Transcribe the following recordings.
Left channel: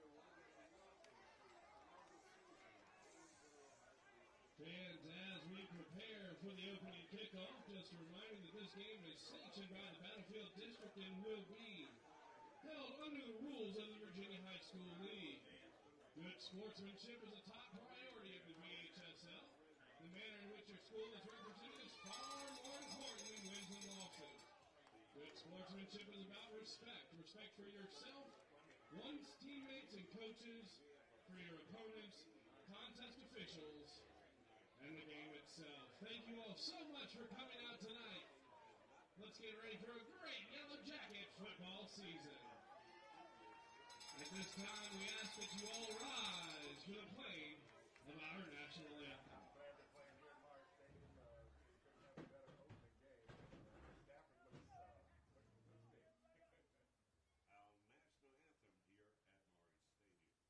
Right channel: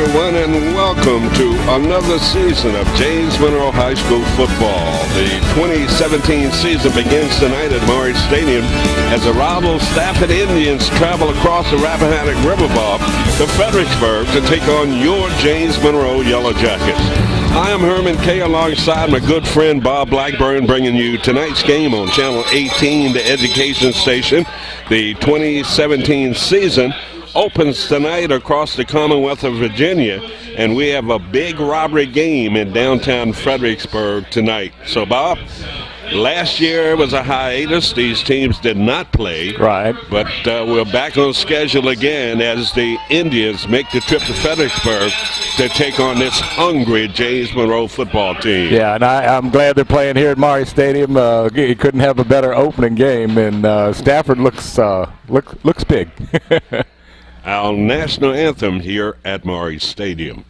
everyone, and welcome to another season of James Monroe High School football. The 2017 season begins tonight at Monroe Stadium as the rival Stafford Indians travel across the Rappahannock River to Fredericksburg to take on your James Monroe Yellow Jackets. I am Herman Kay alongside my good friend Bob Blackburn, bringing you tonight's game on Channel 18, the education station. The 2017 season opens tonight across the Commonwealth of Virginia, and we have a big robbery game in downtown Fredericksburg tonight. So, Bob, last year was a hiatus. These teams did not play. Right. But we're back on schedule again as the Indians make the trip to Fredericksburg to take on this hungry James Monroe football team. Yeah, and I'm glad they're playing here at Monroe Stadium. You couldn't have a better opening game, and Stafford looks big. Our national anthem here at Monroe Stadium.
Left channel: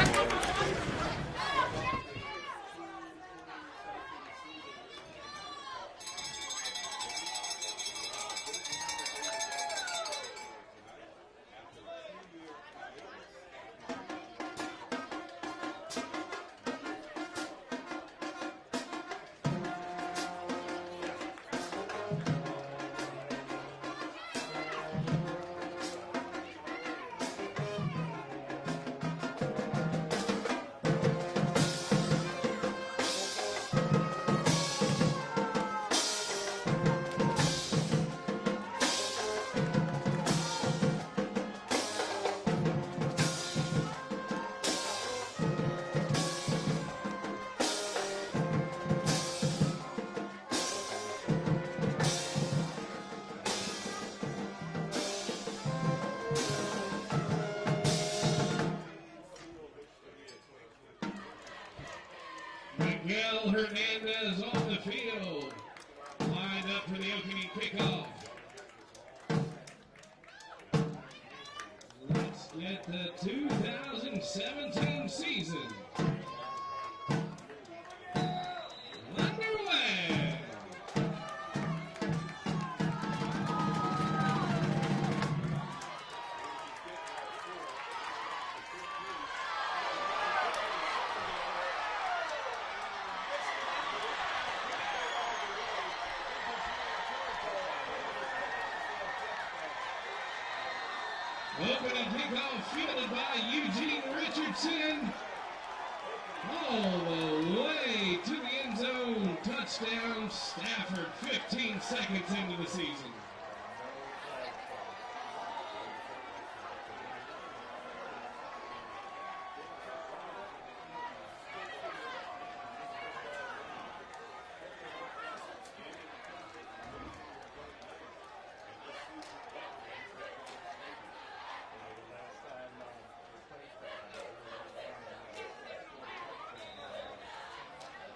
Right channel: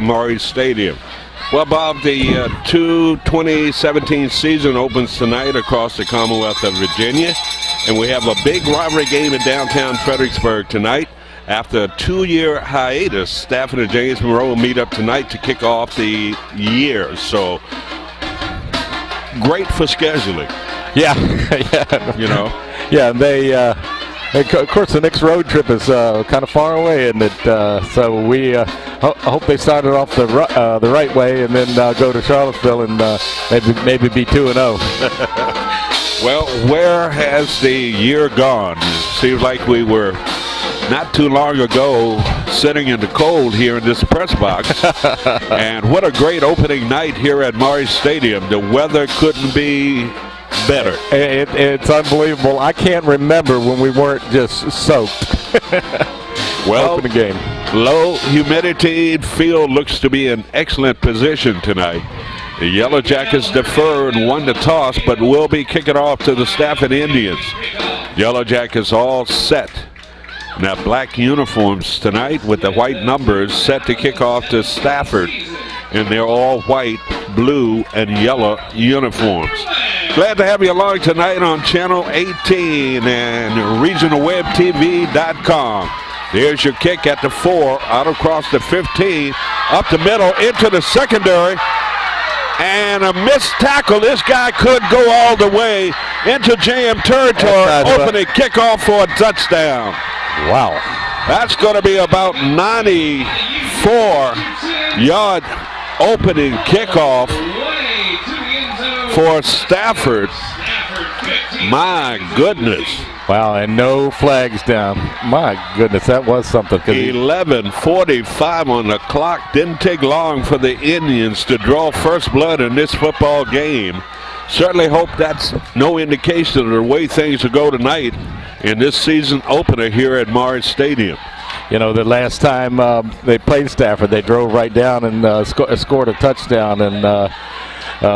Monroe Stadium. Well, Bob, the 2017 season opens tonight across the Commonwealth of Virginia, and we have a big rivalry game in downtown Fredericksburg tonight. After a 2-year hiatus, Stafford and James Monroe will meet up tonight to kick off the year. So, great for scheduling. Yeah, yeah. You know. Yeah, they. Of course, the next road trip is kind of far away, and so we hope they started off the right way, and then go to Charlottesville and maybe be 2-0. Well, where has the year gone? Seems like we were not too long ago sitting in the cold here in this press box, and what a great opening night here at Monroe Stadium. The weather couldn't be better. It's unbelievable. I can't remember when we weren't just soaked. Well, open the game. Low humidity field looks to be in excellent position tonight. The Yellow Jackets deferred, won the toss, but will be kicking off to the Stafford Indians. Yellow Jackets all set. Now black uniforms tonight with the white numbers set to kick off to Stafford in their all white, blue, and yellow uniforms. Glad to have you along tonight on Channel 18 and RegionalWebTV.com. There's your kick at the 4, out across the 15, up the middle, into the secondary, and a missed tackle. This guy could go all the way into JM territory, opening kickoff for a touchdown. Wow. That's going to be about 94-yard opening kickoff for Stafford. My goodness. Wow, and no flags down. My goodness, that was something. 11:45 on the clock. Didn't take long for the Indians to draw first blood in this football game. Certainly hope that's no indication of the way things will go tonight in this season opener here at Monroe Stadium. You know, the last time they played Stafford, they drove right down and scored a touchdown, and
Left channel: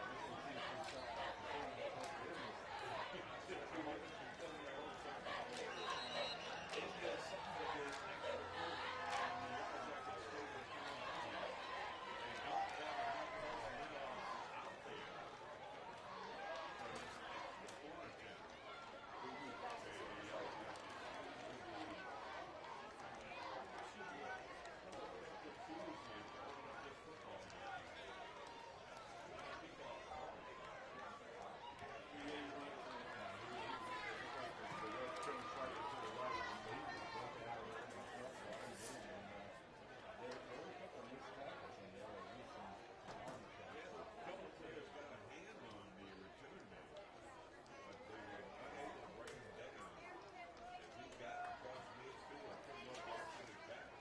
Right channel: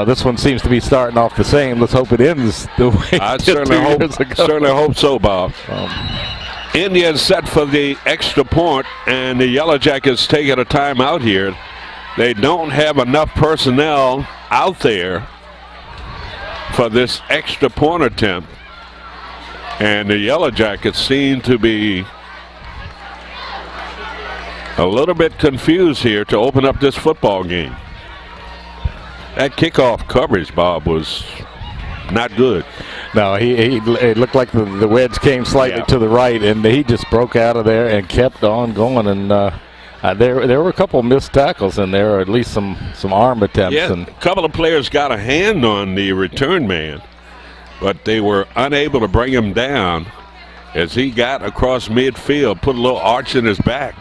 this one seems to be starting off the same. Let's hope it ends the way I it did 2 years ago. certainly hope so, Bob. Indians set for the extra point, and the Yellow Jackets taking a timeout here. They don't have enough personnel out there for this extra point attempt. And the Yellow Jackets seem to be a little bit confused here to open up this football game. That kickoff coverage, Bob, was not good. No, it looked like the wedge came slightly to the right, and he just broke out of there and kept on going. And there were a couple of missed tackles in there, or at least some arm attempts. Yeah, a couple of players got a hand on the return man, but they were unable to bring him down as he got across midfield, put a little arch in his back,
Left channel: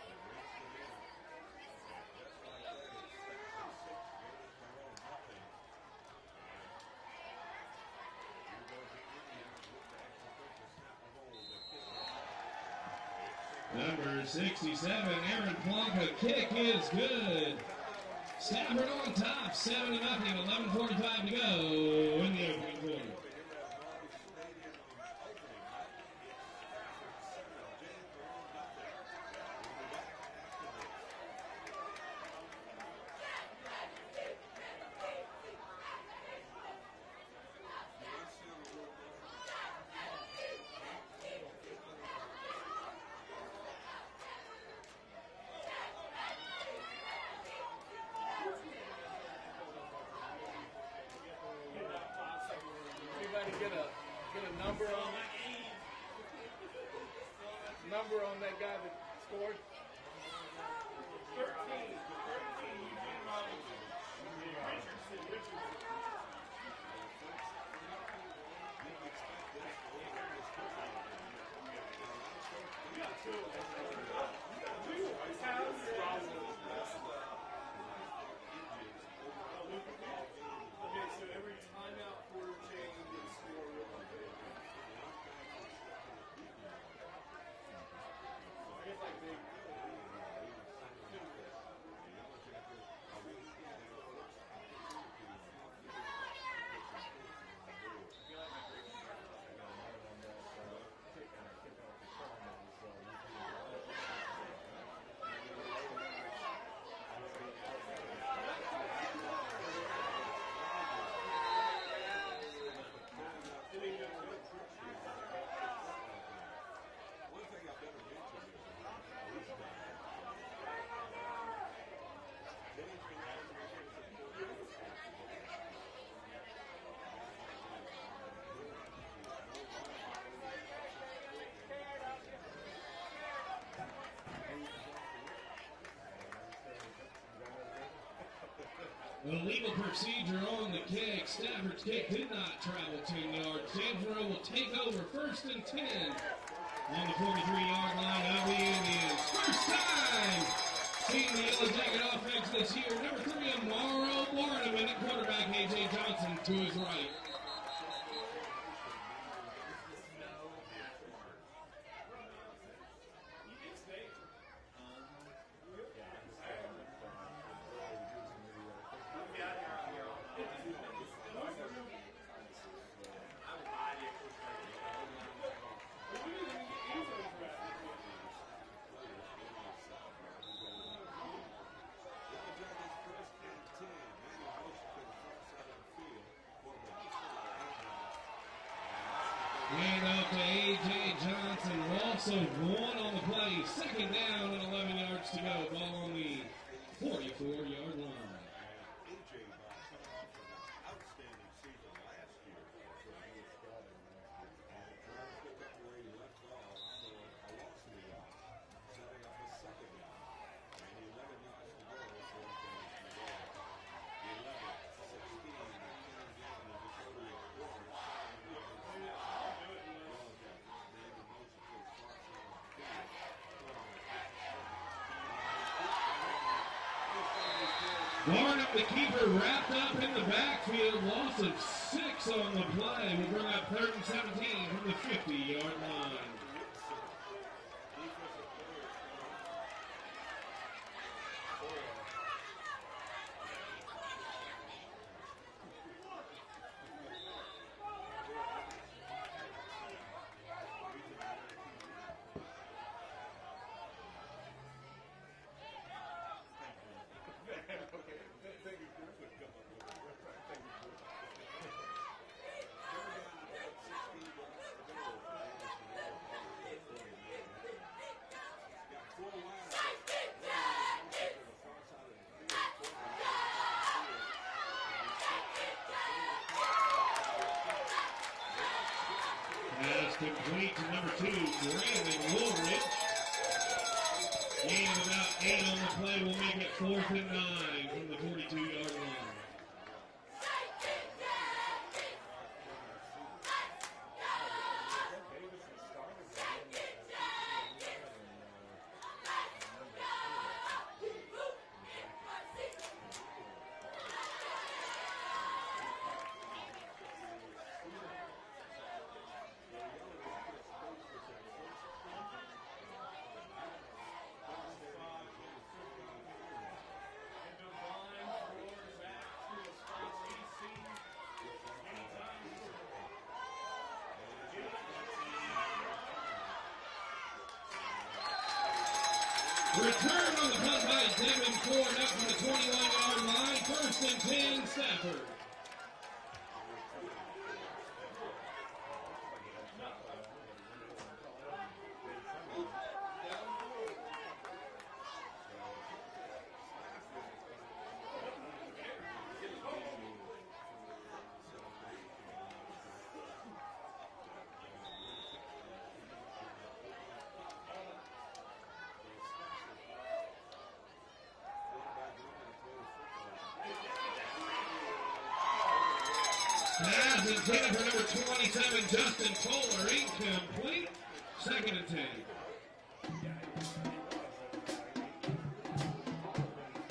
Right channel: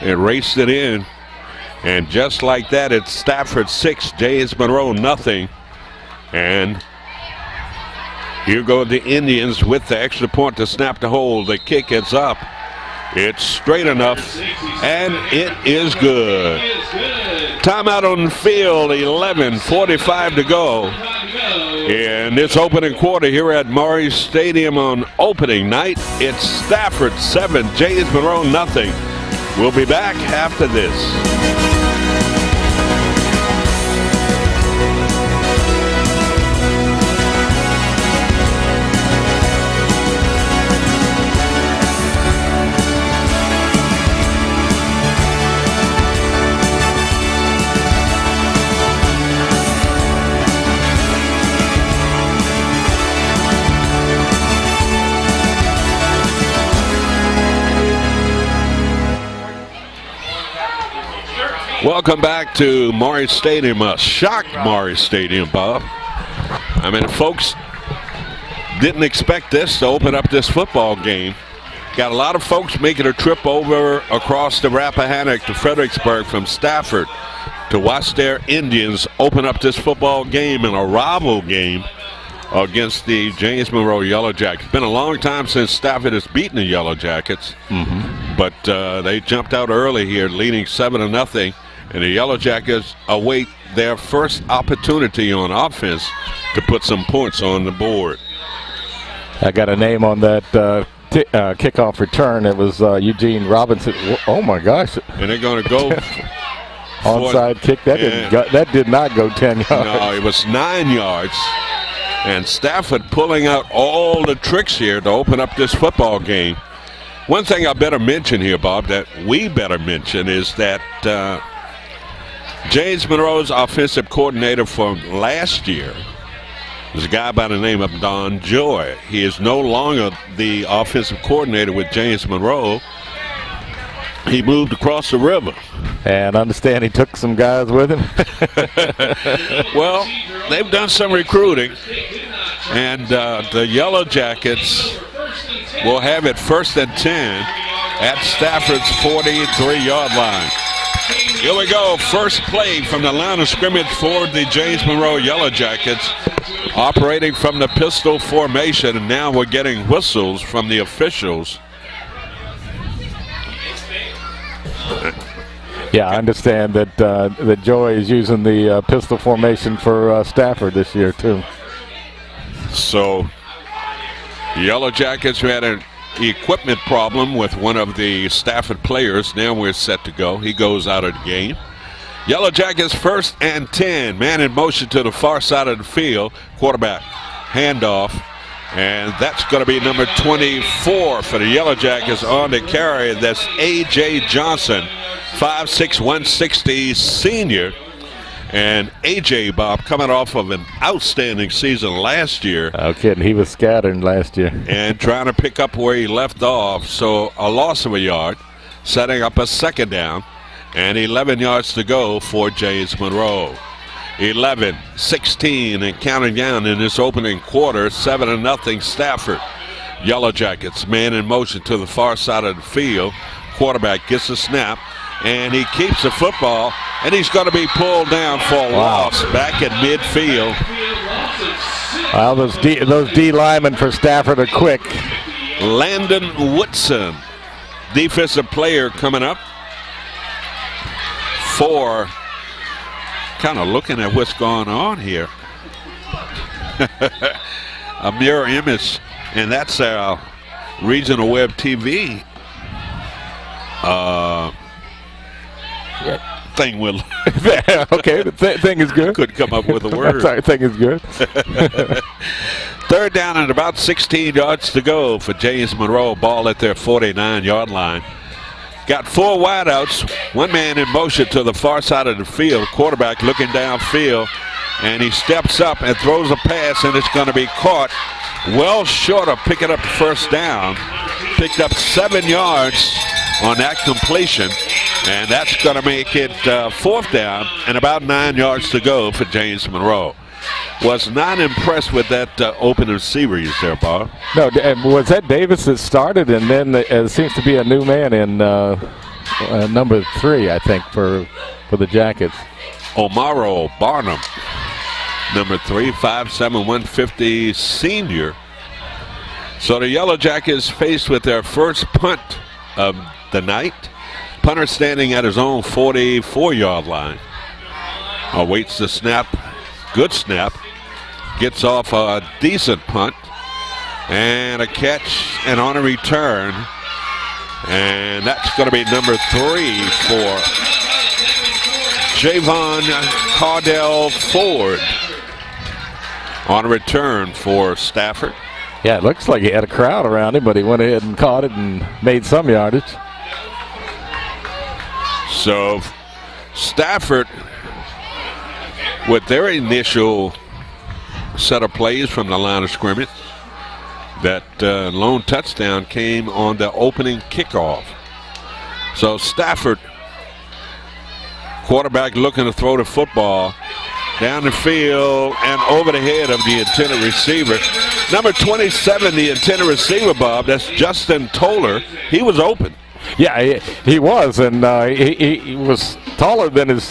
and raced it in. And just like that, it's Stafford 6, James Monroe nothing. And here go the Indians with the extra point to snap the hold. The kick is up. It's straight enough, and it is good. Timeout on the field, 11:45 to go. In this opening quarter here at Maury Stadium on opening night, it's Stafford 7, James Monroe nothing. We'll be back after this. Welcome back to Maury Stadium, a shocked Maury Stadium, Bob. I mean, folks didn't expect this to open up this football game. Got a lot of folks making a trip over across the Rappahannock to Fredericksburg from Stafford to watch their Indians open up this football game in a rival game against the James Monroe Yellow Jackets. It's been a long time since Stafford has beaten the Yellow Jackets, but they jumped out early here, leading 7-0. And the Yellow Jackets await their first opportunity on offense to put some points on the board. I got a name on that kickoff return. It was Eugene Robinson. Oh my gosh! And they're going to go onside kick. That did not go 10 yards. No, it was 9 yards. And Stafford pulling out all the tricks here to open up this football game. One thing I better mention here, Bob, that we better mention is that James Monroe's offensive coordinator from last year was a guy by the name of Don Joy. He is no longer the offensive coordinator with James Monroe. He moved across the river. And I understand he took some guys with him. Well, they've done some recruiting. And the Yellow Jackets will have it 1st and 10 at Stafford's 43-yard line. Here we go. First play from the line of scrimmage for the James Monroe Yellow Jackets, operating from the pistol formation, and now we're getting whistles from the officials. Yeah, I understand that Joy is using the pistol formation for Stafford this year too. So, Yellow Jackets, who had an equipment problem with one of the Stafford players, now we're set to go. He goes out of the game. Yellow Jackets 1st and 10. Man in motion to the far side of the field. Quarterback handoff. And that's going to be number 24 for the Yellow Jackets on the carry. That's A.J. Johnson, 5'6", 160 senior. And A.J., Bob, coming off of an outstanding season last year. No kidding. He was scattering last year. And trying to pick up where he left off. So a loss of a yard, setting up a second down, and 11 yards to go for James Monroe. 11, 16, and counting down in this opening quarter, 7-0 Stafford. Yellow Jackets, man in motion to the far side of the field. Quarterback gets a snap, and he keeps the football, and he's going to be pulled down for a loss back at midfield. Well, those D linemen for Stafford are quick. Landon Woodson, defensive player, coming up for, kind of looking at what's going on here. A mirror image, and that's our regional web TV thing. Will okay, the thing is good. Could come up with a word. Sorry, thing is good. Third down and about 16 yards to go for James Monroe. Ball at their 49-yard line. Got 4 wideouts, 1 man in motion to the far side of the field. Quarterback looking downfield, and he steps up and throws a pass, and it's going to be caught well short of picking up the first down. Picked up 7 yards on that completion, and that's going to make it 4th down and about 9 yards to go for James Monroe. Was not impressed with that opening series there, Bob. No, was that Davis that started, and then it seems to be a new man in number 3, I think, for the Jackets. Monroe Barnum, number 3, 5'7", 150 senior. So the Yellow Jackets faced with their first punt of the night. Punter standing at his own 44-yard line. Awaits the snap. Good snap. Gets off a decent punt. And a catch and on a return. And that's going to be number 3 for Javon Cardell Ford. On a return for Stafford. Yeah, it looks like he had a crowd around him, but he went ahead and caught it and made some yardage. So Stafford, with their initial set of plays from the line of scrimmage, that lone touchdown came on the opening kickoff. So Stafford, quarterback looking to throw the football down the field and over the head of the intended receiver. Number 27, the intended receiver, Bob, that's Justin Toller. He was open. Yeah, he was, and he was taller than his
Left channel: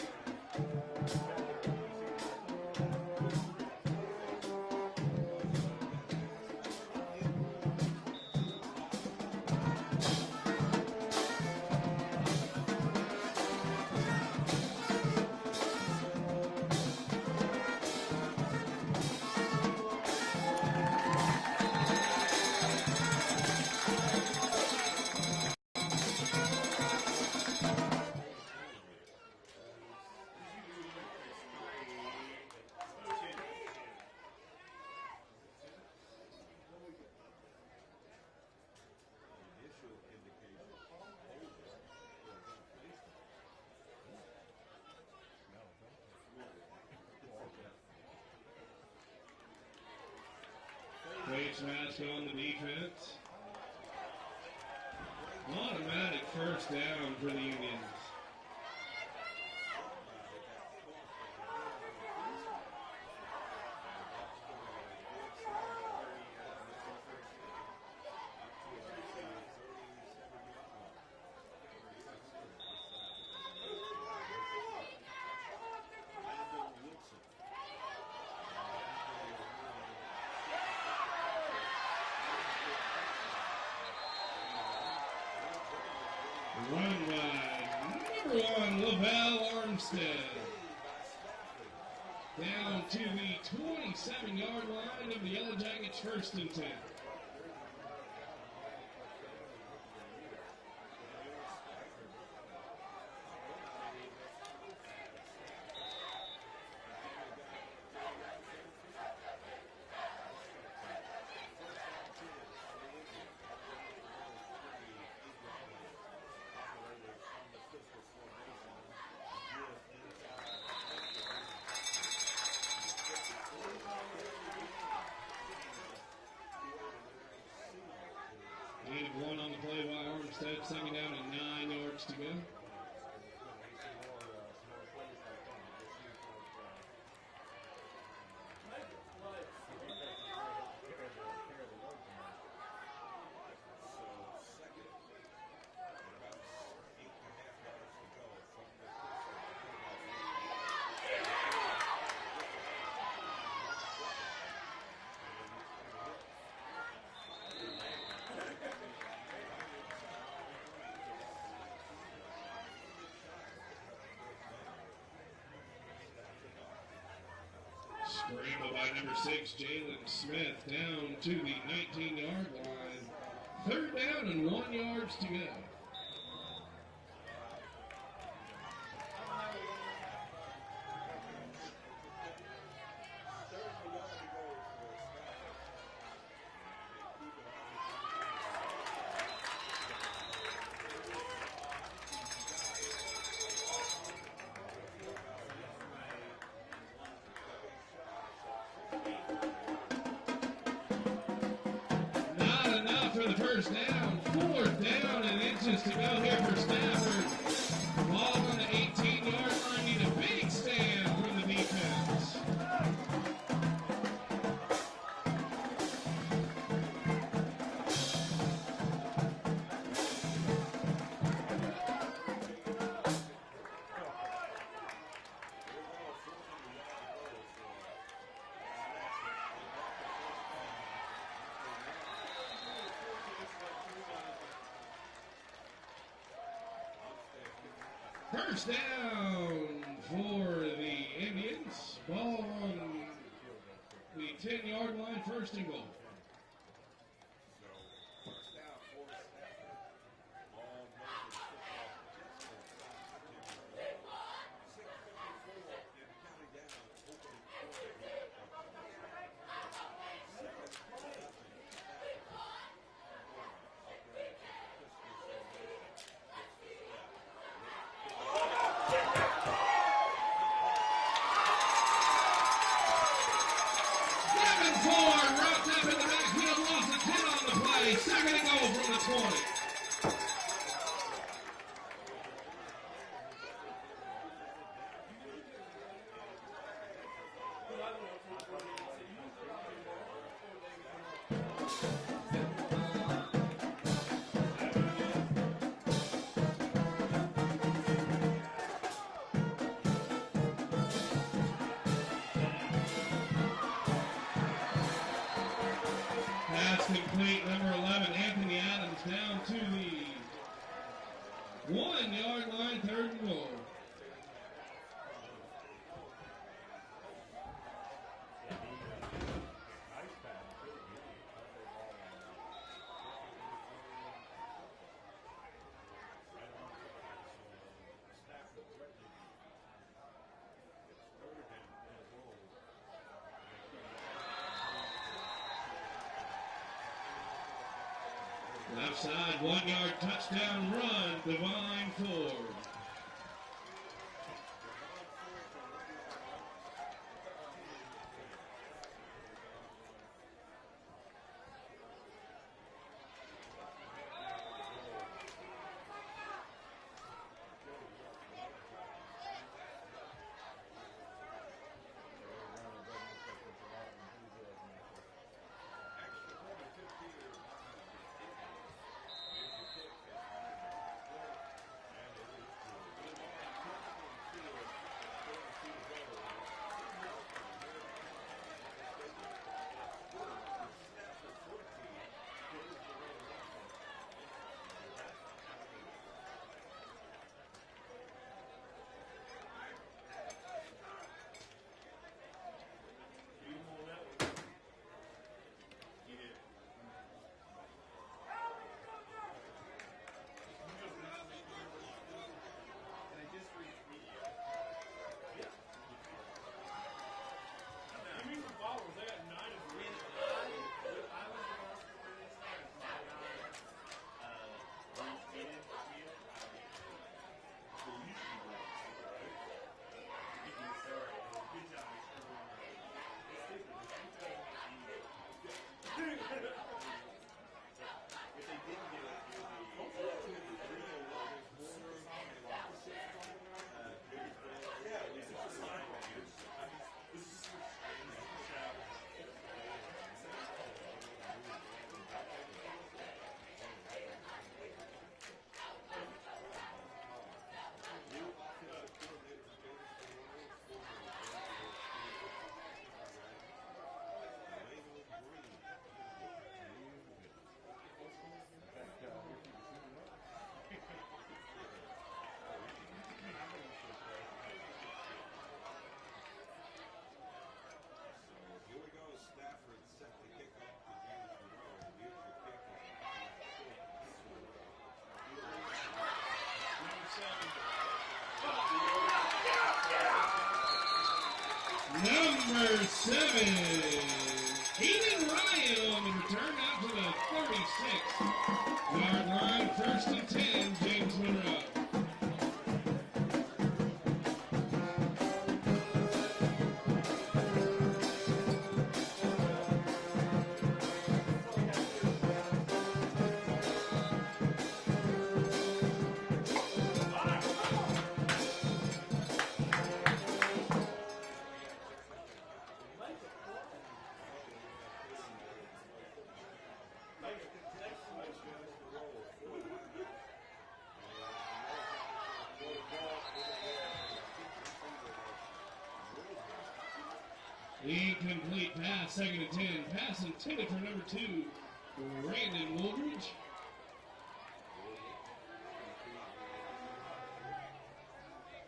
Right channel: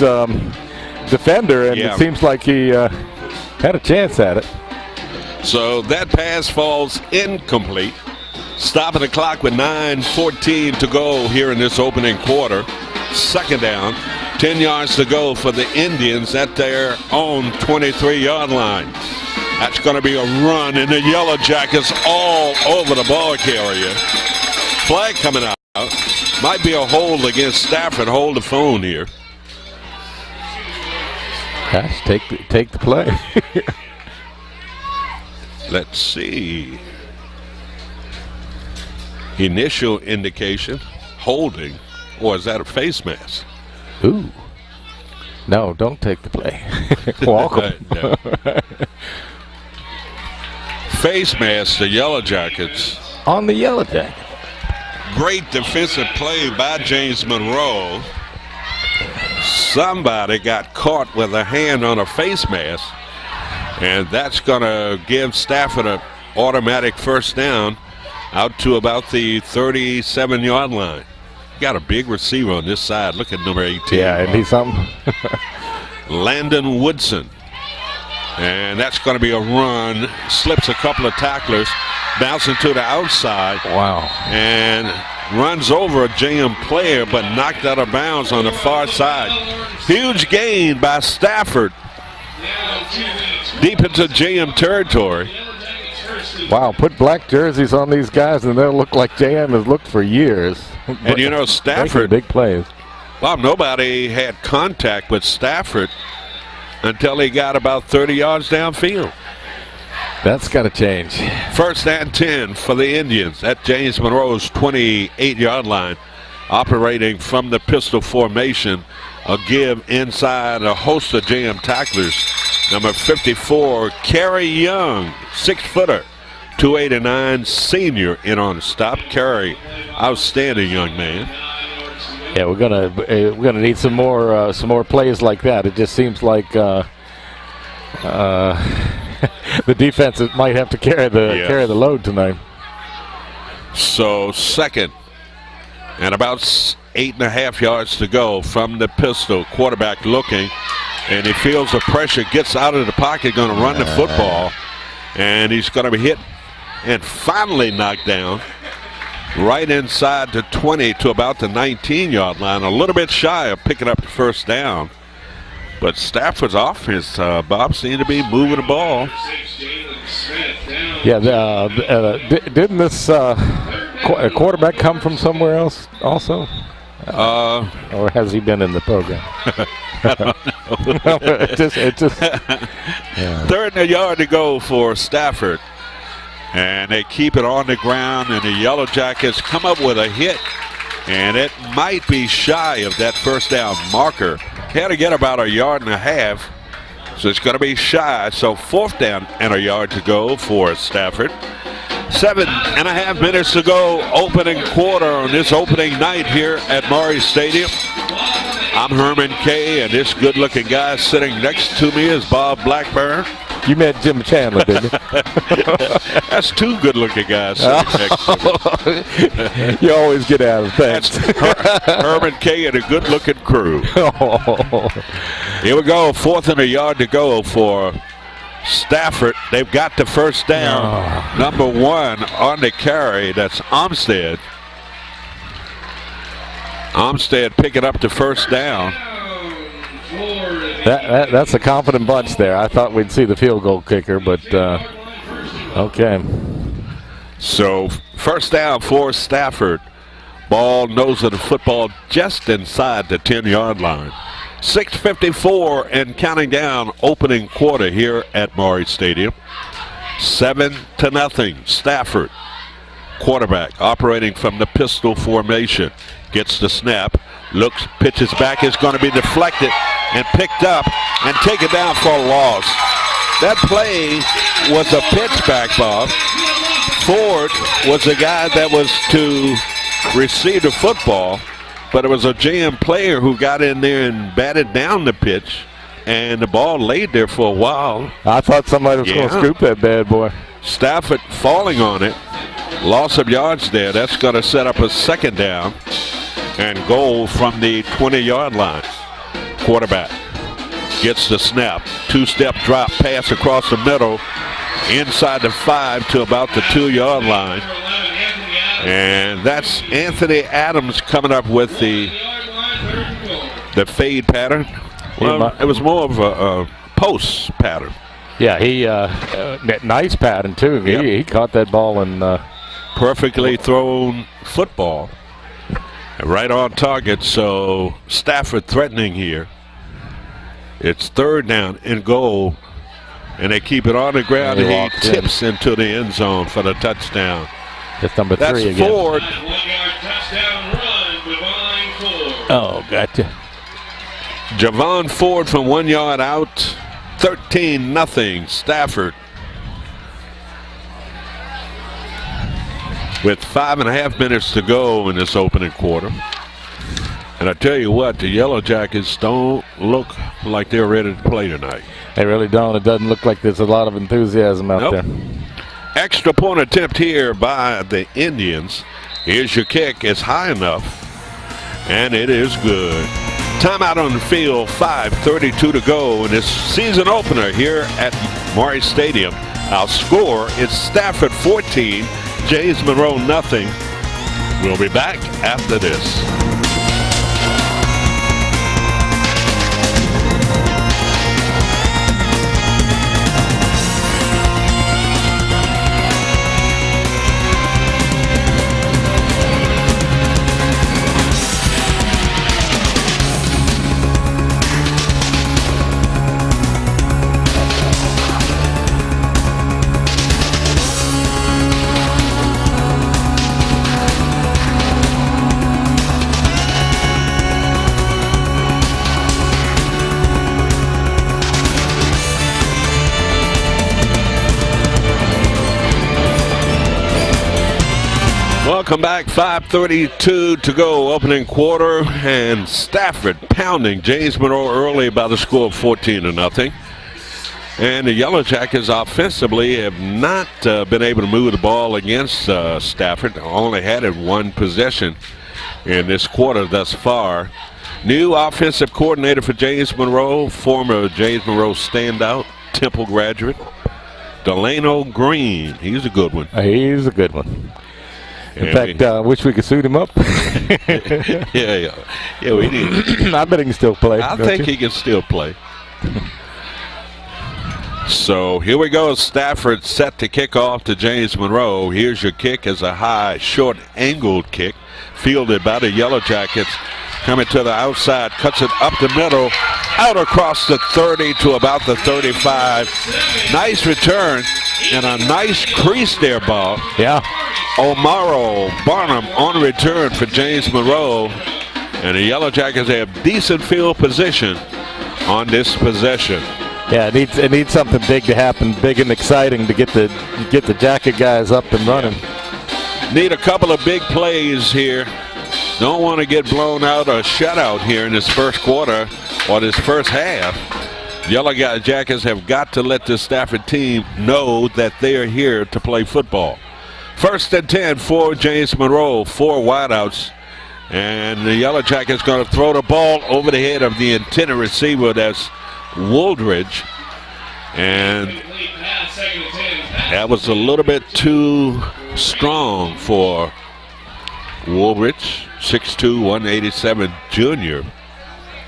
defender, and it seems like he had a chance at it. So that pass falls incomplete. Stopping the clock with 9:14 to go here in this opening quarter. Second down, 10 yards to go for the Indians at their own 23-yard line. That's going to be a run, and the Yellow Jackets all over the ball carrier. Flag coming out. Might be a hold against Stafford. Hold the phone here. Gosh, take the play. Let's see. Initial indication, holding, or is that a face mask? Ooh. No, don't take the play. Welcome. Face mask, the Yellow Jackets. On the Yellow Jacket. Great defensive play by James Monroe. Somebody got caught with a hand on a face mask, and that's going to give Stafford an automatic first down out to about the 37-yard line. Got a big receiver on this side. Look at number 18. Yeah, and he's something. Landon Woodson. And that's going to be a run. Slips a couple of tacklers. Bouncing to the outside. Wow. And runs over a JM player, but knocked out of bounds on the far side. Huge gain by Stafford. Deep into JM territory. Wow, put black jerseys on these guys and they'll look like JM has looked for years. And you know, Stafford, big plays. Bob, nobody had contact with Stafford until he got about 30 yards downfield. That's got to change. First and 10 for the Indians at James Monroe's 28-yard line. Operating from the pistol formation. A give inside a host of JM tacklers. Number 54, Kerry Young, 6-footer. 289 senior in on the stop. Kerry, outstanding young man. Yeah, we're gonna need some more plays like that. It just seems like the defense might have to carry the load tonight. So second and about 8.5 yards to go from the pistol. Quarterback looking, and he feels the pressure. Gets out of the pocket, going to run the football, and he's going to be hit and finally knocked down right inside the 20 to about the 19-yard line. A little bit shy of picking up the first down. But Stafford's offense, Bob, seemed to be moving the ball. Yeah, didn't this quarterback come from somewhere else also? Or has he been in the program? I don't know. it just yeah. Third and a yard to go for Stafford And they keep it on the ground, and the Yellow Jackets come up with a hit. And it might be shy of that first down marker. Had to get about 1.5 yards. So it's going to be shy. So 4th down and 1 yard to go for Stafford. 7.5 minutes to go, opening quarter on this opening night here at Monroe Stadium. I'm Herman Kay, and this good-looking guy sitting next to me is Bob Blackburn. You met Jim Chandler, didn't you? That's 2 good-looking guys sitting next to me. You always get out of things. Herman Kay and a good-looking crew. Here we go, 4th and 1 yard to go for Stafford. They've got the first down. Number 1 on the carry. That's Armstead. Armstead picking up the first down. That's a confident bunch there. I thought we'd see the field goal kicker, but okay. So first down for Stafford. Ball, nose of the football just inside the 10-yard line. 6:54 and counting down, opening quarter here at Monroe Stadium. 7-0 Stafford. Quarterback operating from the pistol formation. Gets the snap, looks, pitches back, is going to be deflected and picked up and taken down for a loss. That play was a pitch back, Bob. Ford was the guy that was to receive the football, but it was a JM player who got in there and batted down the pitch, and the ball laid there for a while. I thought somebody was going to scoop that bad boy. Stafford falling on it. Loss of yards there. That's going to set up a 2nd down and goal from the 20-yard line. Quarterback gets the snap. 2-step drop pass across the middle. Inside the 5 to about the 2-yard line. And that's Anthony Adams coming up with the fade pattern. Well, it was more of a post pattern. Yeah, he nice pattern too. Yep. He caught that ball and perfectly thrown football, right on target. So Stafford threatening here. It's 3rd down and goal, and they keep it on the ground, and he tips into the end zone for the touchdown. That's number 3 That's again. Ford. Oh, gotcha. Javon Ford from 1 yard out. 13-0 Stafford. With 5.5 minutes to go in this opening quarter. And I tell you what, the Yellow Jackets don't look like they're ready to play tonight. They really don't. It doesn't look like there's a lot of enthusiasm out there. Extra point attempt here by the Indians. Here's your kick. It's high enough. And it is good. Timeout on the field. 5:32 to go in this season opener here at Monroe Stadium. Our score is Stafford 14, James Monroe nothing. We'll be back after this. Welcome back. 5:32 to go, opening quarter, and Stafford pounding James Monroe early by the score of 14-0. And the Yellow Jackets offensively have not been able to move the ball against Stafford. Only had it 1 possession in this quarter thus far. New offensive coordinator for James Monroe, former James Monroe standout, Temple graduate, Delano Green. He's a good one. He's a good one. In fact, I wish we could suit him up. Yeah, we need. I bet he can still play. I think he can still play. So here we go. Stafford set to kick off to James Monroe. Here's your kick as a high, short, angled kick, fielded by the Yellow Jackets. Coming to the outside, cuts it up the middle, out across the 30 to about the 35. Nice return and a nice crease there, Bob. Yeah. O'Morrow Barnum on return for James Monroe. And the Yellow Jackets have decent field position on this possession. Yeah, it needs something big to happen, big and exciting to get the Jacket guys up and running. Need a couple of big plays here. Don't want to get blown out or shut out here in this first quarter or this first half. Yellow Jackets have got to let the Stafford team know that they are here to play football. 1st and 10 for James Monroe, 4 wideouts. And the Yellow Jackets going to throw the ball over the head of the intended receiver. That's Woodridge. And that was a little bit too strong for Woolridge, 6'2", 187 junior.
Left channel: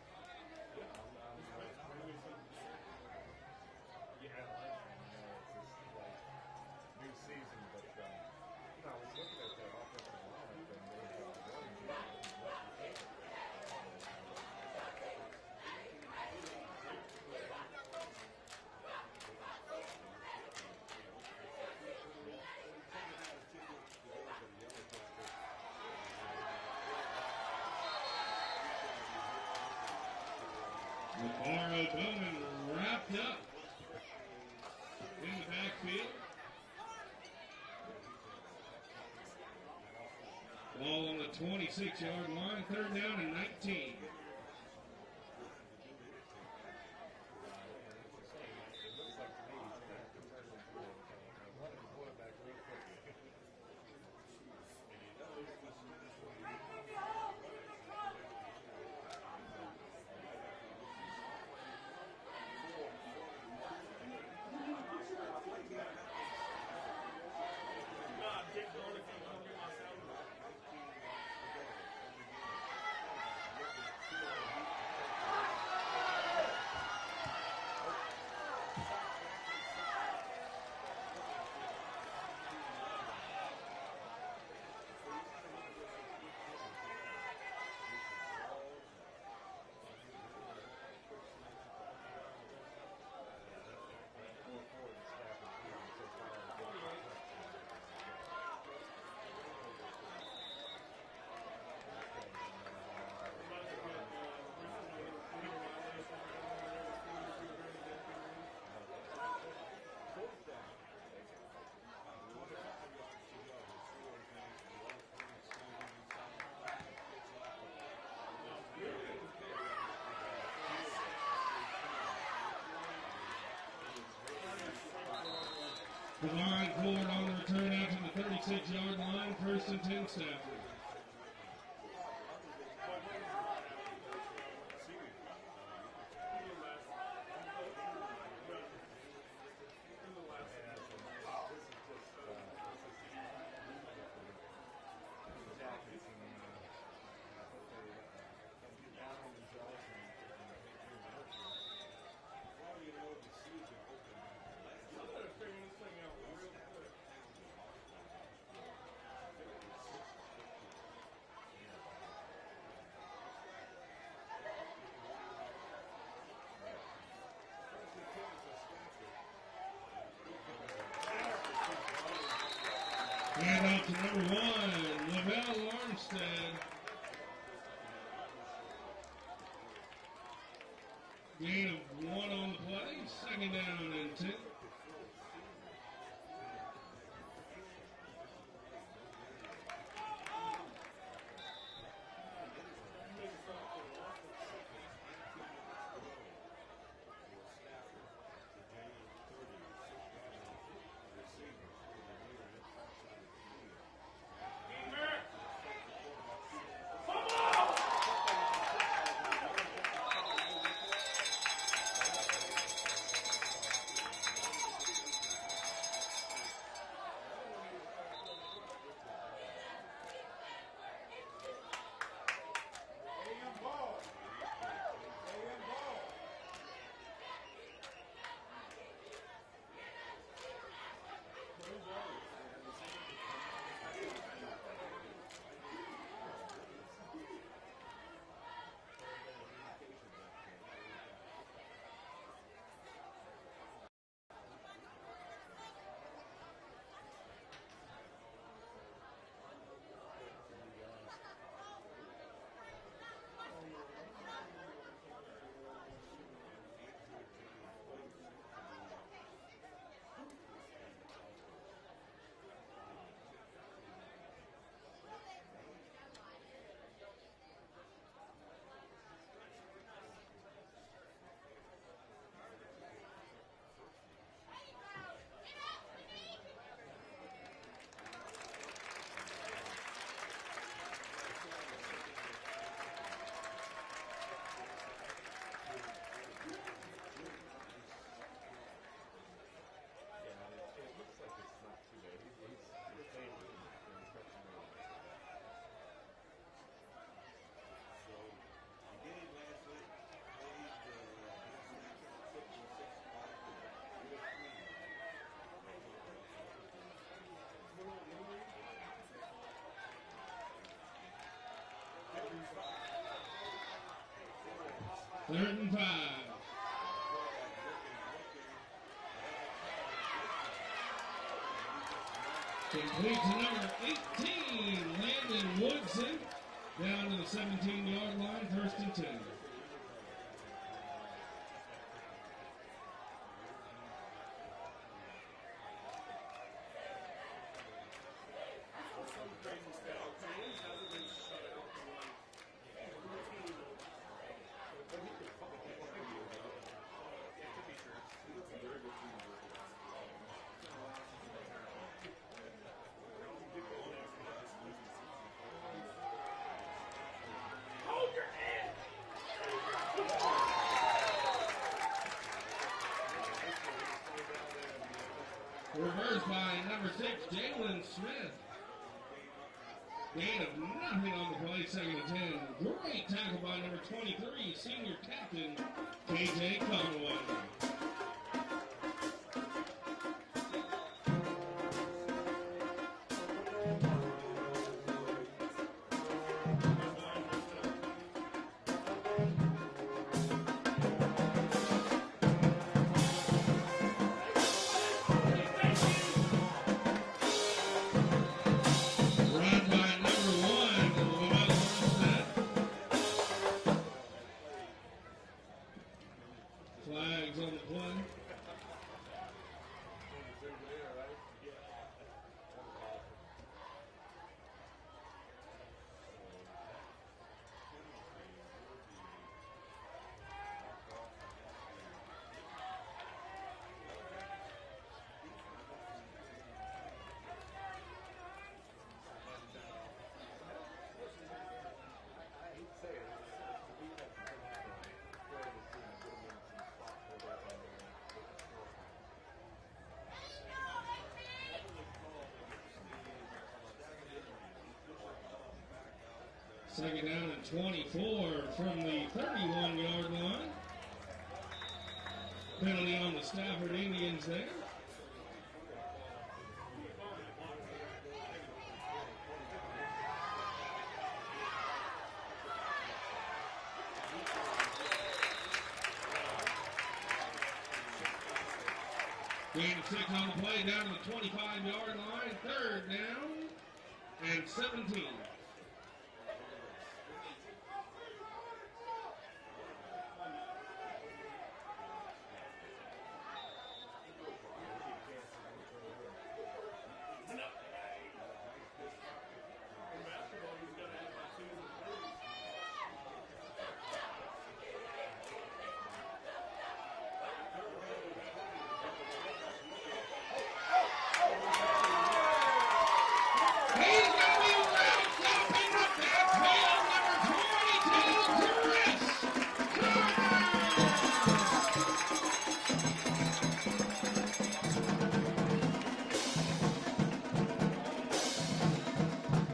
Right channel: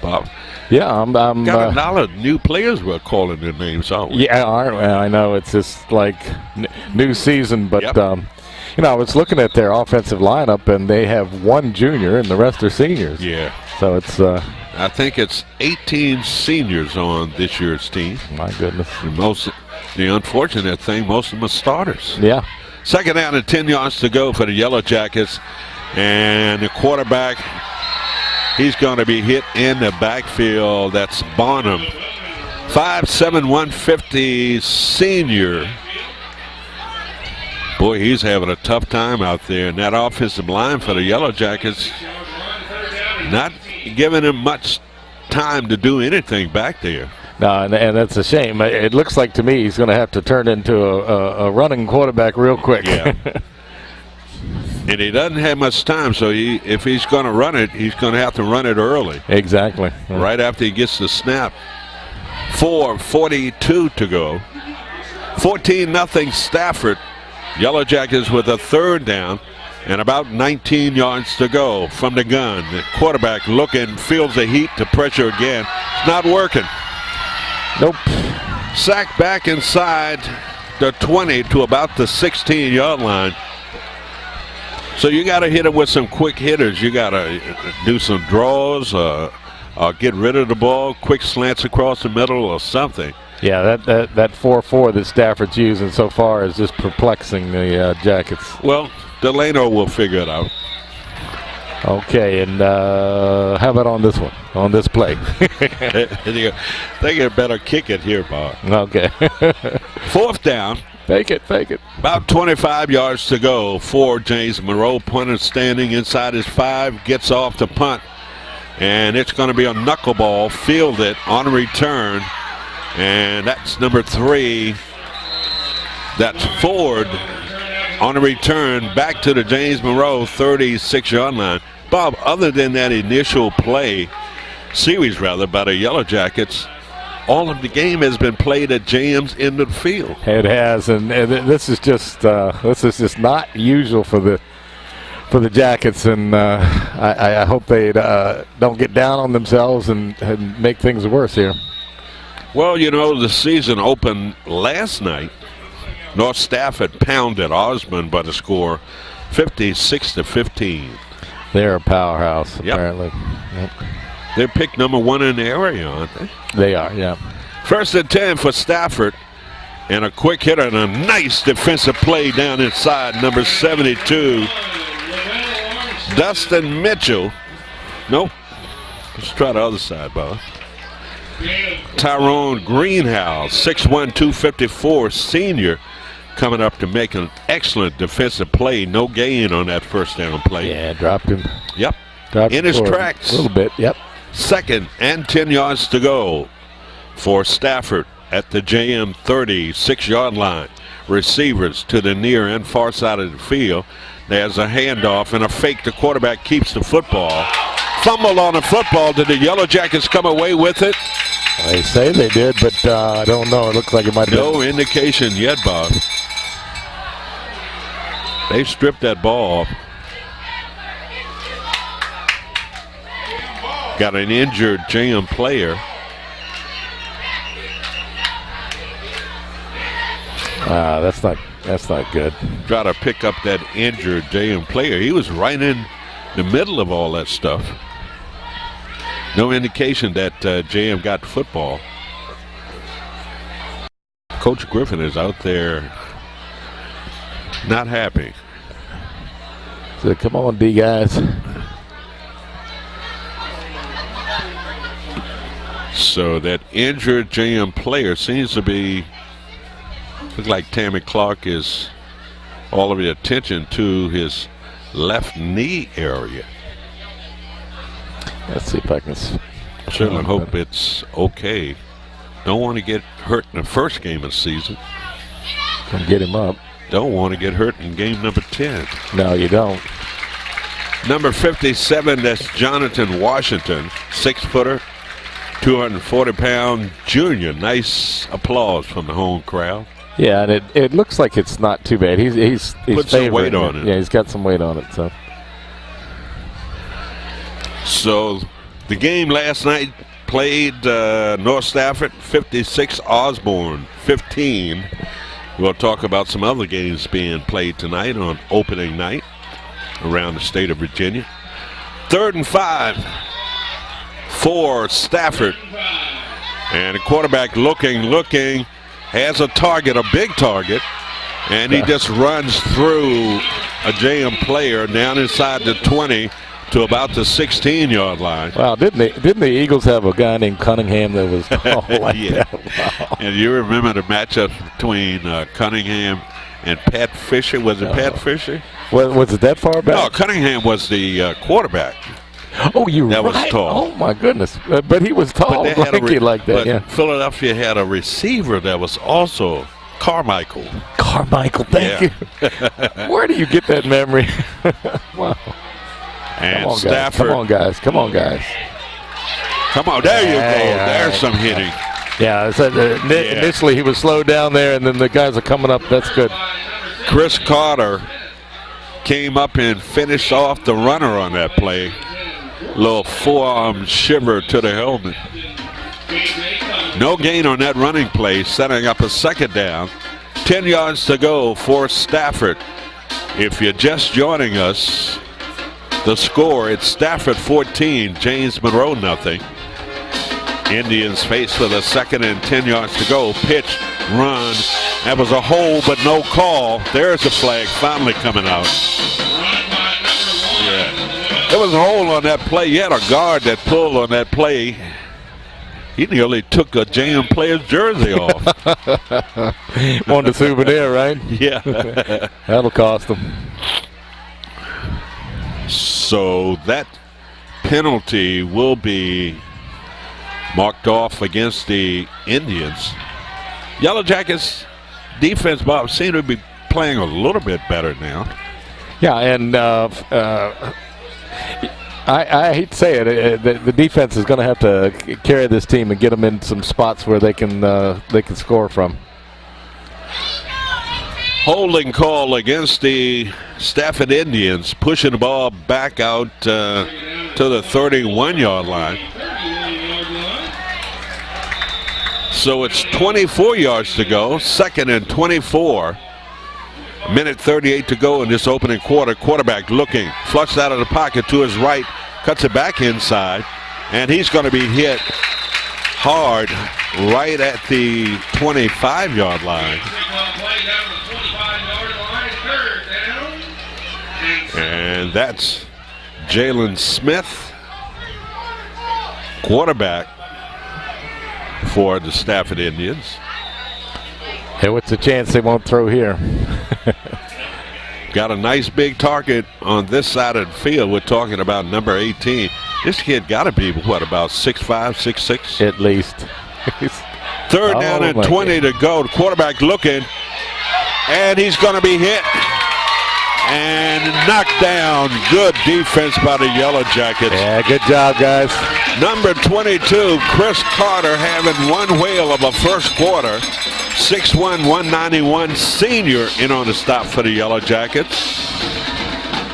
Bob. Yeah, I'm got a lot of new players we're calling their names, aren't we? Yeah, aren't we? I know it's just like new season, but yep. You know, I was looking at their offensive lineup, and they have 1 junior, and the rest are seniors. Yeah. So it's. I think it's 18 seniors on this year's team. My goodness. The unfortunate thing, most of them are starters. Yeah. 2nd down and 10 yards to go for the Yellow Jackets. And the quarterback, he's going to be hit in the backfield. That's Bonham. 5'7", 150 senior. Boy, he's having a tough time out there. And that offensive line for the Yellow Jackets, not giving him much time to do anything back there. No, and that's a shame. It looks like to me he's going to have to turn into a running quarterback real quick. Yeah. And he doesn't have much time, so if he's going to run it, he's going to have to run it early. Exactly. Right after he gets the snap. 4:42 to go. 14-0 Stafford. Yellow Jackets with a 3rd down and about 19 yards to go from the gun. The quarterback looking, feels the heat to pressure again. It's not working. Nope. Sacked back inside the 20 to about the 16-yard line. So you got to hit it with some quick hitters. You got to do some draws, get rid of the ball, quick slants across the middle or something. Yeah, that 4-4 that Stafford's using so far is just perplexing the Jackets. Well, Delano will figure it out. Okay, and how about on this one, on this play? They get better kick it here, Bob. Okay. 4th down. Fake it. About 25 yards to go for James Monroe. Punter standing inside his 5, gets off the punt. And it's going to be a knuckleball, fielded on return. And that's number 3. That's Ford on a return back to the James Monroe 36-yard line. Bob, other than that initial series by the Yellow Jackets, all of the game has been played at James' end of the field. It has, and this is just not usual for the Jackets, and I hope they don't get down on themselves and make things worse here. Well, you know, the season opened last night. North Stafford pounded Osmond by the score 56-15. They're a powerhouse, apparently. Yep. They're picked number 1 in the area, aren't they? They are, yeah. 1st and 10 for Stafford. And a quick hitter and a nice defensive play down inside, number 72. Dustin Mitchell. Nope. Let's try the other side, Bob. Tyrone Greenhouse, 6'1", 254 senior, coming up to make an excellent defensive play. No gain on that 1st down play. Yeah, dropped him. Yep. Dropped in his tracks. A little bit, yep. 2nd and 10 yards to go for Stafford at the JM 36-yard line. Receivers to the near and far side of the field. There's a handoff and a fake. The quarterback keeps the football. Fumble on the football. Did the Yellow Jackets come away with it? They say they did, but I don't know. It looks like it might have been. No indication yet, Bob. They stripped that ball off. Got an injured JM player. That's not good. Try to pick up that injured JM player. He was right in the middle of all that stuff. No indication that JM got football. Coach Griffin is out there not happy. So come on, D guys. So that injured JM player seems to be, looks like Tammy Clark is all of the attention to his left knee area. Let's see if I can. Certainly hope it's okay. Don't want to get hurt in the first game of the season. Come get him up. Don't want to get hurt in game number 10. No, you don't. Number 57, that's Jonathan Washington, 6-footer, 240-pound junior. Nice applause from the home crowd. Yeah, and it looks like it's not too bad. He's put some weight on it. Yeah, he's got some weight on it. So the game last night played North Stafford 56, Osborne 15. We'll talk about some other games being played tonight on opening night around the state of Virginia. 3rd and 5 for Stafford. And the quarterback looking, has a target, a big target, and he just runs through a JM player down inside the 20 to about the 16-yard line. Wow, didn't the Eagles have a guy named Cunningham that was tall like yeah. that? Wow. And you remember the matchup between Cunningham and Pat Fisher? Was it Pat Fisher? Was it that far back? No, Cunningham was the quarterback. Oh, you're that right. was tall. Oh, my goodness. But he was tall, lanky like that. But yeah. Philadelphia had a receiver that was also Carmichael. Carmichael, thank you. Where do you get that memory? Wow. And come on, Stafford. Guys. Come on, guys. Come on, there you go. There's some hitting. Yeah, initially he was slowed down there, and then the guys are coming up. That's good. Chris Carter came up and finished off the runner on that play. Little forearm shiver to the helmet. No gain on that running play, setting up a 2nd down. 10 yards to go for Stafford. If you're just joining us, the score, it's Stafford 14, James Monroe nothing. Indians faced with a 2nd and 10 yards to go. Pitch, run. That was a hold, but no call. There's the flag finally coming out. Yeah. There was a hold on that play. You had a guard that pulled on that play. He nearly took a JM player's jersey off. Wanted a souvenir, right? Yeah. That'll cost him. So that penalty will be marked off against the Indians. Yellow Jackets defense, Bob, seem to be playing a little bit better now. Yeah, and I hate to say it, the defense is going to have to carry this team and get them in some spots where they can score from. Holding call against the Stafford Indians, pushing the ball back out to the 31-yard line. So it's 24 yards to go, 2nd and 24. Minute 38 to go in this opening quarter. Quarterback looking, flushed out of the pocket to his right, cuts it back inside, and he's going to be hit hard right at the 25-yard line. And that's Jalen Smith, quarterback for the Stafford Indians. Hey, what's the chance they won't throw here? Got a nice big target on this side of the field. We're talking about number 18. This kid got to be, what, about 6'5", 6'6"? At least. 3rd down and 20 to go. The quarterback looking, and he's going to be hit and knocked down. Good defense by the Yellow Jackets. Yeah, good job, guys. Number 22, Chris Carter, having one whale of a first quarter. 6'1", 191 senior in on the stop for the Yellow Jackets.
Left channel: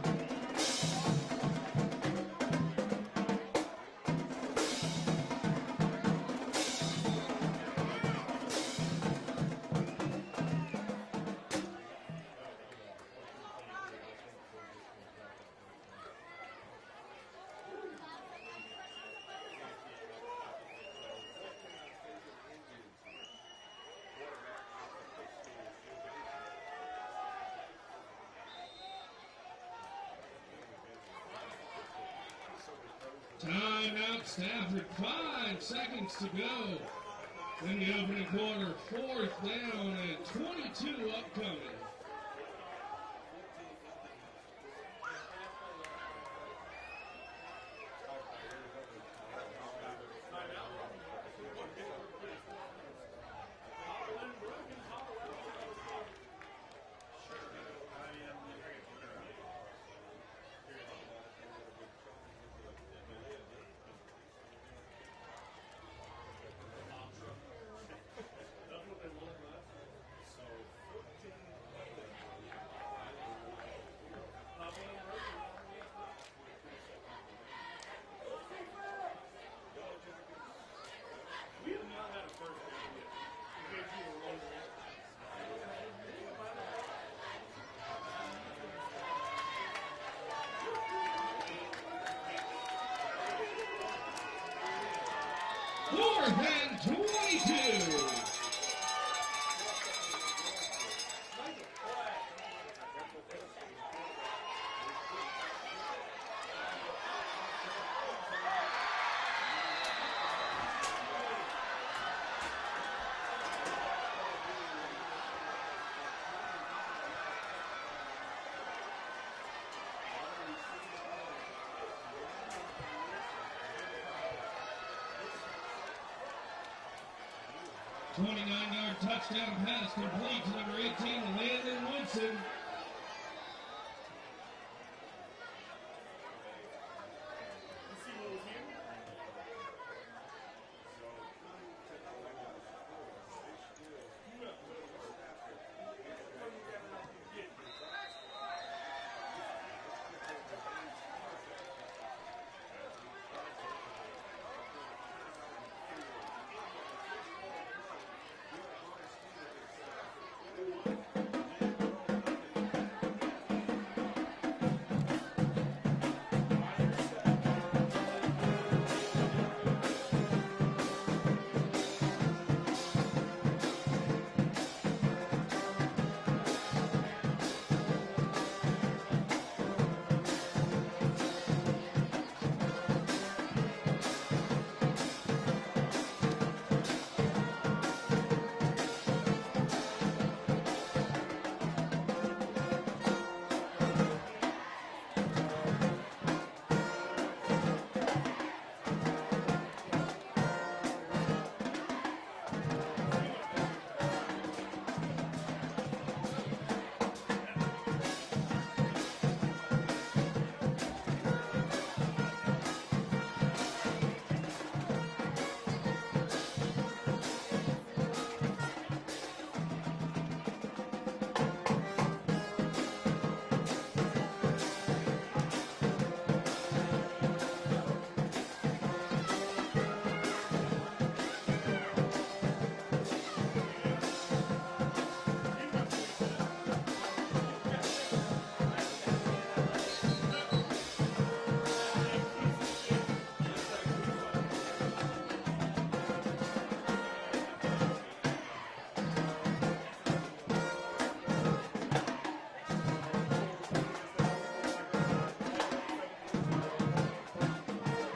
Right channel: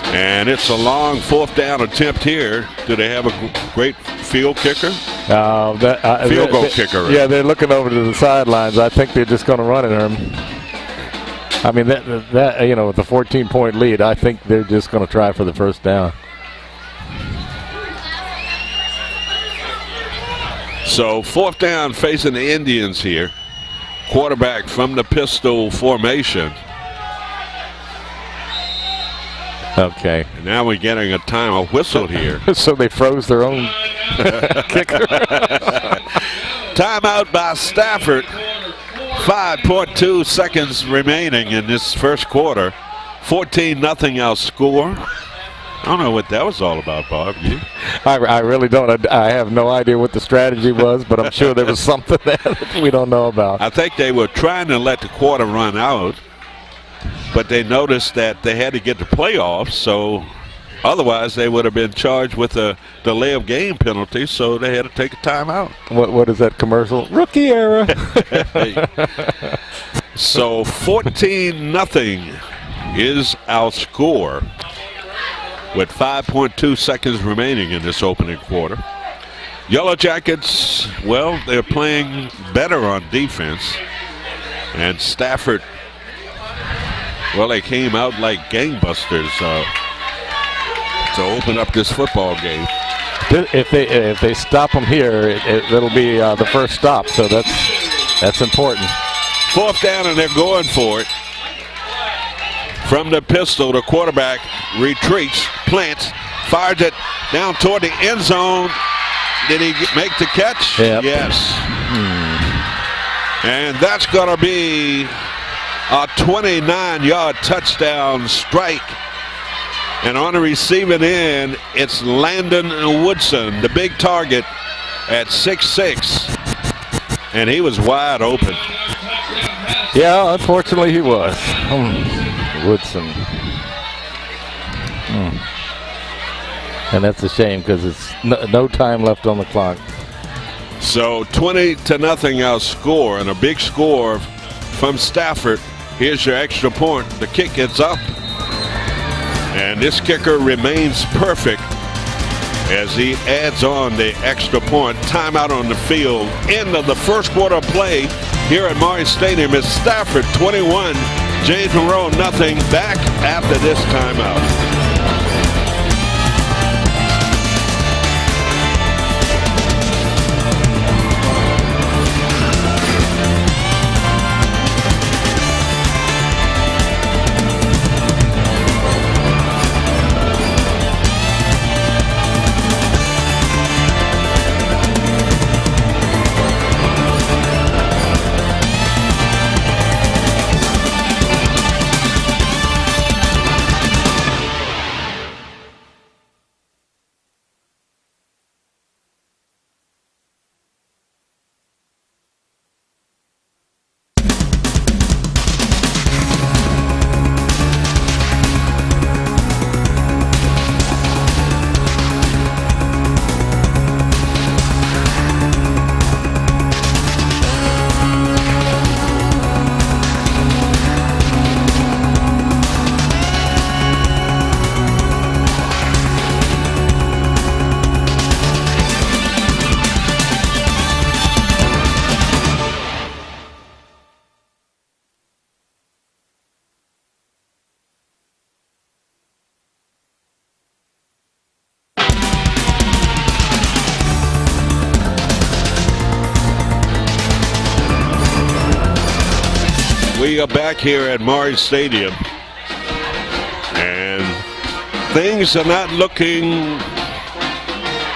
And it's a long 4th down attempt here. Do they have a great field kicker? Field goal kicker. Right? Yeah, they're looking over to the sidelines. I think they're just going to run it at him. I mean, that with the 14-point lead, I think they're just going to try for the first down. So 4th down facing the Indians here. Quarterback from the pistol formation. Okay. And now we're getting a time whistle here. So they froze their own kicker. Timeout by Stafford. 5.2 seconds remaining in this first quarter. 14-0 our score. I don't know what that was all about, Bob. You? I really don't. I have no idea what the strategy was, but I'm sure there was something there that we don't know about. I think they were trying to let the quarter run out, but they noticed that they had to get the playoffs, so otherwise they would have been charged with a delay of game penalty, so they had to take a timeout. What is that commercial? Rookie era. So 14-0 is our score with 5.2 seconds remaining in this opening quarter. Yellow Jackets, well, they're playing better on defense. And Stafford, well, they came out like gangbusters to open up this football game. If they stop them here, it'll be the first stop, so that's important. 4th down, and they're going for it. From the pistol, the quarterback retreats, plants, fires it down toward the end zone. Did he make the catch? Yep. Yes. And that's going to be a 29-yard touchdown strike. And on the receiving end, it's Landon Woodson, the big target at 6'6". And he was wide open. Yeah, unfortunately he was. Woodson. And that's a shame because it's no time left on the clock. So 20-0 our score, and a big score from Stafford. Here's your extra point. The kick is up. And this kicker remains perfect as he adds on the extra point. Timeout on the field. End of the first quarter play here at Monroe Stadium. It's Stafford 21, James Monroe nothing. Back after this timeout. We are back here at Monroe Stadium, and things are not looking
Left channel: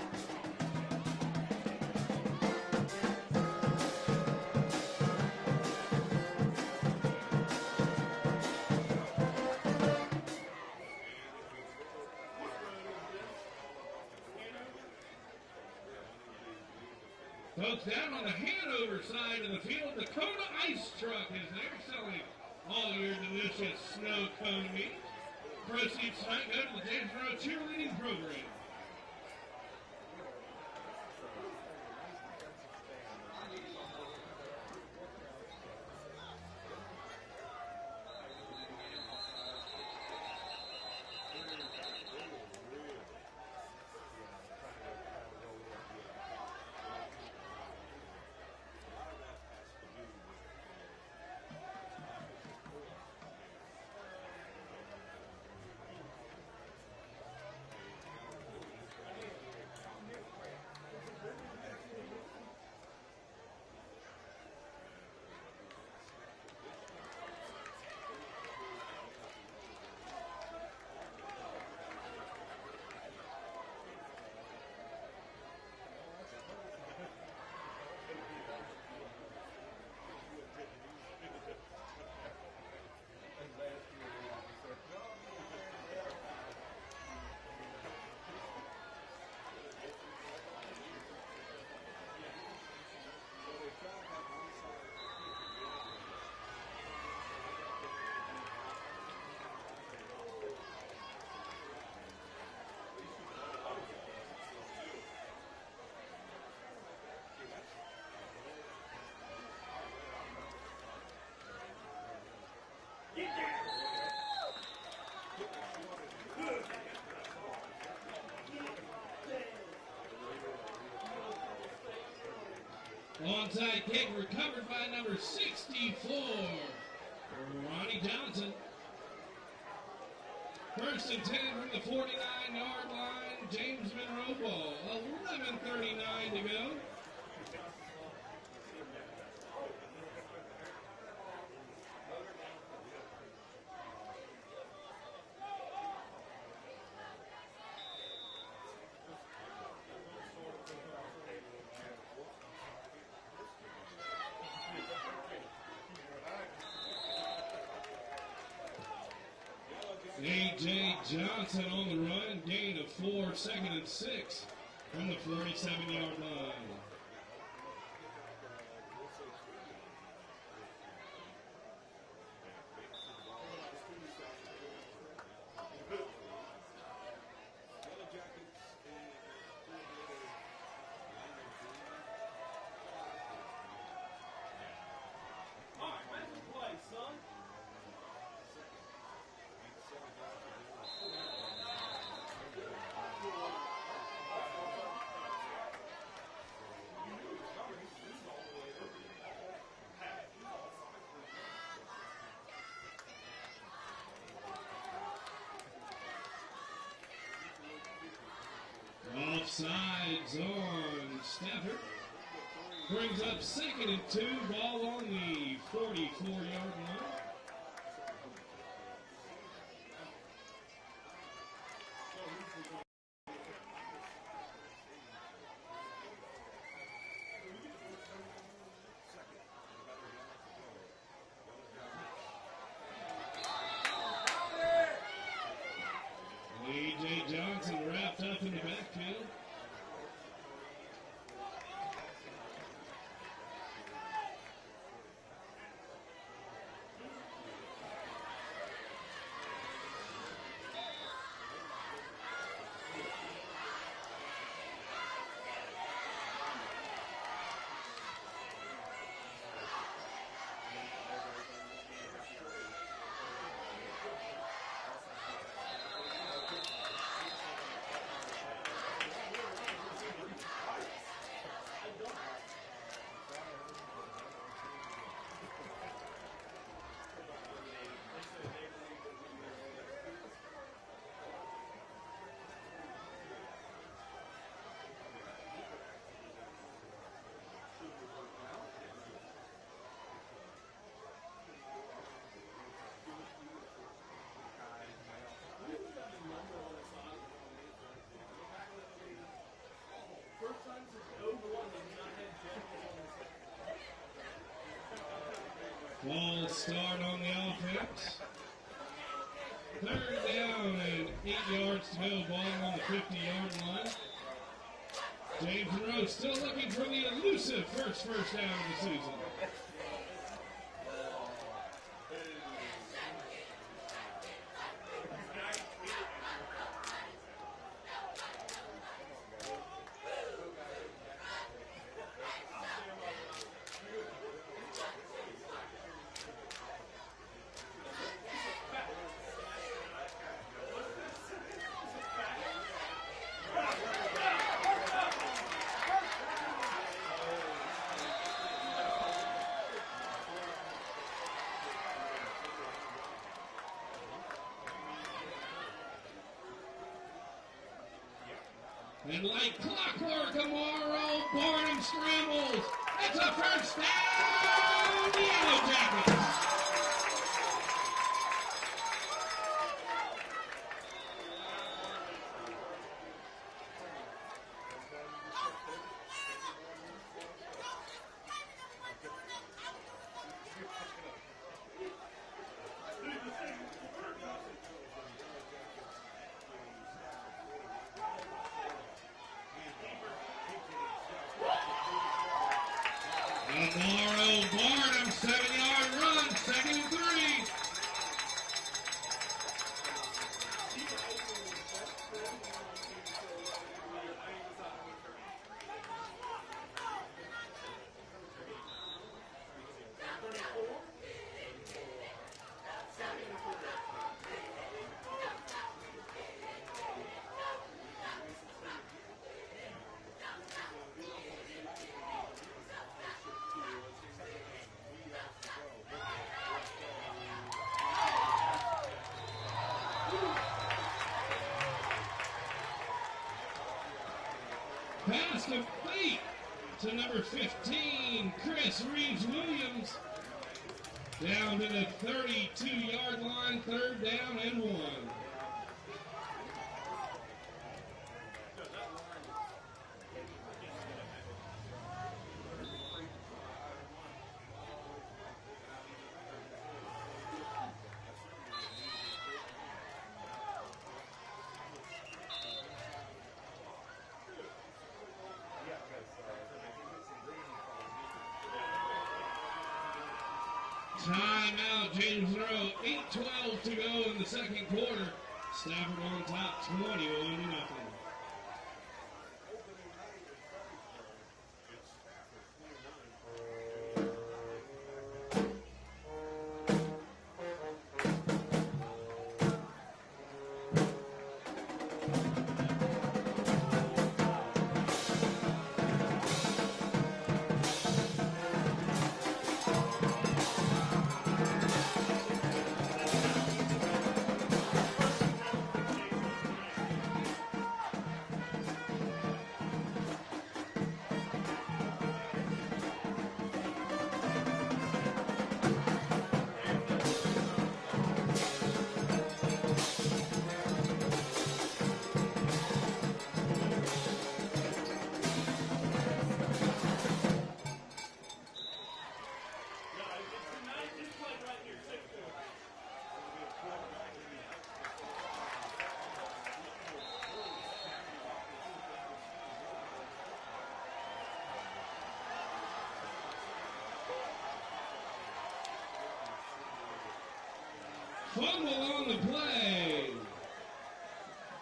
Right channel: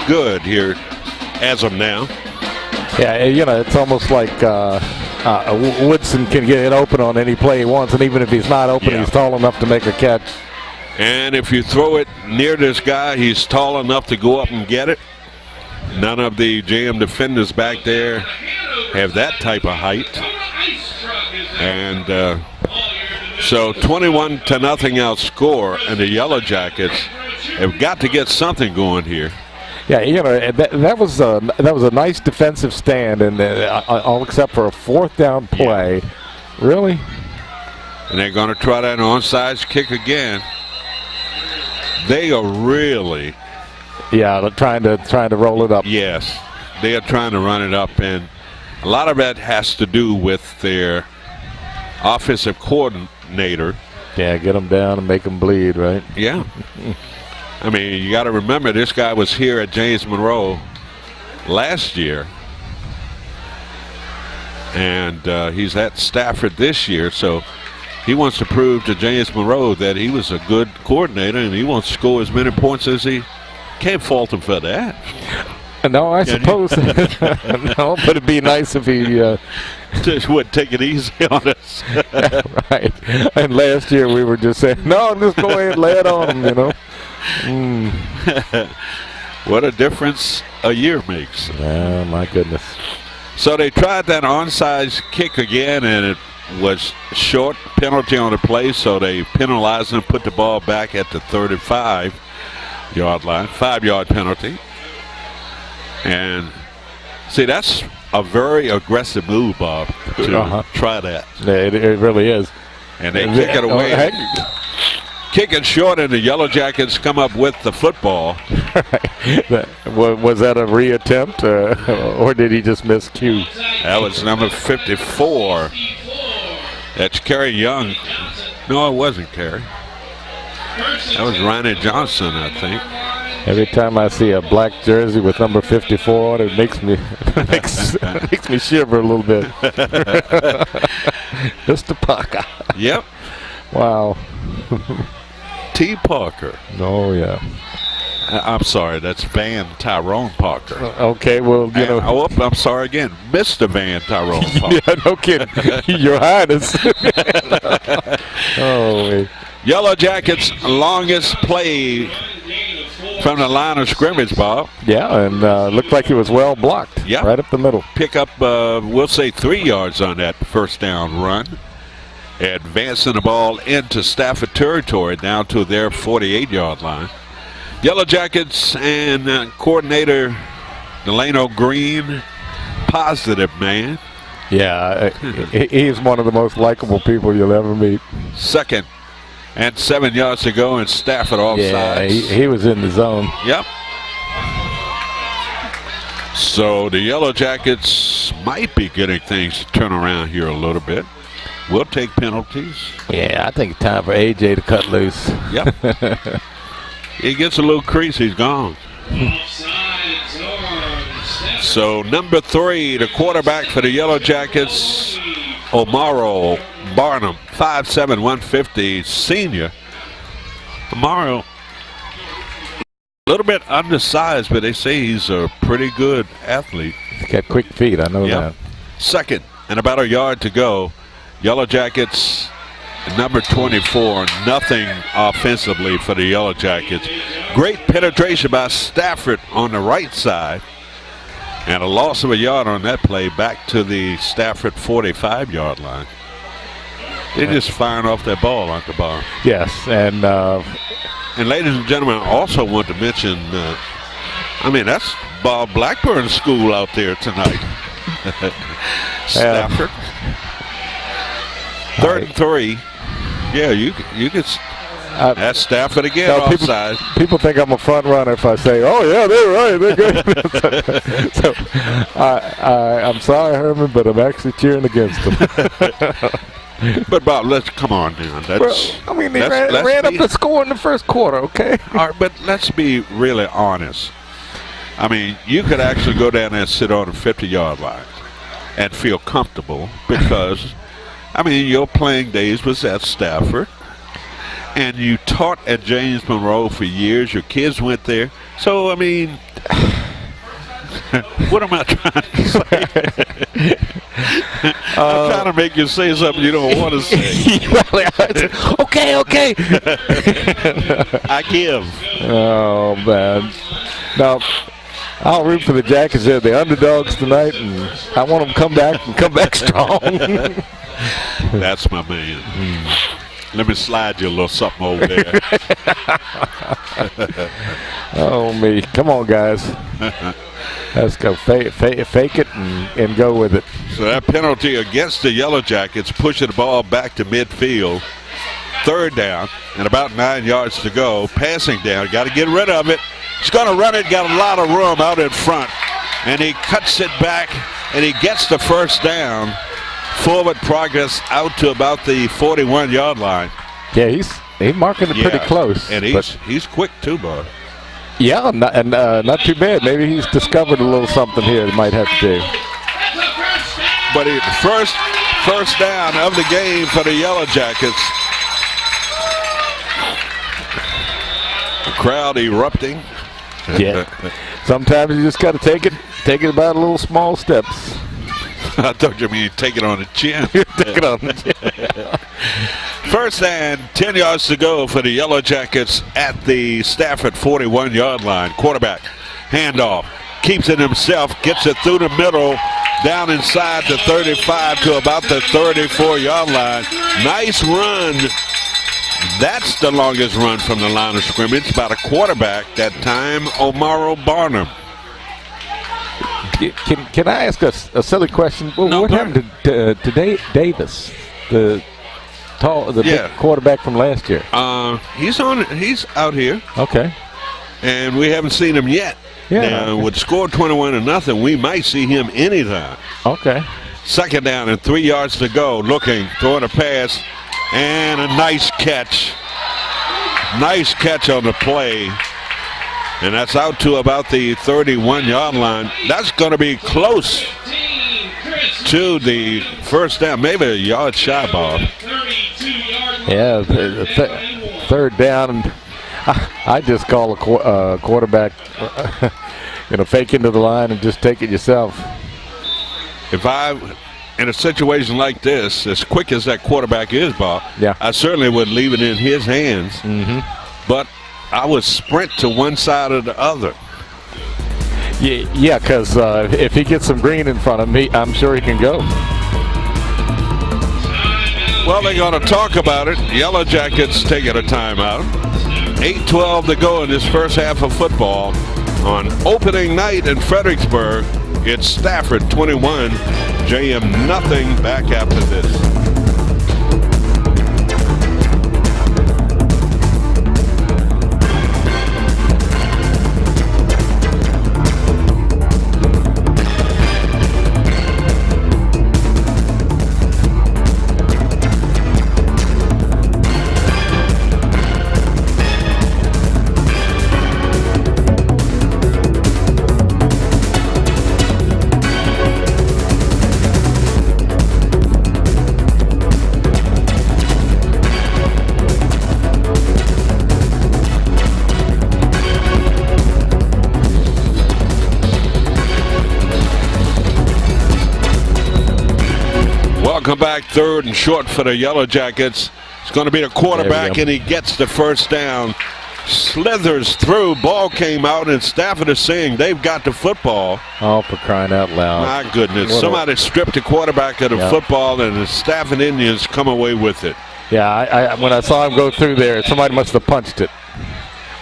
good here as of now. Yeah, you know, it's almost like Woodson can get it open on any play he wants, and even if he's not open, he's tall enough to make a catch. And if you throw it near this guy, he's tall enough to go up and get it. None of the JM defenders back there have that type of height. And so 21-0 our score, and the Yellow Jackets have got to get something going here. Yeah, you know, that was a nice defensive stand, and all except for a 4th down play. Yeah. Really? And they're going to try that onside kick again. They are really, trying to roll it up. Yes, they are trying to run it up, and a lot of that has to do with their offensive coordinator. Yeah, get them down and make them bleed, right? Yeah. I mean, you got to remember this guy was here at James Monroe last year And he's at Stafford this year, so he wants to prove to James Monroe that he was a good coordinator, and he wants to score as many points as he can't fault him for that. No, I suppose. No, but it'd be nice if he just wouldn't take it easy on us. right. And last year we were just saying, no, just go ahead and lay it on him, you know. What a difference a year makes. Oh, my goodness. So they tried that onside kick again, and it was short, penalty on the play, so they penalized him, put the ball back at the 35-yard line, 5-yard penalty. And see, that's a very aggressive move, Bob, to try that. Yeah, it really is. And they kick it away. Kick it short, and the Yellow Jackets come up with the football. Was that a reattempt, or did he just miss cue? That was number 54. That's Kerry Young. No, it wasn't Kerry. That was Ronnie Johnson, I think. Every time I see a black jersey with number 54 on it, makes me makes me shiver a little bit. Mr. Parker. Yep. Wow. T. Parker. Oh, yeah. I'm sorry, that's Van Tyrone Parker. Okay, well, you know. Oh, I'm sorry again, Mr. Van Tyrone Parker. Yeah, no kidding. Your Highness. Oh, Yellow Jackets' longest play from the line of scrimmage, Bob. Yeah, and looked like he was well blocked. Yep. Right up the middle. Pick up, we'll say 3 yards on that first down run. Advancing the ball into Stafford territory down to their 48-yard line. Yellow Jackets and coordinator Delano Green, positive man. Yeah, he's one of the most likable people you'll ever meet. 2nd and 7 yards to go, and Stafford offside. Yeah, he was in the zone. Yep. So the Yellow Jackets might be getting things to turn around here a little bit. We'll take penalties. Yeah, I think it's time for AJ to cut loose. Yep. He gets a little crease, he's gone. So number 3, the quarterback for the Yellow Jackets, Monroe Barnum, 5'7", 150 senior. Monroe, a little bit undersized, but they say he's a pretty good athlete. He's got quick feet, I know that. 2nd and about a yard to go. Yellow Jackets, number 24, nothing offensively for the Yellow Jackets. Great penetration by Stafford on the right side. And a loss of a yard on that play back to the Stafford 45-yard line. They're just firing off that ball, Uncle Bob. Yes, and ladies and gentlemen, I also want to mention, that's Bob Blackburn's school out there tonight. Stafford. 3rd and 3. Yeah, you could. That's Stafford again, offside. People think I'm a front runner if I say, "Oh yeah, they're right, they're good." So I'm sorry, Herman, but I'm actually cheering against them. But Bob, let's come on now. They ran up the score in the first quarter, okay? All right, but let's be really honest. I mean, you could actually go down there and sit on the 50-yard line and feel comfortable because. Your playing days was at Stafford, and you taught at James Monroe for years. Your kids went there. So, what am I trying to say? I'm trying to make you say something you don't want to say. Okay. I give. Oh, man. Now, I'll root for the Jackets. They're the underdogs tonight, and I want them to come back strong. That's my man. Let me slide you a little something over there. Oh, me. Come on, guys. Let's go fake it and go with it. So that penalty against the Yellow Jackets, pushing the ball back to midfield. 3rd down and about 9 yards to go. Passing down. Got to get rid of it. He's going to run it. Got a lot of room out in front. And he cuts it back, and he gets the first down. Forward progress out to about the 41-yard line. Yeah, he's marking it pretty close. And he's quick too, bud. Yeah, not too bad. Maybe he's discovered a little something here that might have to do. but first down of the game for the Yellow Jackets. The crowd erupting. Yeah. Sometimes you just got to take it about little small steps. I thought you mean take it on the chin. Take it on the chin. First and 10 yards to go for the Yellow Jackets at the Stafford 41-yard line. Quarterback handoff, keeps it himself, gets it through the middle, down inside the 35 to about the 34-yard line. Nice run. That's the longest run from the line of scrimmage by the quarterback that time, Monroe Barnum. Can I ask a silly question? Well, No, what happened to Davis, the big quarterback from last year? He's out here. Okay. And we haven't seen him yet. Yeah. Now, with the score 21-0, we might see him anytime. Okay. Second down and 3 yards to go. Looking, throwing a pass, and a nice catch. Nice catch on the play. And that's out to about the 31-yard line. That's going to be close to the first down. Maybe a yard shy, Bob. Yeah, third down. And I just call a quarterback, fake into the line and just take it yourself. If I, in a situation like this, as quick as that quarterback is, Bob, yeah, I certainly would leave it in his hands. Mm-hmm. But I would sprint to one side or the other. Yeah, because if he gets some green in front of me, I'm sure he can go. Well, they're going to talk about it. Yellow Jackets taking a timeout. 8:12 to go in this first half of football. On opening night in Fredericksburg, it's Stafford 21, JM nothing. Back after this. Welcome back, third and short for the Yellow Jackets. It's going to be the quarterback, and he gets the first down. Slithers through, ball came out, and Stafford is saying they've got the football. Oh, for crying out loud. My goodness. Somebody stripped the quarterback of the football, and the Stafford Indians come away with it. Yeah, when I saw him go through there, somebody must have punched it.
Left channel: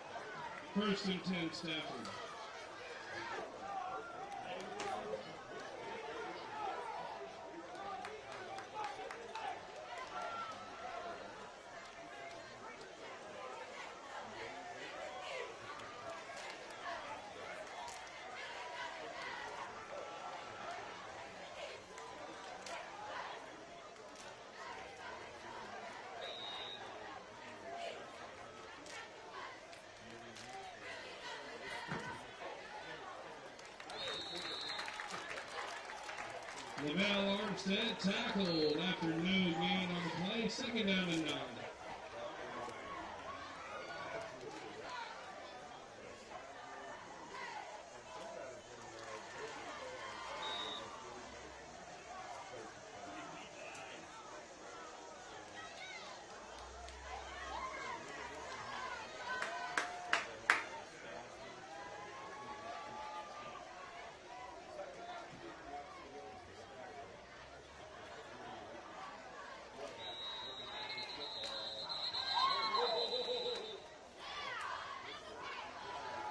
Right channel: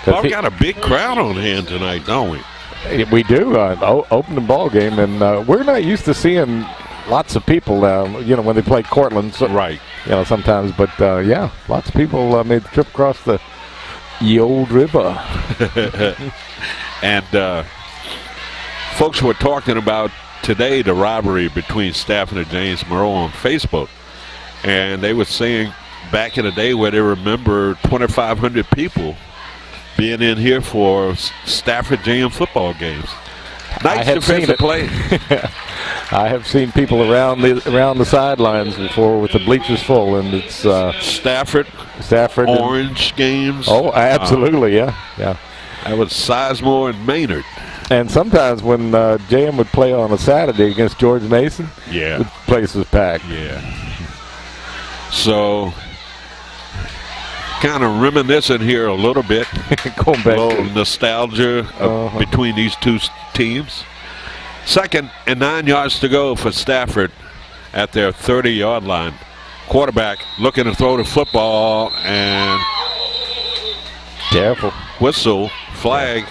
Well, we got a big crowd on hand tonight, don't we? We do. Opening ball game, and we're not used to seeing lots of people, when they play Cortland. So, right. Sometimes. But, lots of people made the trip across the old river. And folks were talking about today the rivalry between Stafford and James Monroe on Facebook. And they were saying back in the day where they remember 2,500 people being in here for Stafford JM football games. Nice defensive play. I have seen people around the sidelines before with the bleachers full, and it's Stafford, Orange games. Oh, absolutely, yeah. That was Sizemore and Maynard. And sometimes when JM would play on a Saturday against George Mason, the place was packed. Yeah. So, kind of reminiscing here a little bit. Going back a little nostalgia between these two teams. 2nd and 9 yards to go for Stafford at their 30-yard line. Quarterback looking to throw the football, and careful. Whistle, flag.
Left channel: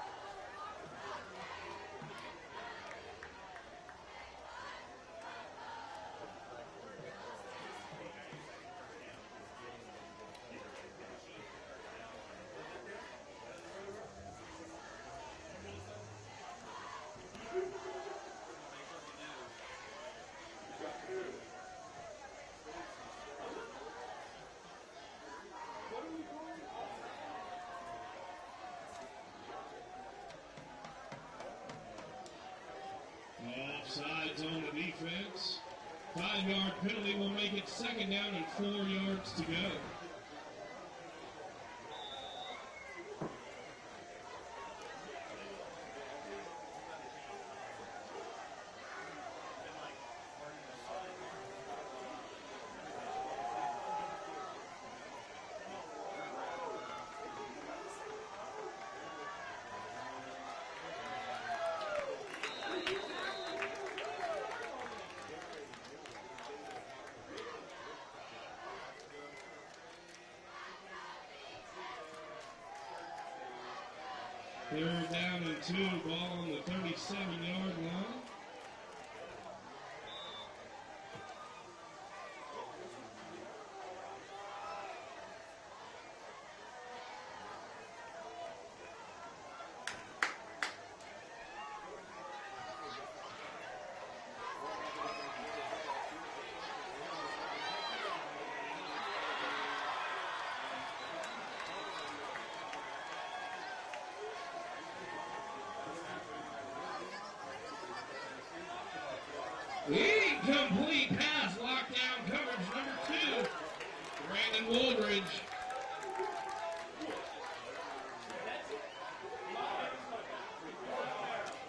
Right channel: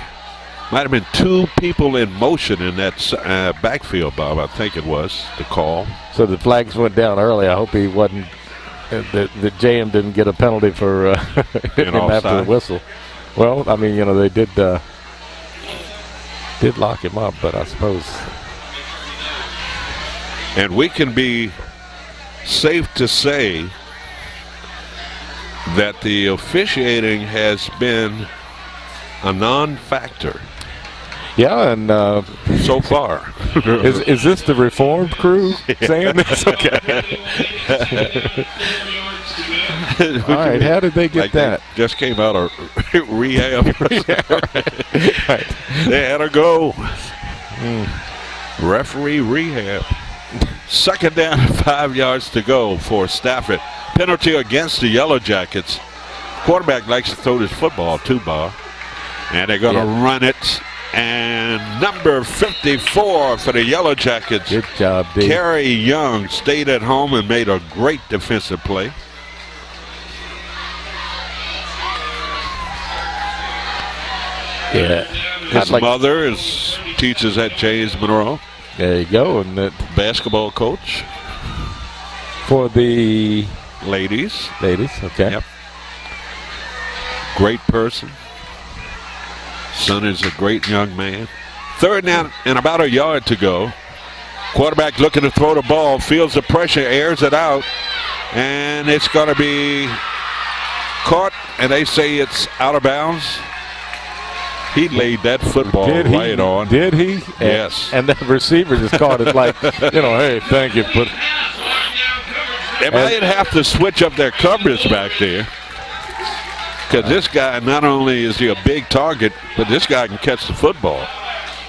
Might have been two people in motion in that backfield, Bob. I think it was the call. So the flags went down early. I hope he wasn't. The JM didn't get a penalty for hitting him after the whistle. Well, I mean, they did lock him up, but I suppose. And we can be safe to say that the officiating has been a non-factor. Yeah, and so far. is this the reformed crew saying this? Okay. All right, how did they get that? They just came out of rehab. Right. They had to go. Referee rehab. Second down, 5 yards to go for Stafford. Penalty against the Yellow Jackets. Quarterback likes to throw this football too, Bob. And they're going to run it. And number 54 for the Yellow Jackets. Good job, Dave. Kerry Young stayed at home and made a great defensive play. Yeah. His mother teaches at James Monroe. There you go. And that Basketball coach. for the Ladies. Okay. Yep. Great person. Son is a great young man. Third down and about a yard to go. Quarterback looking to throw the ball, feels the pressure, airs it out, and it's going to be caught, and they say it's out of bounds. He laid that football right on. Did he? Yes. And the receiver just caught it like, hey, thank you. But they might have to switch up their coverage back there. Because this guy, not only is he a big target, but this guy can catch the football.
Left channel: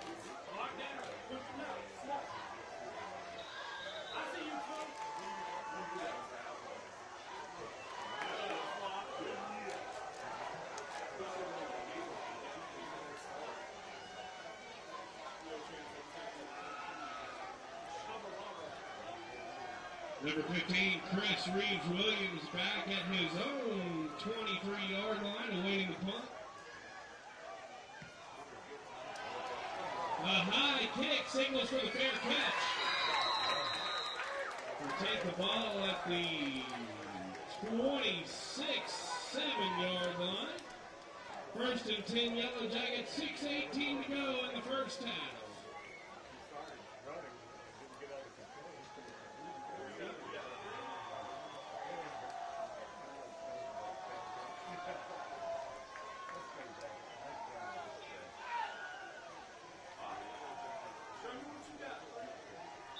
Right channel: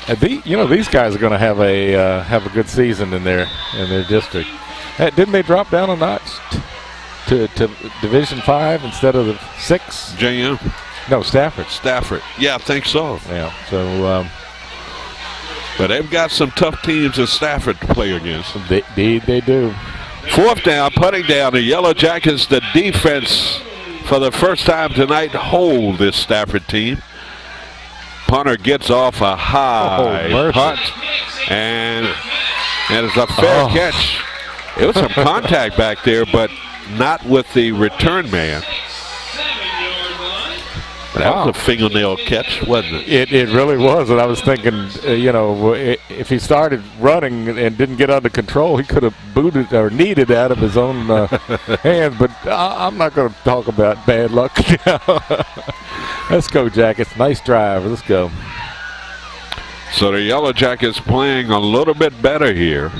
And these guys are going to have a good season in their district. Didn't they drop down a notch to Division 5 instead of the 6? JM? No, Stafford. Stafford. Yeah, I think so. Yeah. So. But they've got some tough teams in Stafford to play against. They do. Fourth down, putting down the Yellow Jackets. The defense, for the first time tonight, hold this Stafford team. Punter gets off a high punt, and it's a fair catch. It was some contact back there, but not with the return man. That was a fingernail catch, wasn't it? It really was, and I was thinking, if he started running and didn't get under control, he could have booted or kneed it out of his own hands. But I'm not going to talk about bad luck now. Let's go, Jackets. Nice drive. Let's go. So the Yellow Jackets playing a little bit better here.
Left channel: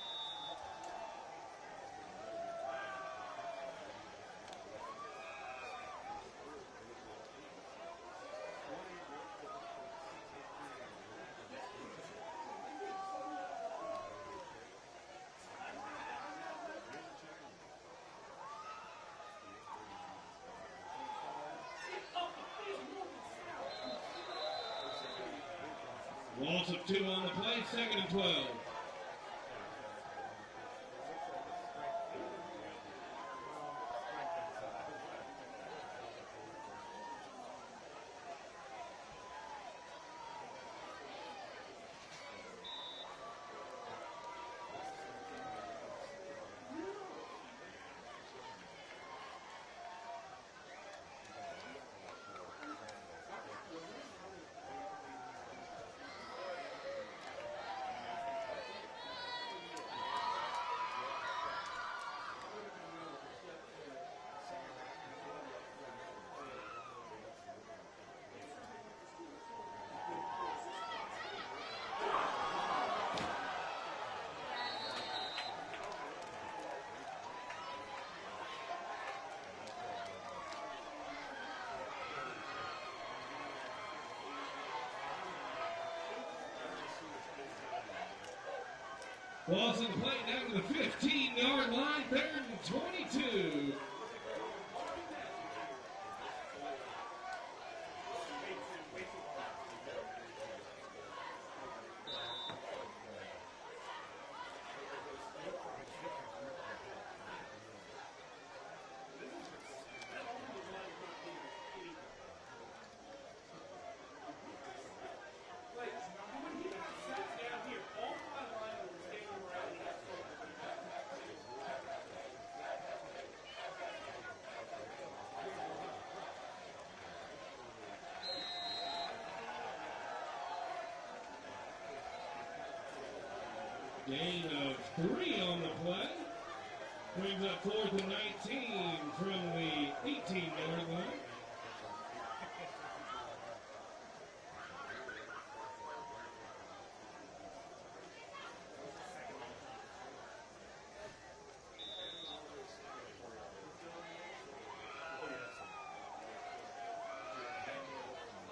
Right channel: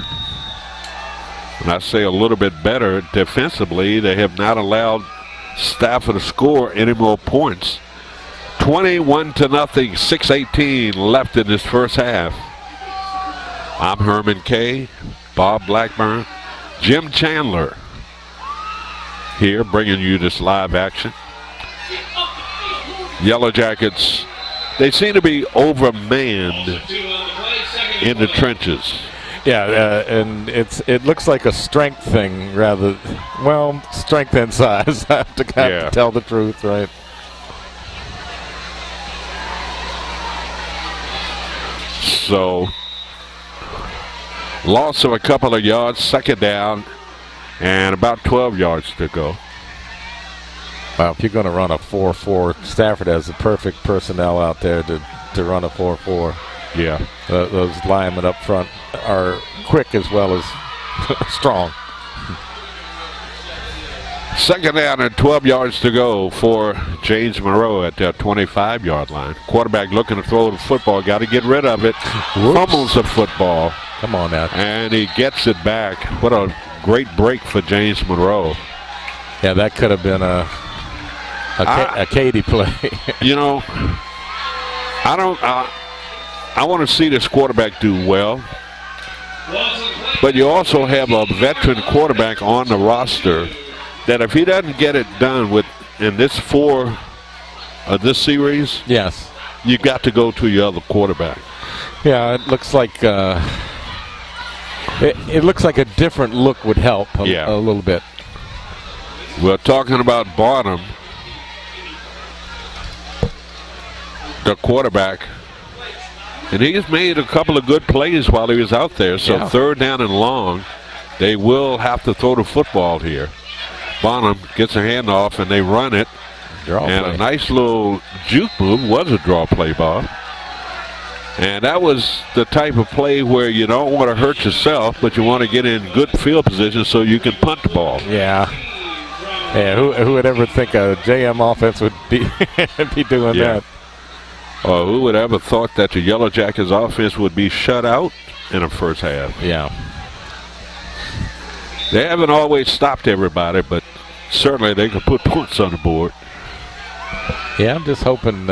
When I say a little bit better, defensively, they have not allowed Stafford to score any more points. 21-0, 6:18 left in this first half. I'm Herman Kay, Bob Blackburn, Jim Chandler here bringing you this live action. Yellow Jackets, they seem to be overmanned in the trenches. Yeah, and it looks like a strength thing strength and size. I have to to tell the truth, right? So, loss of a couple of yards, second down, and about 12 yards to go. Well, if you're going to run a 4-4, Stafford has the perfect personnel out there to run a 4-4. Yeah. Those linemen up front are quick as well as strong. Second down and 12 yards to go for James Monroe at the 25-yard line. Quarterback looking to throw the football. Got to get rid of it. Fumbles the football. Come on now. And he gets it back. What a great break for James Monroe. Yeah, that could have been a Katie play. I want to see this quarterback do well. But you also have a veteran quarterback on the roster that if he doesn't get it done in this this series, yes, you got to go to your other quarterback. Yeah, it looks like it looks like a different look would help a little bit. We're talking about Barnum, the quarterback, and he's made a couple of good plays while he was out there. So third down and long, they will have to throw the football here. Bonham gets a handoff, and they run it. A nice little juke move was a draw play, Bob. And that was the type of play where you don't want to hurt yourself, but you want to get in good field position so you can punt the ball. Yeah. Yeah, who would ever think a JM offense would be doing that? Oh, who would ever thought that the Yellow Jackets offense would be shut out in the first half? Yeah. They haven't always stopped everybody, but certainly they can put points on the board. Yeah, I'm just hoping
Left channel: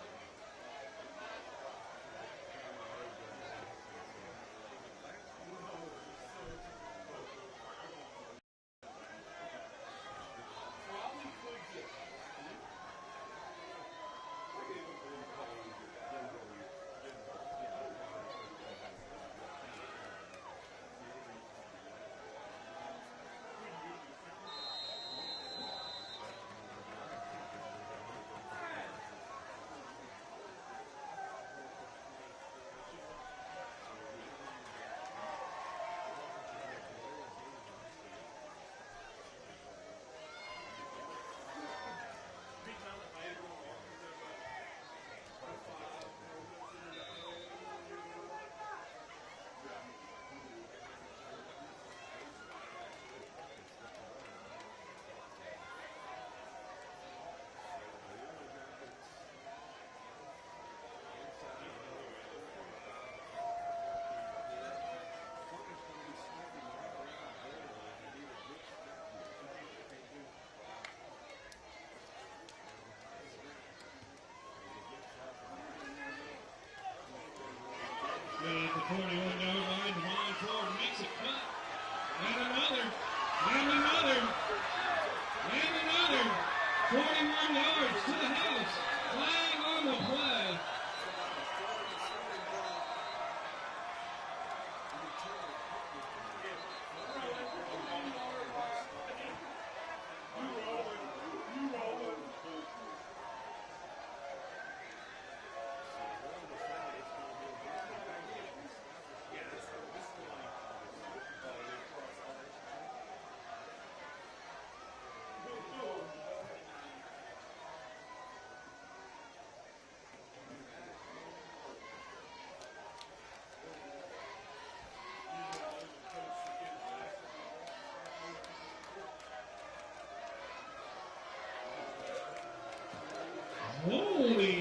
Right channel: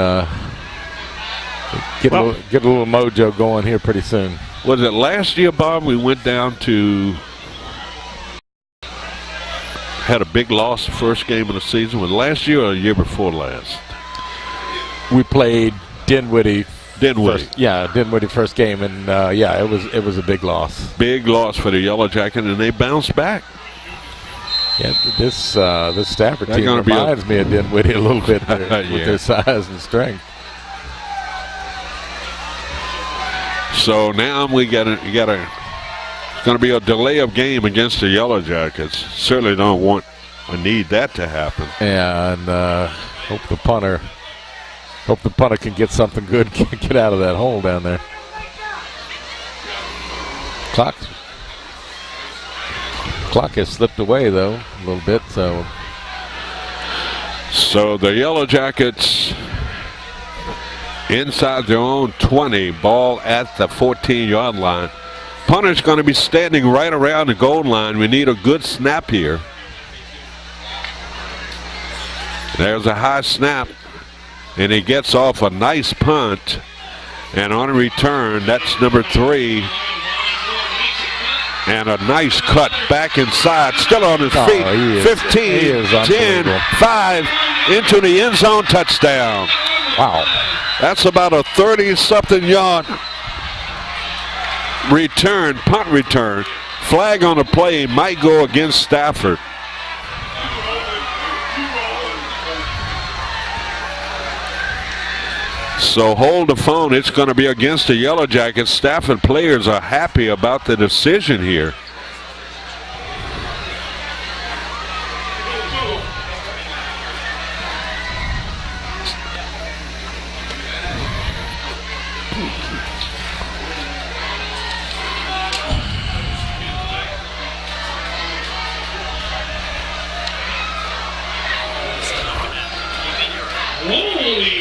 get a little mojo going here pretty soon. Was it last year, Bob, we went down to had a big loss the first game of the season? Was it last year or the year before last? We played Dinwiddie. Dinwiddie. Dinwiddie first game, and it was a big loss. Big loss for the Yellow Jackets, and they bounced back. Yeah, this Stafford team reminds me of Dinwiddie a little bit with their size and strength. So now it's going to be a delay of game against the Yellow Jackets. Certainly don't want or need that to happen. Yeah, and hope the punter can get something good, get out of that hole down there. Clock has slipped away though a little bit, so the Yellow Jackets inside their own 20, ball at the 14-yard line. Punter's going to be standing right around the goal line. We need a good snap here. There's a high snap, and he gets off a nice punt. And on a return, that's number 3. And a nice cut back inside, still on his feet. 15, 10, 5, into the end zone, touchdown. Wow. That's about a 30-something yard return, punt return. Flag on the play might go against Stafford. So hold the phone. It's going to be against the Yellow Jackets. Stafford players are happy about the decision here.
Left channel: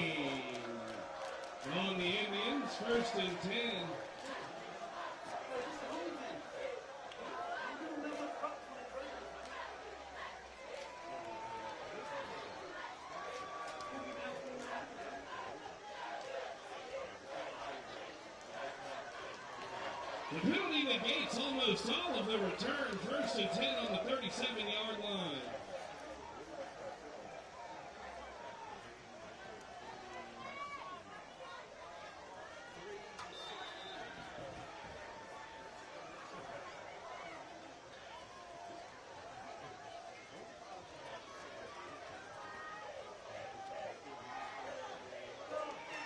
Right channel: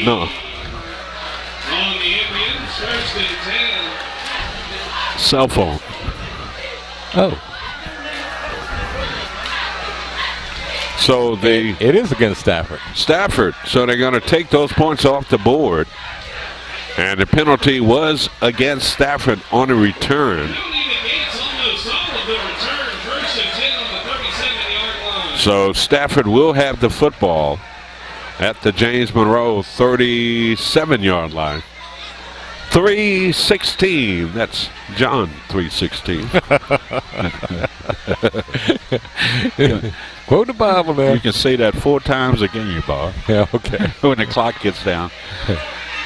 No. Cell phone. Oh. So it is against Stafford. So they're going to take those points off the board. And the penalty was against Stafford on a return. So Stafford will have the football at the James Monroe 37-yard line. 3:16. That's John 3:16. Quote the Bible there. You can say that 4 times a game, Bob. Yeah, okay. When the clock gets down.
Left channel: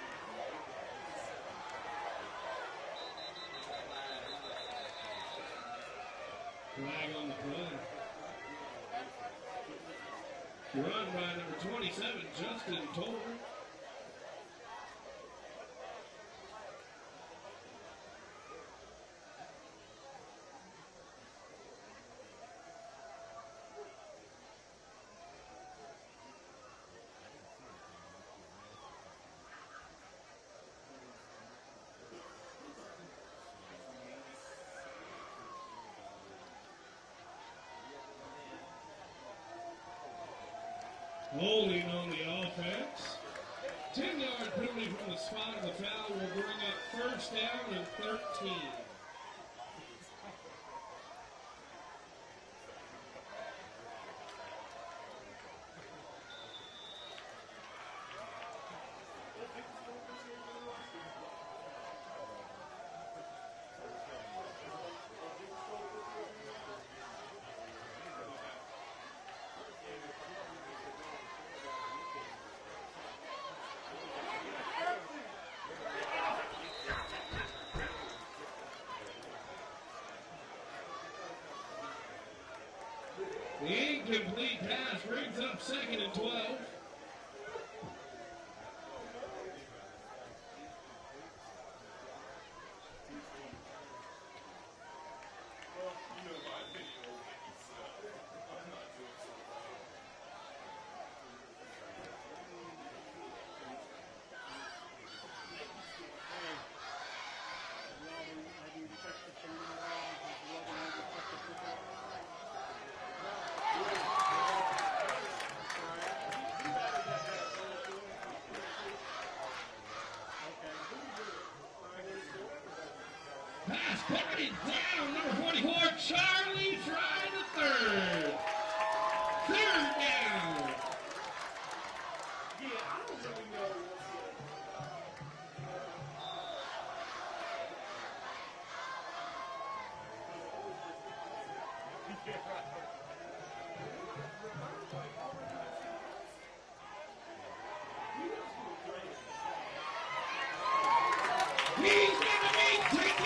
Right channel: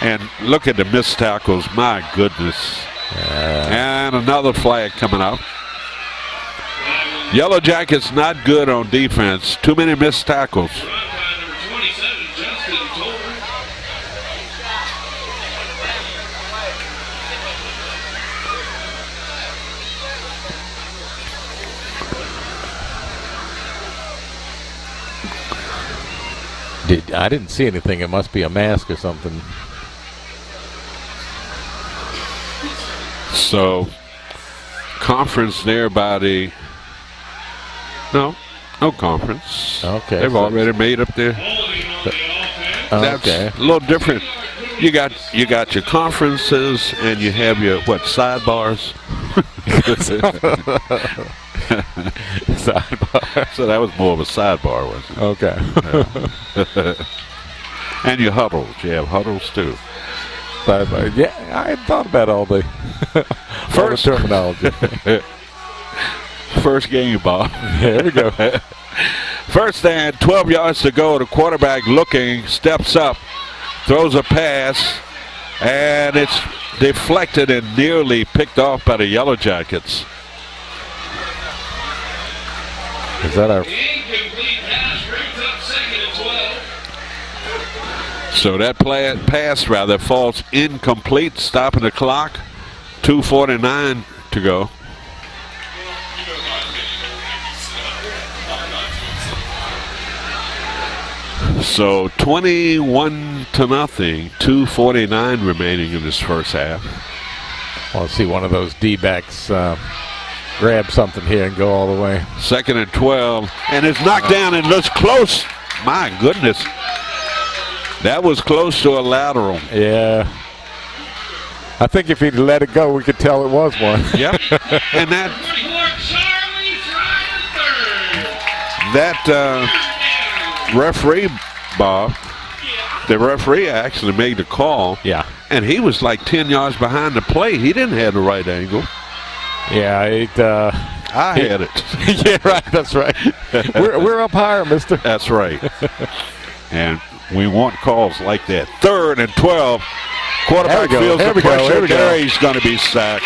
And look at the missed tackles. My goodness. And another flag coming up. Yellow Jackets not good on defense. Too many missed tackles. I didn't see anything. It must be a mask or something. So, conference there by the... No conference. Okay. They've already made up there. That's a little different. You got your conferences and you have your, sidebars? Sidebar. So that was more of a sidebar, wasn't it? Okay. And your huddles. You have huddles too. Sidebar. Yeah, I hadn't thought about all the first terminology. First game, Bob. There we go. First and 12 yards to go. The quarterback looking, steps up, throws a pass, and it's deflected and nearly picked off by the Yellow Jackets. Is that our... So that pass falls incomplete, stopping the clock. 2:49 to go. So 21-0, 2:49 remaining in this first half. I want to see one of those D-backs grab something here and go all the way. 2nd and 12, and it's knocked down and looks close. My goodness. That was close to a lateral. Yeah. I think if he'd let it go, we could tell it was one. Yep. And that referee, Bob, the referee actually made the call. Yeah. And he was like 10 yards behind the play. He didn't have the right angle. Yeah, I had it. Yeah, right. That's right. we're up higher, mister. That's right. And we want calls like that. 3rd and 12. Quarterback feels the pressure. Gary's going to be sacked.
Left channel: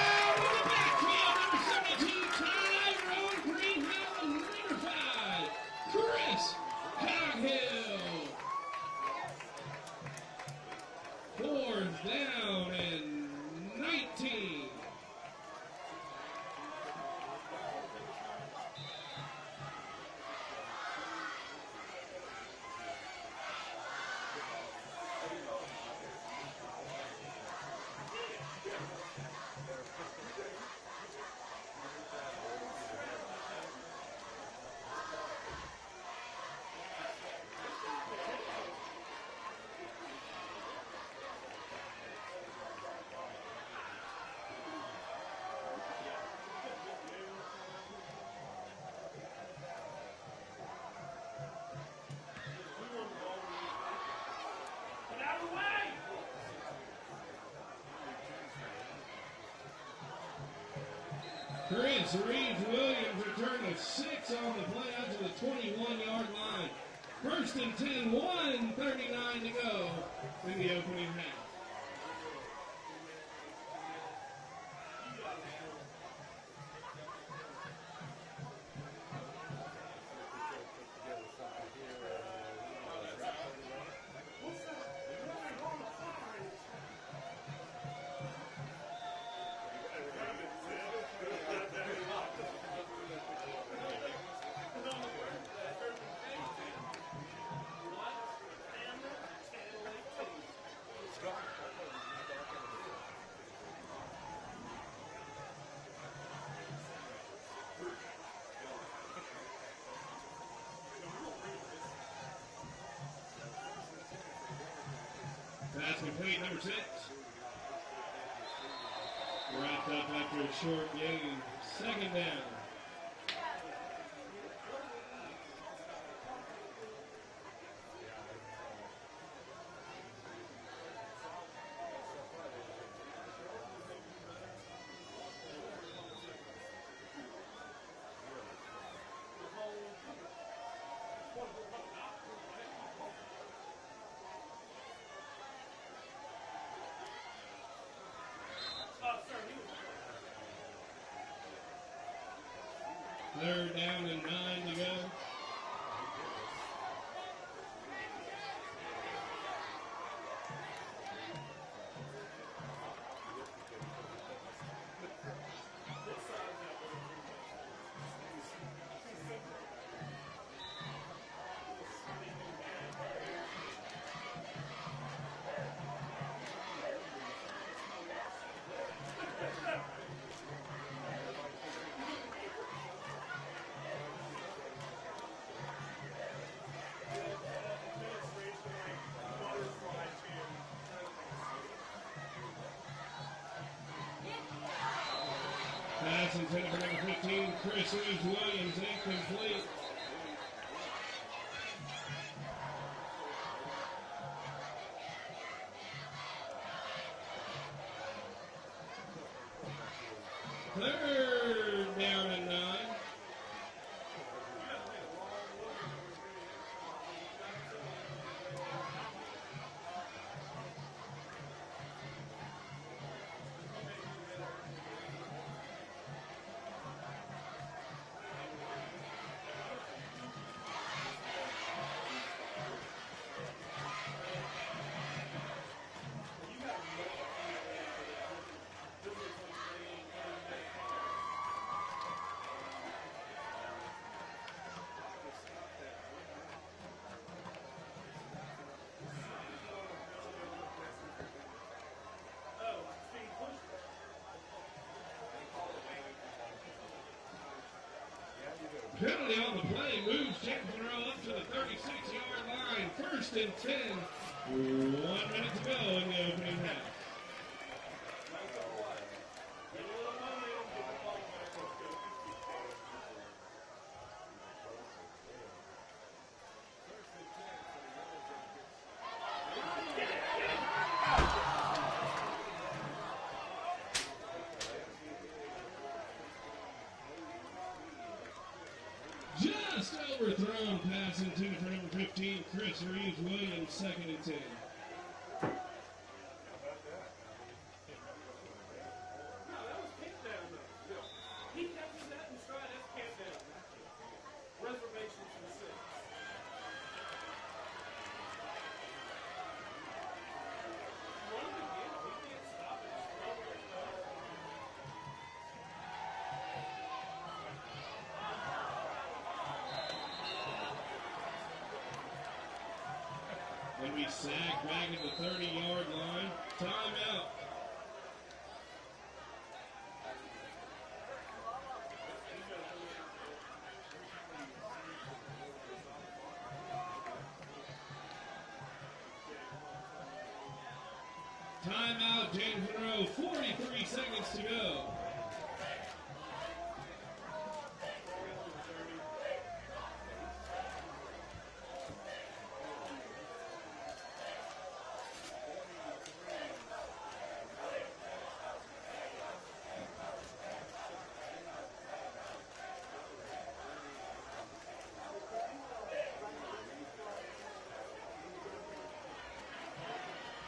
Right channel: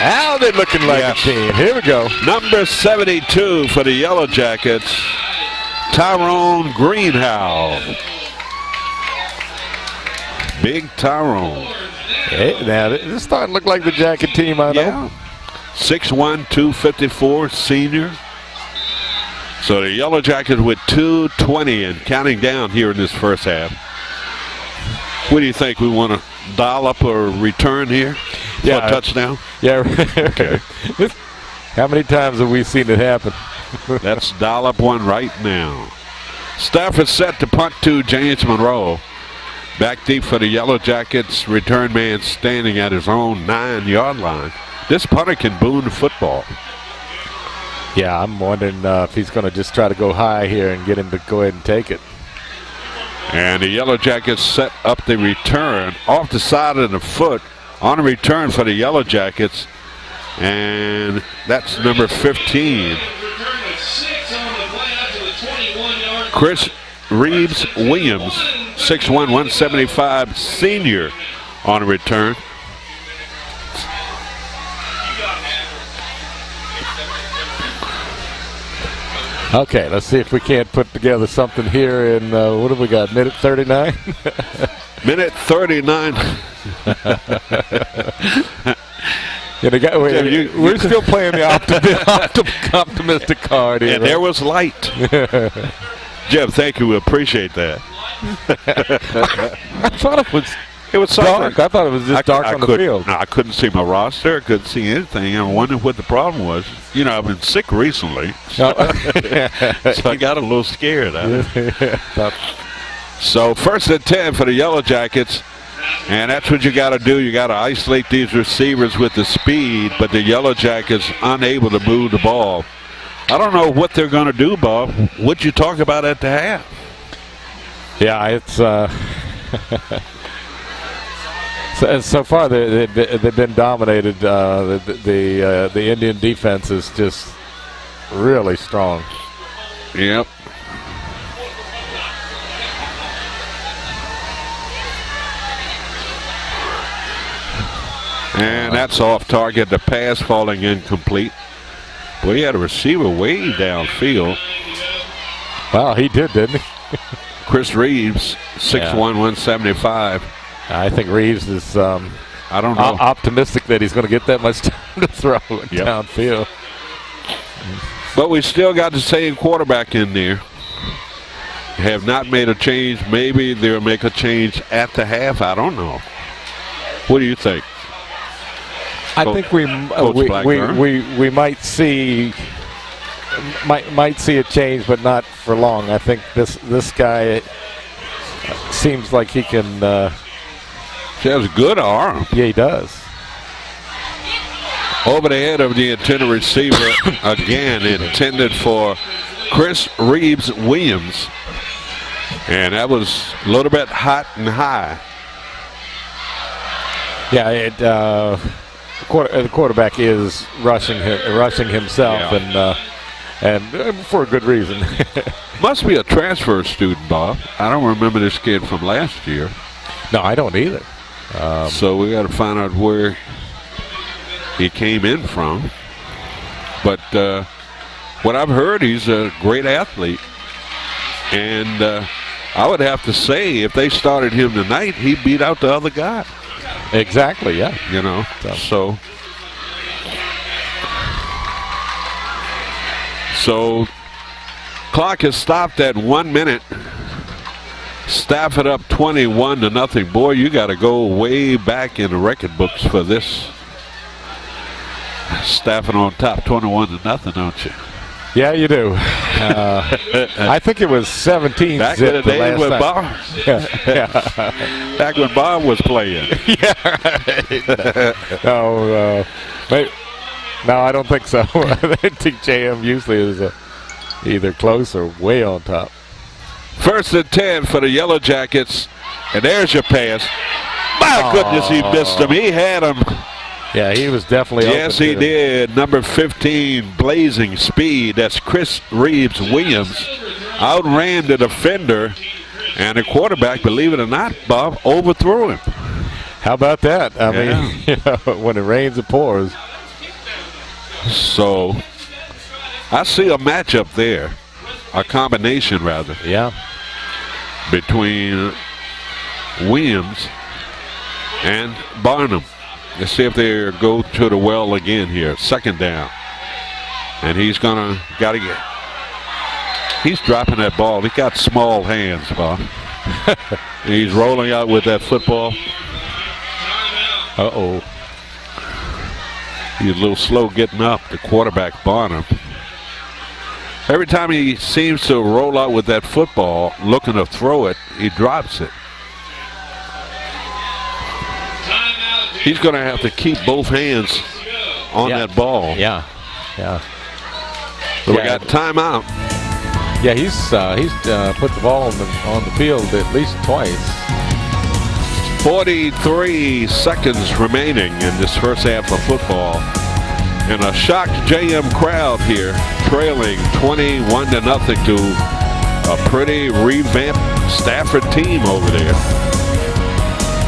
Now they're looking like a team. Here we go. Number 72 for the Yellow Jackets, Tyrone Greenhow. Big Tyrone. Hey, now this is starting to look like the Jacket team, I know. Yeah. 6'1", 254, senior. So the Yellow Jackets with 2:20 and counting down here in this first half. What do you think? We want to dial up or return here? Yeah, for a touchdown. Yeah. Okay. How many times have we seen it happen? Let's dial up one right now. Stafford set to punt to James Monroe. Back deep for the Yellow Jackets. Return man standing at his own 9-yard line. This punter can boon the football. Yeah, I'm wondering if he's going to just try to go high here and get him to go ahead and take it. And the Yellow Jackets set up the return off the side of the foot on a return for the Yellow Jackets. And that's number 15. Chris Reeves Williams, 6'1", 175, senior on a return. Okay, let's see if we can't put together something here in, what have we got, minute 39? Minute 39. We're still playing the optimistic card here. And there was light. Jeff, thank you. We appreciate that. I thought it was dark. I thought it was just dark on the field. No, I couldn't see my roster. I couldn't see anything. I wondered what the problem was. You know, I've been sick recently. So I got a little scared. So 1st and 10 for the Yellow Jackets. And that's what you got to do. You got to isolate these receivers with the speed, but the Yellow Jackets unable to move the ball. I don't know what they're going to do, Bob. What'd you talk about at the half? Yeah, it's so far they've been dominated. The Indian defense is just really strong. Yep. And that's off target. The pass falling incomplete. Well, he had a receiver way downfield. Well, he did, didn't he? Chris Reeves, 6'1", 175. I think Reeves is I don't know. Optimistic that he's going to get that much time to throw downfield. But we still got the same quarterback in there. Have not made a change. Maybe they'll make a change at the half. I don't know. What do you think? I think we might see a change, but not for long. I think this guy seems like he can. He has a good arm. Yeah, he does. Over the head of the intended receiver again, intended for Chris Reeves Williams, and that was a little bit hot and high. Yeah, the quarterback is rushing himself, and for a good reason. Must be a transfer student, Bob. I don't remember this kid from last year. No, I don't either. So we got to find out where he came in from. But what I've heard, he's a great athlete, and I would have to say if they started him tonight, he beat out the other guy. Exactly, yeah. You know, so clock is stopped at 1 minute. Stafford up 21-0. Boy, you got to go way back in the record books for this. Stafford on top 21-0, don't you? Yeah, you do. I think it was 17 back in the zip day when last Bob, yeah. back when Bob was playing. Yeah, right. No, I don't think so. I think JM usually is either close or way on top. 1st and 10 for the Yellow Jackets, and there's your pass. My goodness, he missed him. He had him. Yeah, he was definitely open. Yes, he did. Number 15, blazing speed. That's Chris Reeves Williams. Outran the defender, and the quarterback, believe it or not, Bob, overthrew him. How about that? I mean, when it rains, it pours. So, I see a matchup there, a combination rather. Yeah. Between Williams and Barnum. Let's see if they go to the well again here. 2nd down. And he's got to get. He's dropping that ball. He got small hands, Bob. He's rolling out with that football. Uh-oh. He's a little slow getting up, the quarterback Barnum. Every time he seems to roll out with that football, looking to throw it, he drops it. He's going to have to keep both hands on that ball. Yeah, yeah. So we got timeout. Yeah, he's put the ball on the field at least twice. 43 seconds remaining in this first half of football. And a shocked JM crowd here, trailing 21-0 to a pretty revamped Stafford team over there.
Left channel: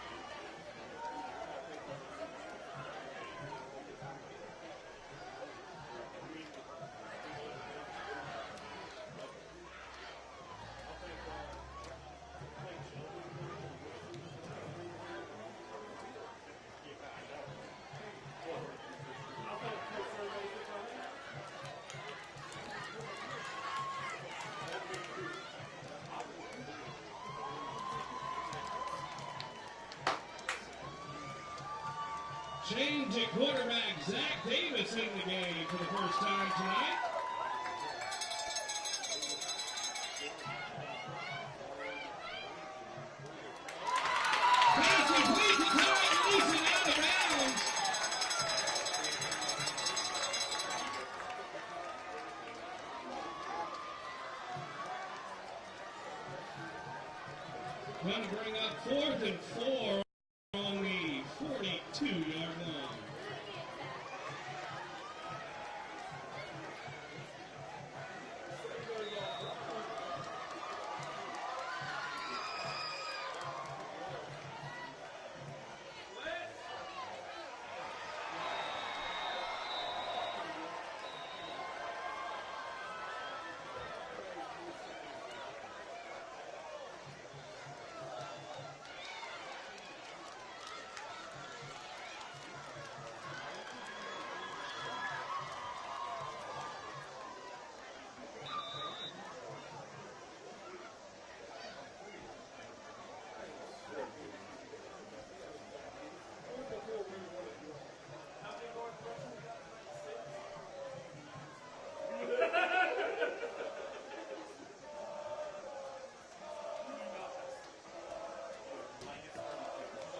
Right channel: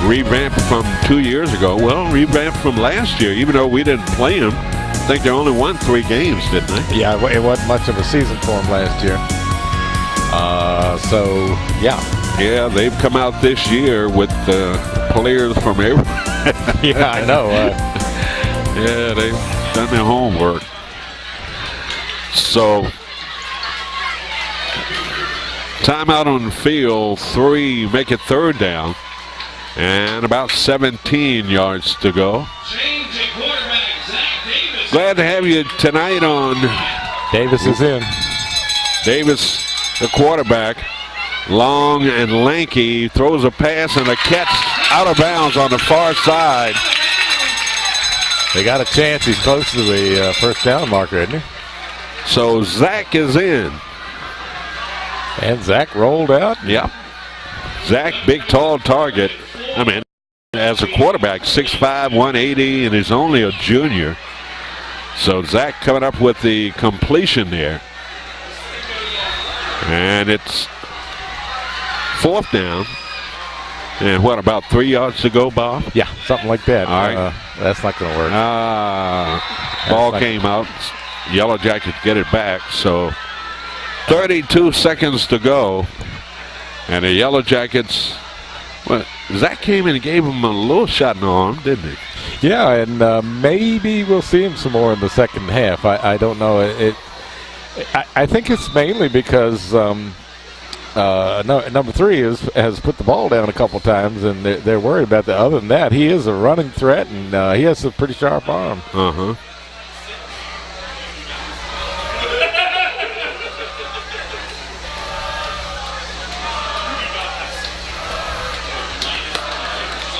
Revamped from 2 years ago. Well, revamped from last year, even though we didn't play them. I think they only won 3 games, didn't they? Yeah, it wasn't much of a season for them last year. So, yeah. Yeah, they've come out this year with players from everywhere. Yeah, I know. Yeah, they've done their homework. So, timeout on the field, 3, make it 3rd down. And about 17 yards to go. Glad to have you tonight on. Davis is in. Davis, the quarterback, long and lanky, throws a pass and a catch out of bounds on the far side. They got a chance. He's close to the 1st down marker, isn't he? So Zach is in. And Zach rolled out. Yep. Zach, big, tall target. I mean, as a quarterback, 6'5", 180, and he's only a junior. So Zach coming up with the completion there. And it's 4th down. And what, about 3 yards to go, Bob? Yeah, something like that. All right. That's not going to work. Ball came out. Yellow Jackets get it back. So 32 seconds to go. And the Yellow Jackets, well, Zach came in and gave him a little shot in the arm, didn't he? Yeah, and maybe we'll see him some more in the 2nd half. I don't know. I think it's mainly because number 3 has put the ball down a couple times, and they're worried about that. Other than that, he is a running threat, and he has a pretty sharp arm. Uh-huh.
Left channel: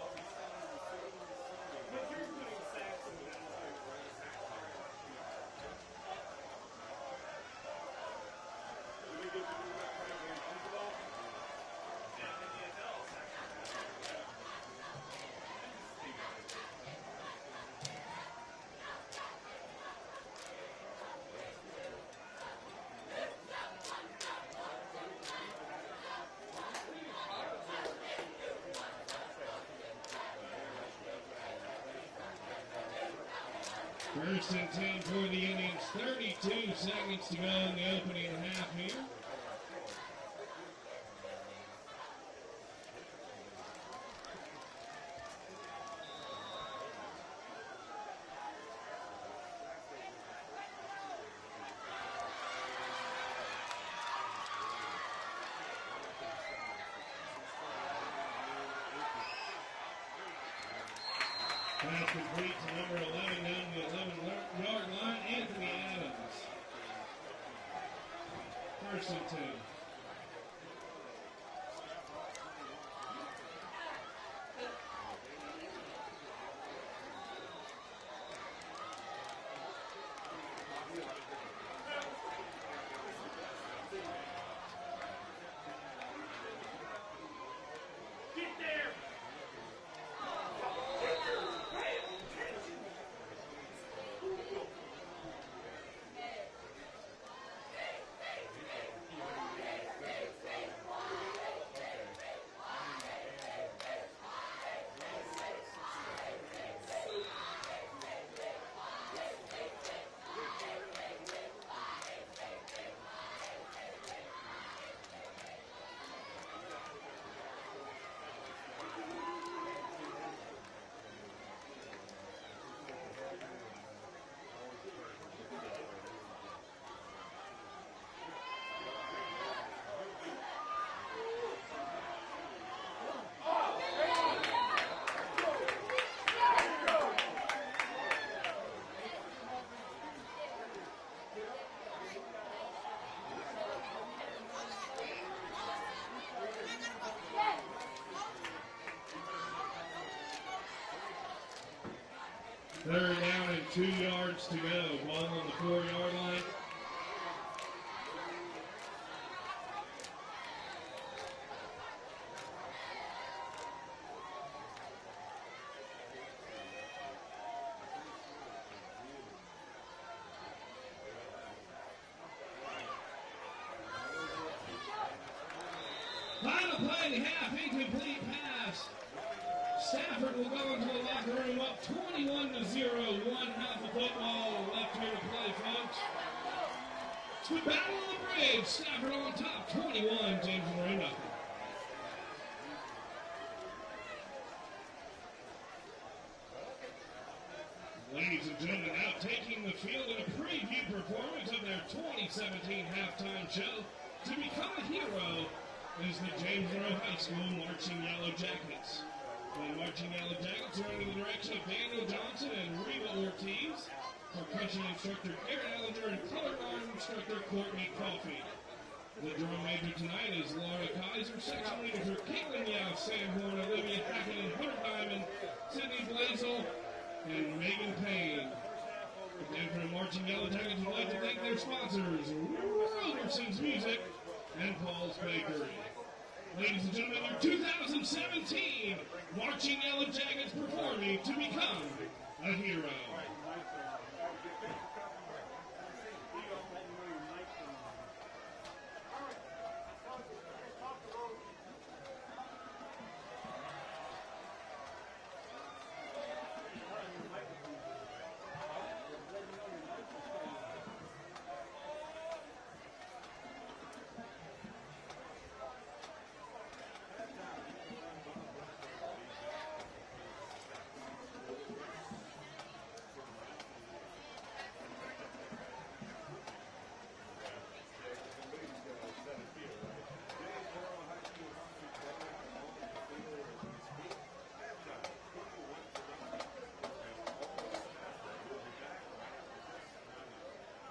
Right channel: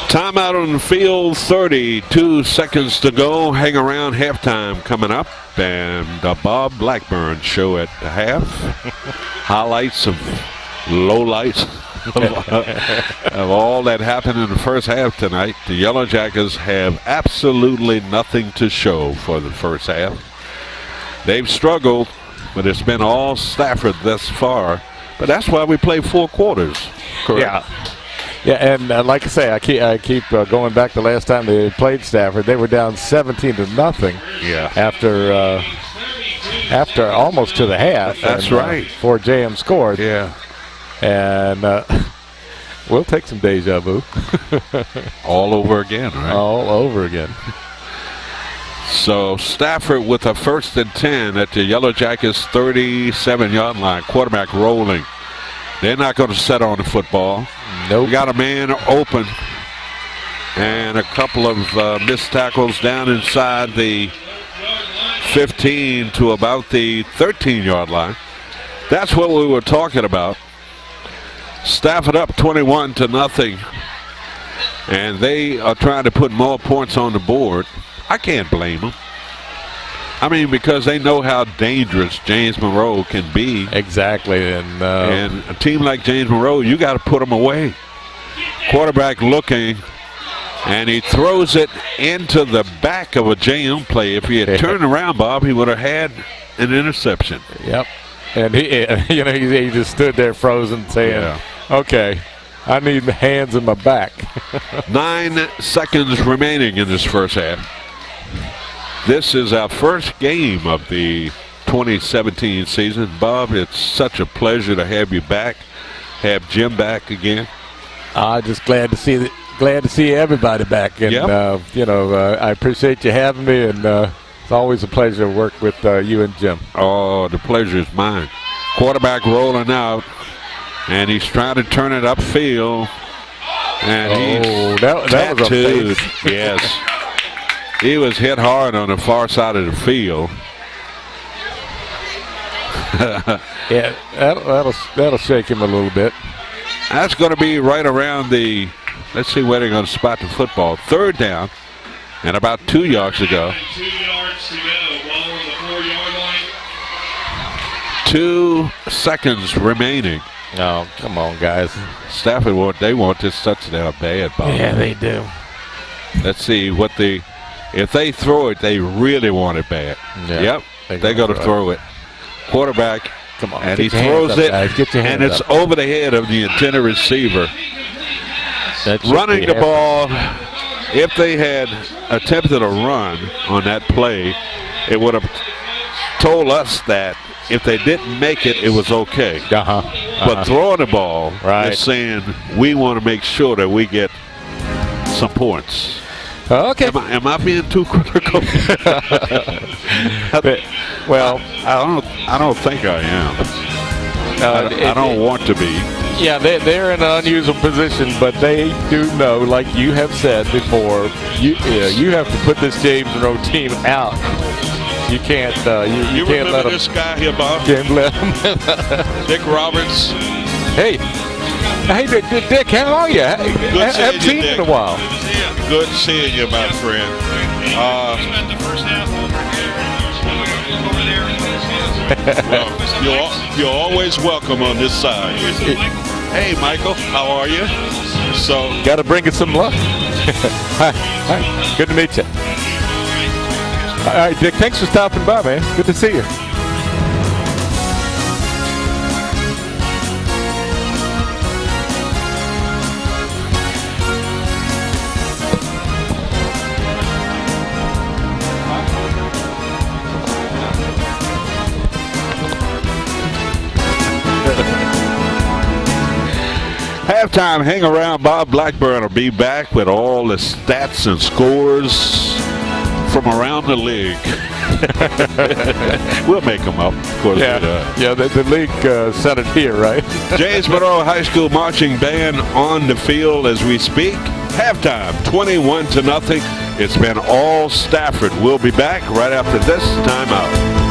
Timeout on the field, 32 seconds to go. Hang around, halftime coming up. And the Bob Blackburn show at the half. Highlights of lowlights of all that happened in the first half tonight. The Yellow Jackets have absolutely nothing to show for the first half. They've struggled, but it's been all Stafford thus far. But that's why we play 4 quarters. Correct? Yeah. Yeah, and like I say, I keep going back to last time they played Stafford. They were down 17-0. Yeah. After almost to the half. That's right. Before JM scored. Yeah. And we'll take some deja vu. All over again, right? All over again. So Stafford with a 1st and 10 at the Yellow Jackets 37-yard line. Quarterback rolling. They're not going to set on the football. Nope. We got a man open and a couple of missed tackles down inside the 15 to about the 13-yard line. That's what we were talking about. Stafford up 21-0, and they are trying to put more points on the board. I can't blame them. I mean, because they know how dangerous James Monroe can be. Exactly. And a team like James Monroe, you got to put them away. Quarterback looking, and he throws it into the back of a JM play. If he had turned around, Bob, he would have had an interception. Yep. And he just stood there frozen saying, okay, I need the hands in my back. 9 seconds remaining in this first half. This is our first game of the 2017 season. Bob, it's such a pleasure to have you back, have Jim back again. Just glad to see everybody back, and I appreciate you having me, and it's always a pleasure to work with you and Jim. Oh, the pleasure is mine. Quarterback rolling out, and he's trying to turn it upfield, and that was a face. Yes. He was hit hard on the far side of the field. Yeah, that'll shake him a little bit. That's going to be right around the, let's see where they're going to spot the football. 3rd down, and about 2 yards to go. 2 yards to go. Ball on the 4-yard line. 2 seconds remaining. Oh, come on, guys. Stafford, they want this touchdown bad, Bob. Yeah, they do. Let's see what if they throw it, they really want it bad. Yeah, yep, they're going to throw it. Quarterback, come on, and he throws it, and it's up. over the head of the intended receiver. Running the ball, if they had attempted a run on that play, it would have told us that if they didn't make it, it was okay. But throwing the ball is saying we want to make sure that we get some points. Okay. Am I being too critical? Well, I don't think I am. I don't want to be. Yeah, they're in an unusual position, but they do know, like you have said before, you have to put this James Monroe team out. You can't. You can't let them. This guy here, Bob? Can't let him. Dick Roberts. Hey, Dick, how are you? Good haven't seen you in a while. Good seeing you, my friend. Well, you're always welcome on this side. Hey, Michael, how are you? So, got to bring us some luck. Hi, good to meet you. All right, Dick, thanks for stopping by, man. Good to see you. Halftime, hang around. Bob Blackburn will be back with all the stats and scores from around the league. We'll make them up, of course. Yeah, the league sent it here, right? James Monroe High School marching band on the field as we speak. Halftime, 21-0. It's been all Stafford. We'll be back right after this timeout.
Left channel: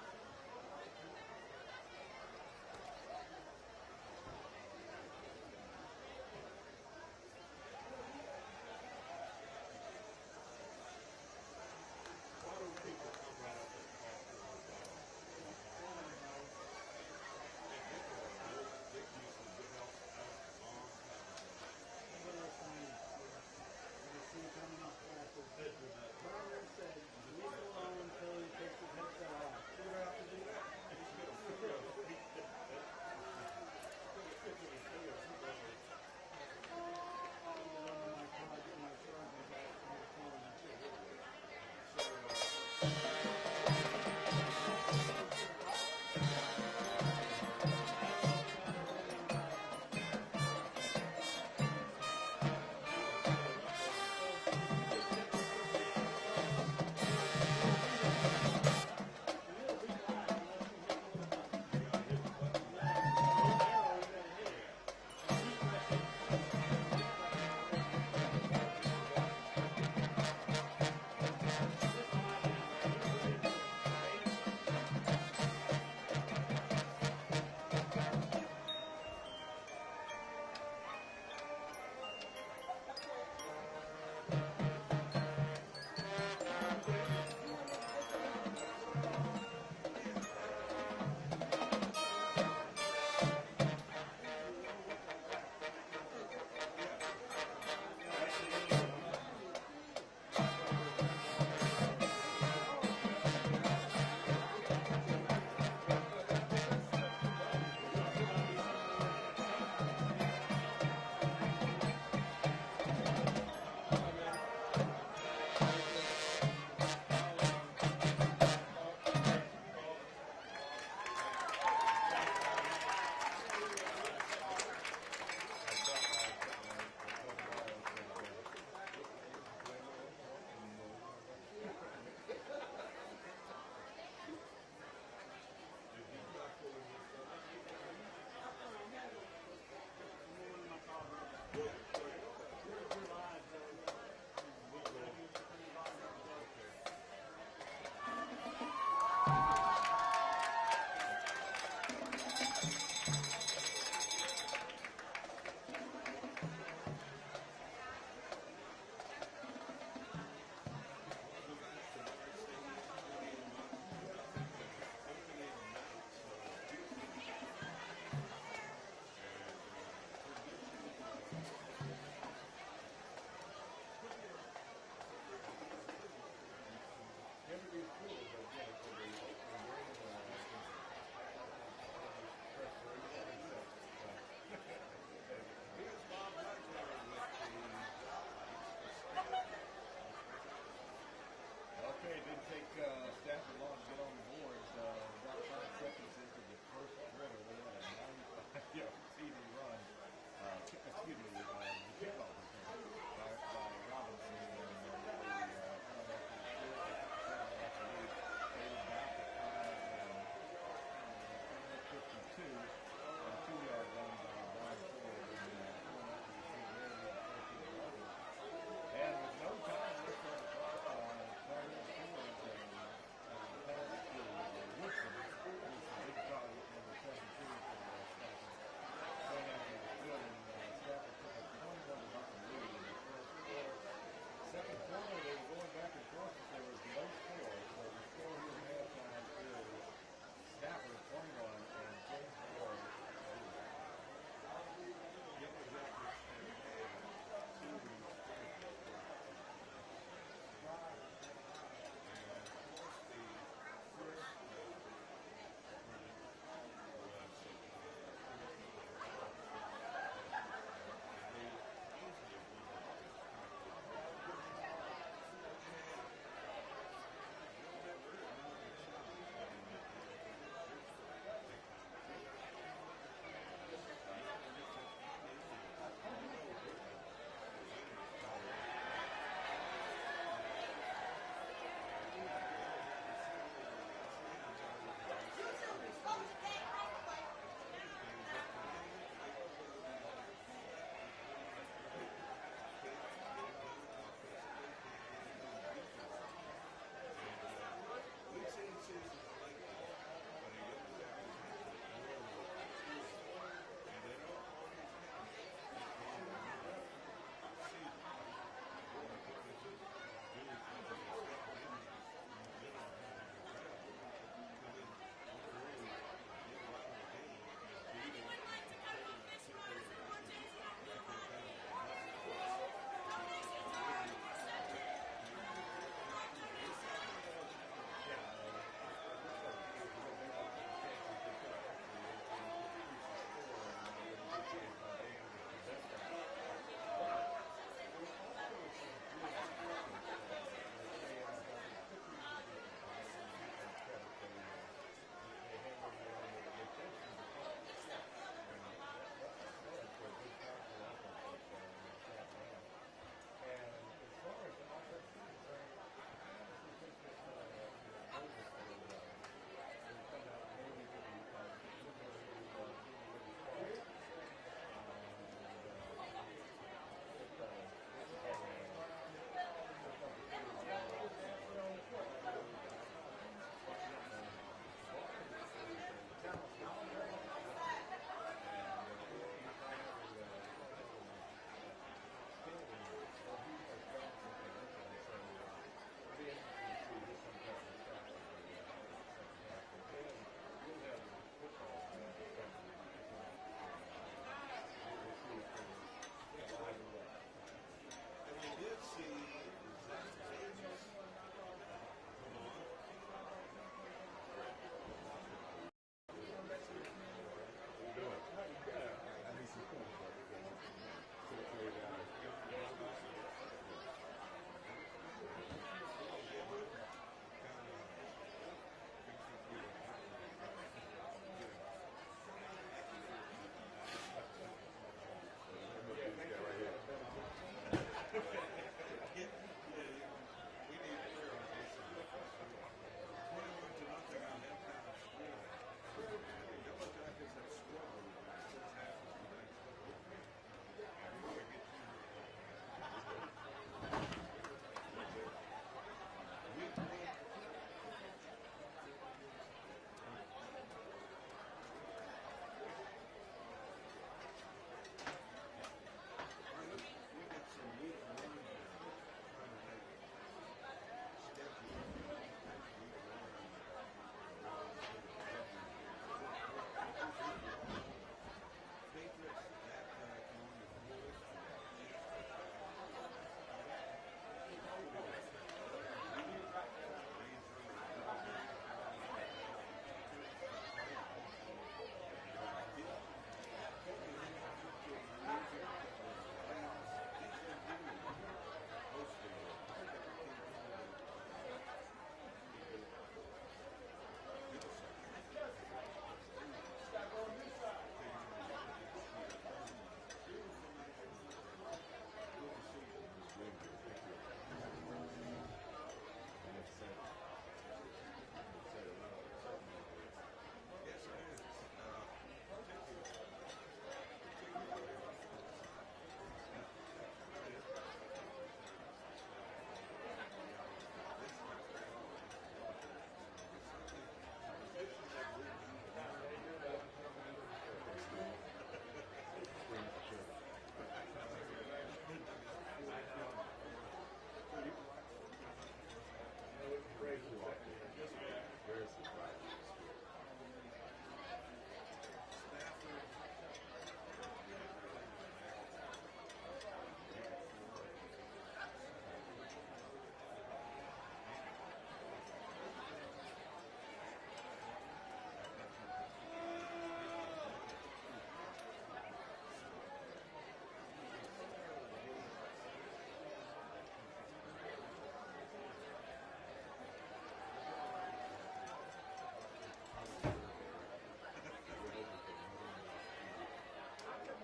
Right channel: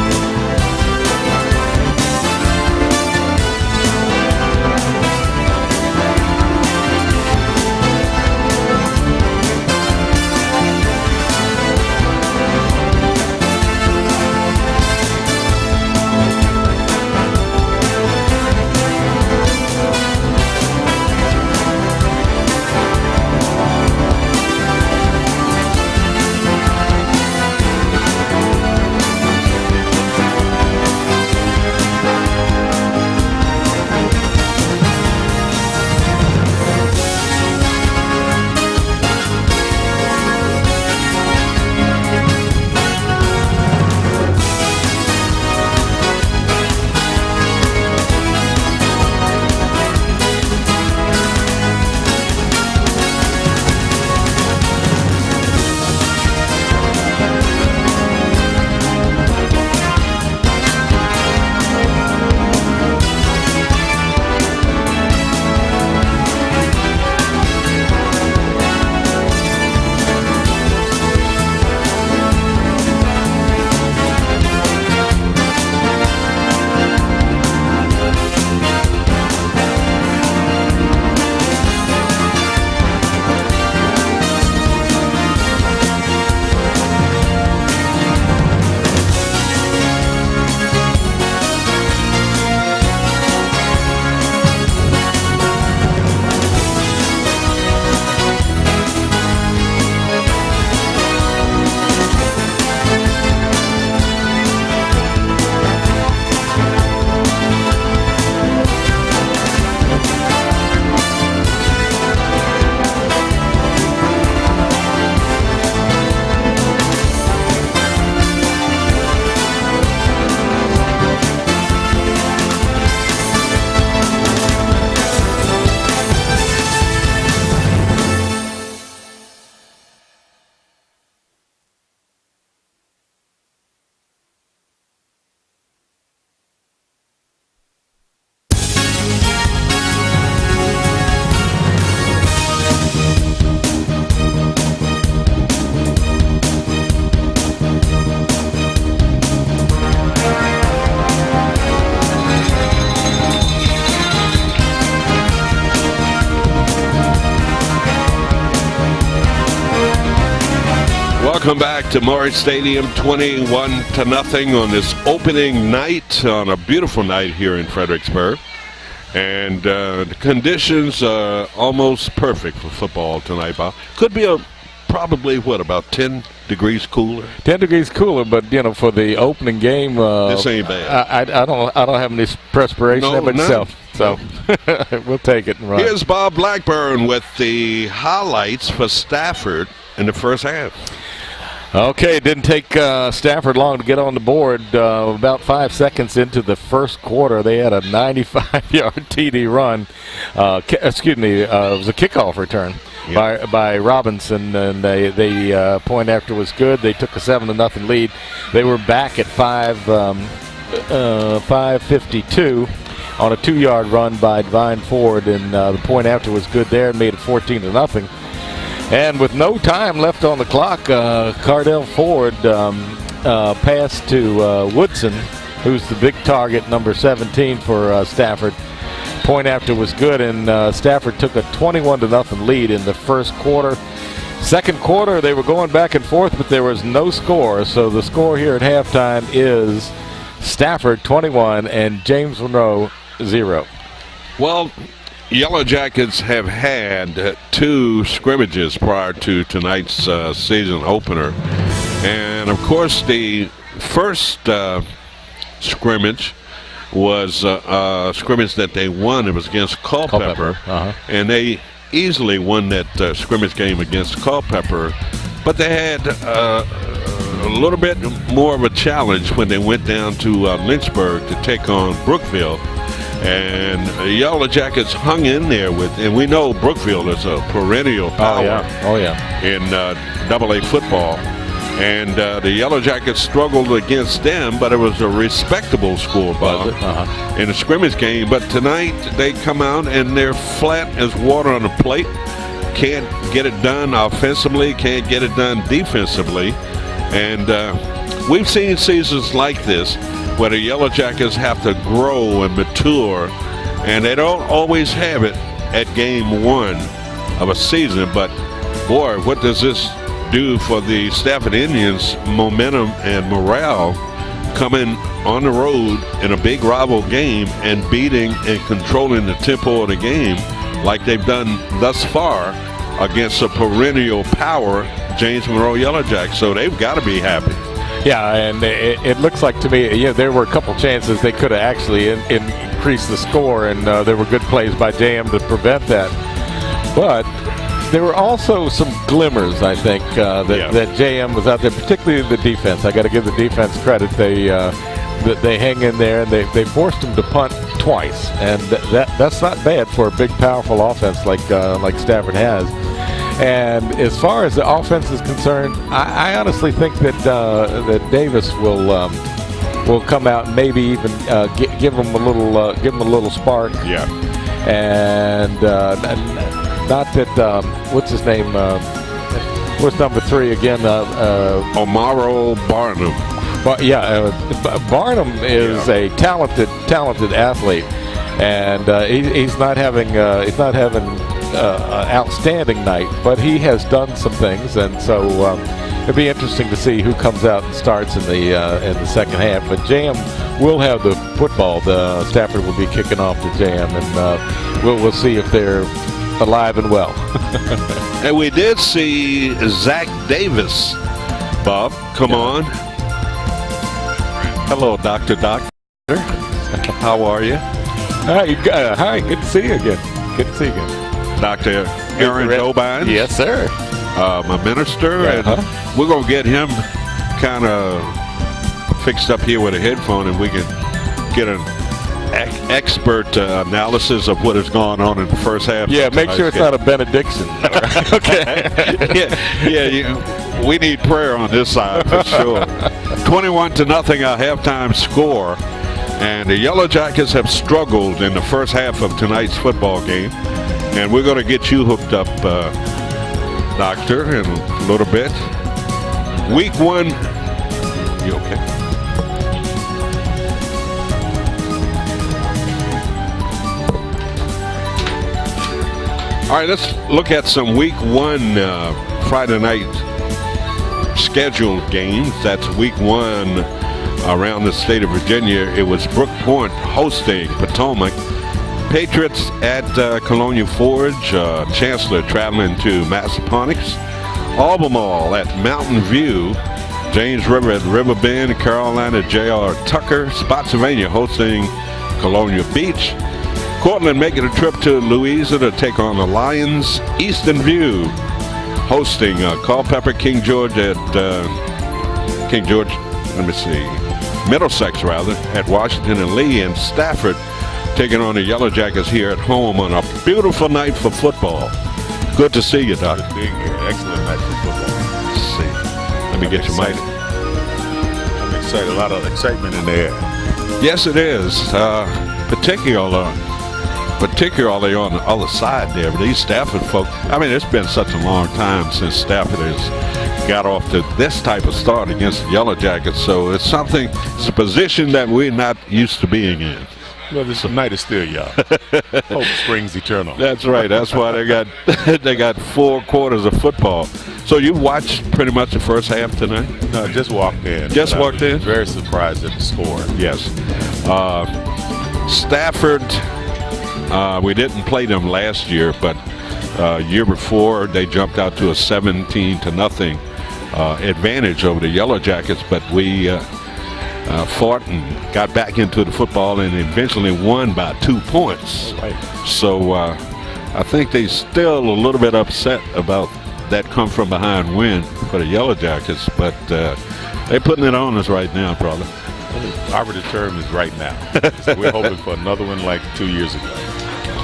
Welcome back to Morris Stadium, 21-0 on this opening night, on a beautiful night here in Fredericksburg. And the conditions are almost perfect for football tonight, Bob. Could be probably, about 10 degrees cooler? 10 degrees cooler, but, for the opening game. This ain't bad. I don't have any perspiration there myself. So we'll take it and run. Here's Bob Blackburn with the highlights for Stafford in the first half. Okay, it didn't take Stafford long to get on the board. About 5 seconds into the first quarter, they had a 95-yard TD run. It was a kickoff return by Robinson, and the point after was good. They took a 7-0 lead. They were back at 5:52 on a 2-yard run by Divine Ford, and the point after was good there and made it 14-0. And with no time left on the clock, Cardell Ford passed to Woodson, who's the big target, number 17 for Stafford. Point after was good, and Stafford took a 21-0 lead in the first quarter. Second quarter, they were going back and forth, but there was no score. So the score here at halftime is Stafford 21 and James Monroe 0. Well, Yellow Jackets have had 2 scrimmages prior to tonight's season opener. And, of course, the first scrimmage was a scrimmage that they won. It was against Culpeper. And they easily won that scrimmage game against Culpeper. But they had a little bit more of a challenge when they went down to Lynchburg to take on Brookville. And the Yellow Jackets hung in there and we know Brookville is a perennial power in AA football. And the Yellow Jackets struggled against them, but it was a respectable score, Bob, in a scrimmage game. But tonight they come out and they're flat as water on a plate. Can't get it done offensively, can't get it done defensively. And we've seen seasons like this where the Yellow Jackets have to grow and mature, and they don't always have it at game 1 of a season. But boy, what does this do for the Stafford Indians' momentum and morale coming on the road in a big rival game and beating and controlling the tempo of the game like they've done thus far against a perennial power, James Monroe Yellow Jackets. So they've got to be happy. Yeah, and it looks like to me, there were a couple chances they could have actually increased the score, and there were good plays by JM to prevent that. But there were also some glimmers, I think, that JM was out there, particularly the defense. I got to give the defense credit. They hang in there, and they forced them to punt twice, and that's not bad for a big, powerful offense like Stafford has. And as far as the offense is concerned, I honestly think that Davis will come out and maybe even give him a little spark. Yeah. And not that what's his name? What's number 3 again? Monroe Barnum. Barnum is a talented athlete, and he's not having an outstanding night, but he has done some things, and so it'll be interesting to see who comes out and starts in the second half. But JM will have the football. Stafford will be kicking off the JM, and we'll see if they're alive and well. And we did see Zach Davis, Bob, come on. Hello, Dr. How are you? Hi, good to see you again. Good to see you again. Dr. Aaron Dobine. Yes, sir. My minister. And we're going to get him kind of fixed up here with a headphone, and we can get an expert analysis of what has gone on in the first half. Yeah, make sure it's not a benediction. Okay. We need prayer on this side for sure. 21-0 our halftime score. And the Yellow Jackets have struggled in the first half of tonight's football game. And we're going to get you hooked up, Doctor, in a little bit. Week 1. You okay? All right, let's look at some Week 1 Friday night scheduled games. That's week 1 around the state of Virginia. It was Brook Point hosting Potomac. Patriots at Colonial Forge. Chancellor traveling to Massaponax. Albemarle at Mountain View. James River at Riverbend. Carolina J.R. Tucker. Spotsylvania hosting Colonial Beach. Cortland making a trip to Louisa to take on the Lions. Eastern View hosting Culpeper. King George, Middlesex rather, at Washington and Lee. And Stafford taking on the Yellow Jackets here at home on a beautiful night for football. Good to see you, Doc. Excellent night for football. Let's see. Let me get your mic. I'm excited. A lot of excitement in the air. Yes, it is. Particularly on the other side there. But these Stafford folk, I mean, it's been such a long time since Stafford has got off to this type of start against the Yellow Jackets. So it's a position that we're not used to being in. Well, this night is still young. Hope springs eternal. That's right. That's why they got 4 quarters of football. So you watched pretty much the first half tonight? No, just walked in. Just walked in? Very surprised at the score. Yes. Stafford, we didn't play them last year, but year before they jumped out to a 17-0 advantage over the Yellow Jackets, but we fought and got back into the football and eventually won by 2 points. Right. So I think they still a little bit upset about that come from behind win for the Yellow Jackets, but they're putting it on us right now, probably. Operative term is right now. So we're hoping for another one like 2 years ago.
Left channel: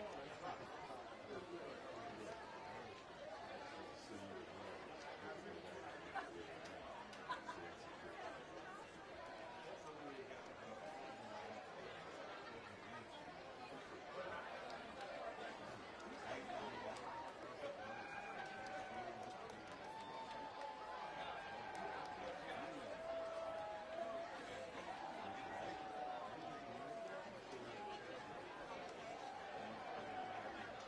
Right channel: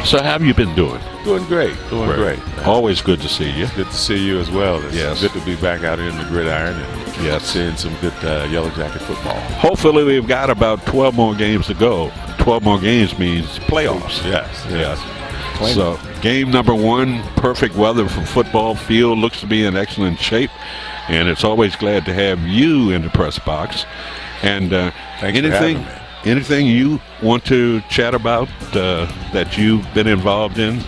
So how have you been doing? Doing great. Doing great. Always good to see you. Good to see you as well. It's yes. good to be back out here in the gridiron and yes. seeing some good Yellow Jacket football. Hopefully we've got about 12 more games to go. 12 more games means playoffs. Yes. So game number 1, perfect weather for football. Field looks to be in excellent shape, and it's always glad to have you in the press box. And thanks for having me. Anything you want to chat about that you've been involved in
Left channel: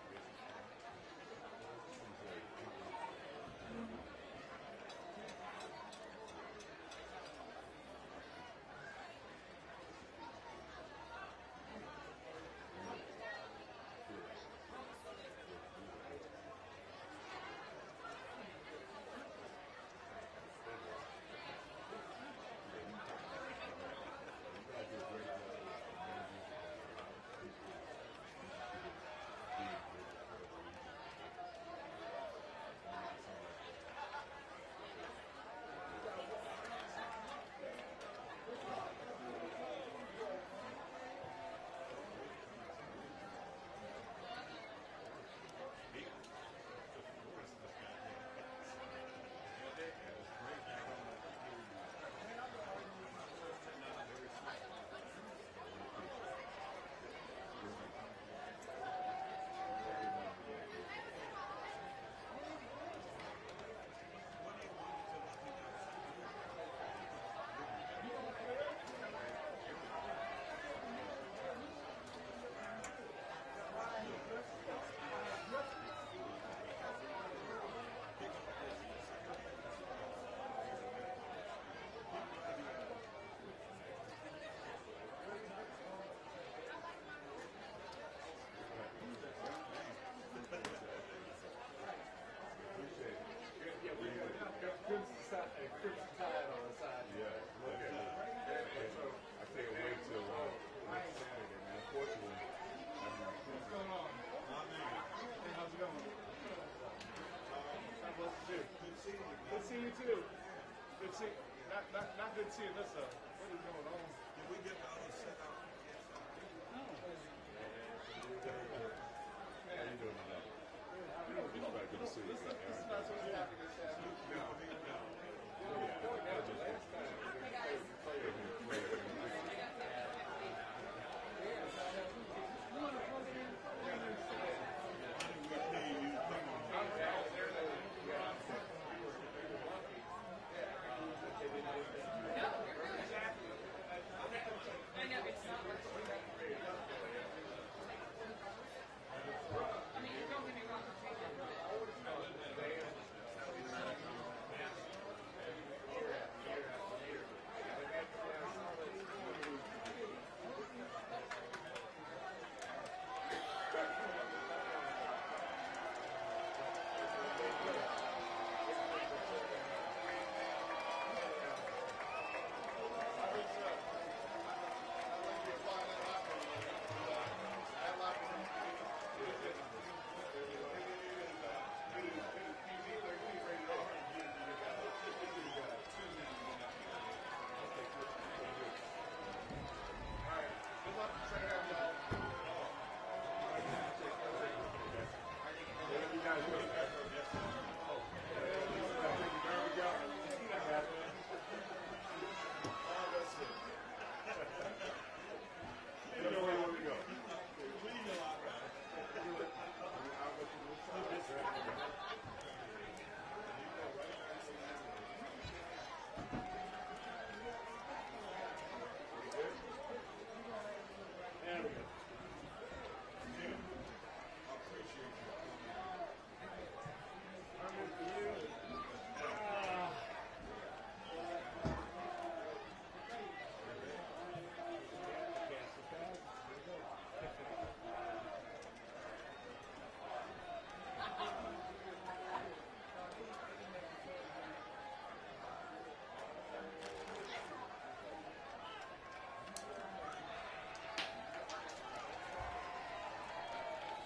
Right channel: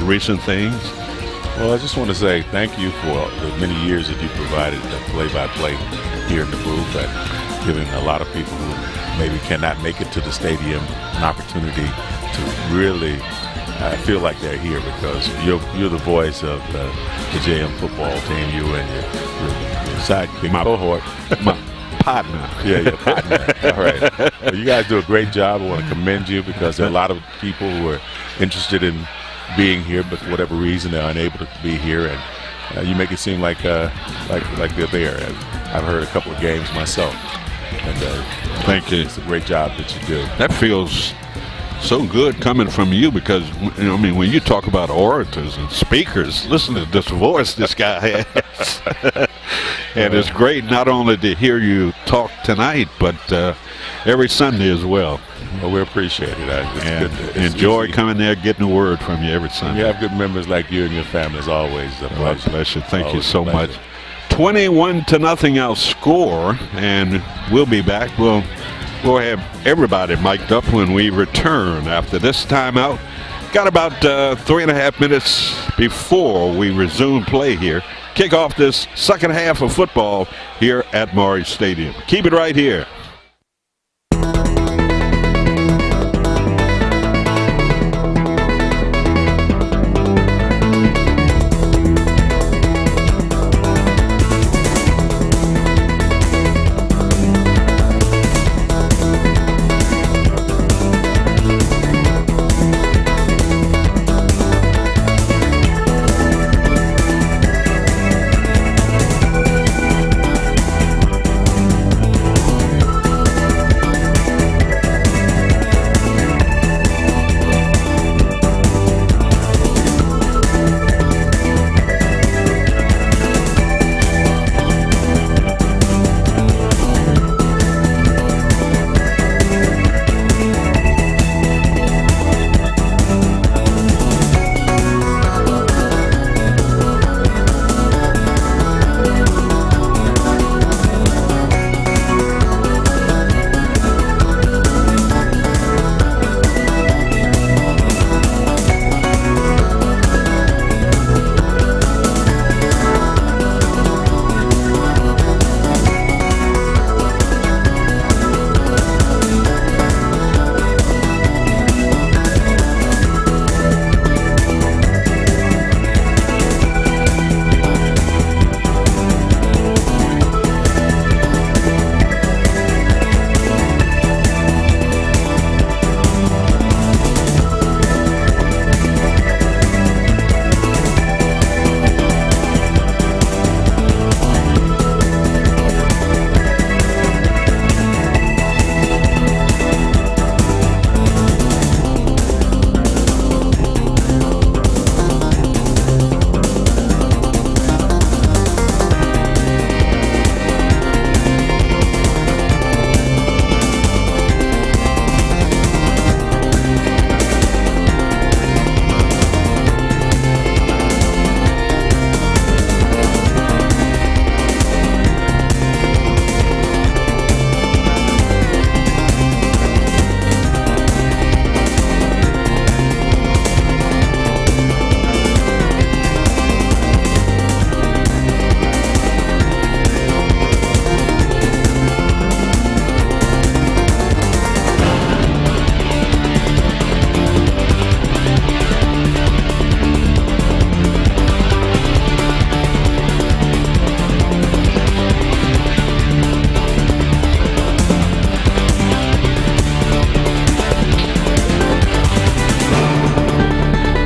recent things? Well, I just want to say thank you for the many years that you provided the play-by-play here in the booth and giving a lot of people who maybe cannot make it to the stadium an opportunity to really feel like they're here, because you're the voice of the JM football team, you and your sidekick, my cohort. My partner. Yeah, your partner. All right. Well, you guys do a great job. I want to commend you, because there are a lot of people who are interested in being here, but for whatever reason they're unable to be here, and you make it seem like they're there. I've heard a couple of games myself, and thank you. It's a great job that you do. That feels so good coming from you, because when you talk about orators and speakers, listen to this voice this guy has. And it's great not only to hear you talk tonight, but every Sunday as well. Well, we appreciate it. And enjoy coming there, getting a word from you every Sunday. You have good members like you and your family is always a pleasure. God bless you. Thank you so pleasure. much. 21-0 our score, and we'll be back. We'll have everybody mic'd up when we return after this timeout. Got about 3.5 minutes before we resume play here. Kick off this second half of football here at Monroe Stadium. Keep it right here.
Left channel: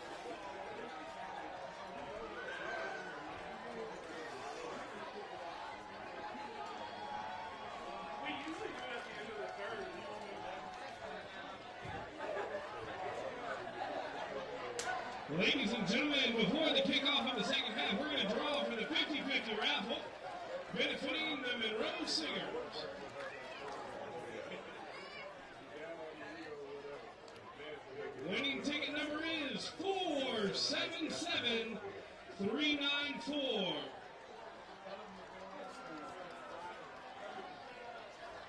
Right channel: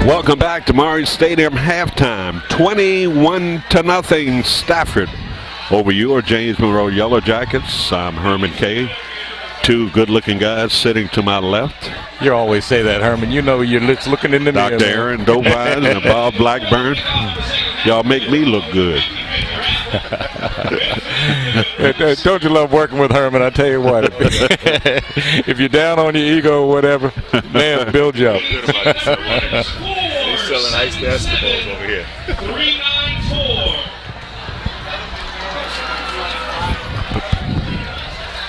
Welcome back to Monroe Stadium halftime. 21-0 Stafford over your James Monroe Yellow Jackets. I'm Herman Kay. Two good-looking guys sitting to my left. You always say that, Herman. You know you're just looking in the mirror. Dr. Aaron Dobine and Bob Blackburn. Y'all make me look good. Don't you love working with Herman? I tell you what, if you're down on your ego or whatever, man, build you up. He's selling iced basketballs over here. 394.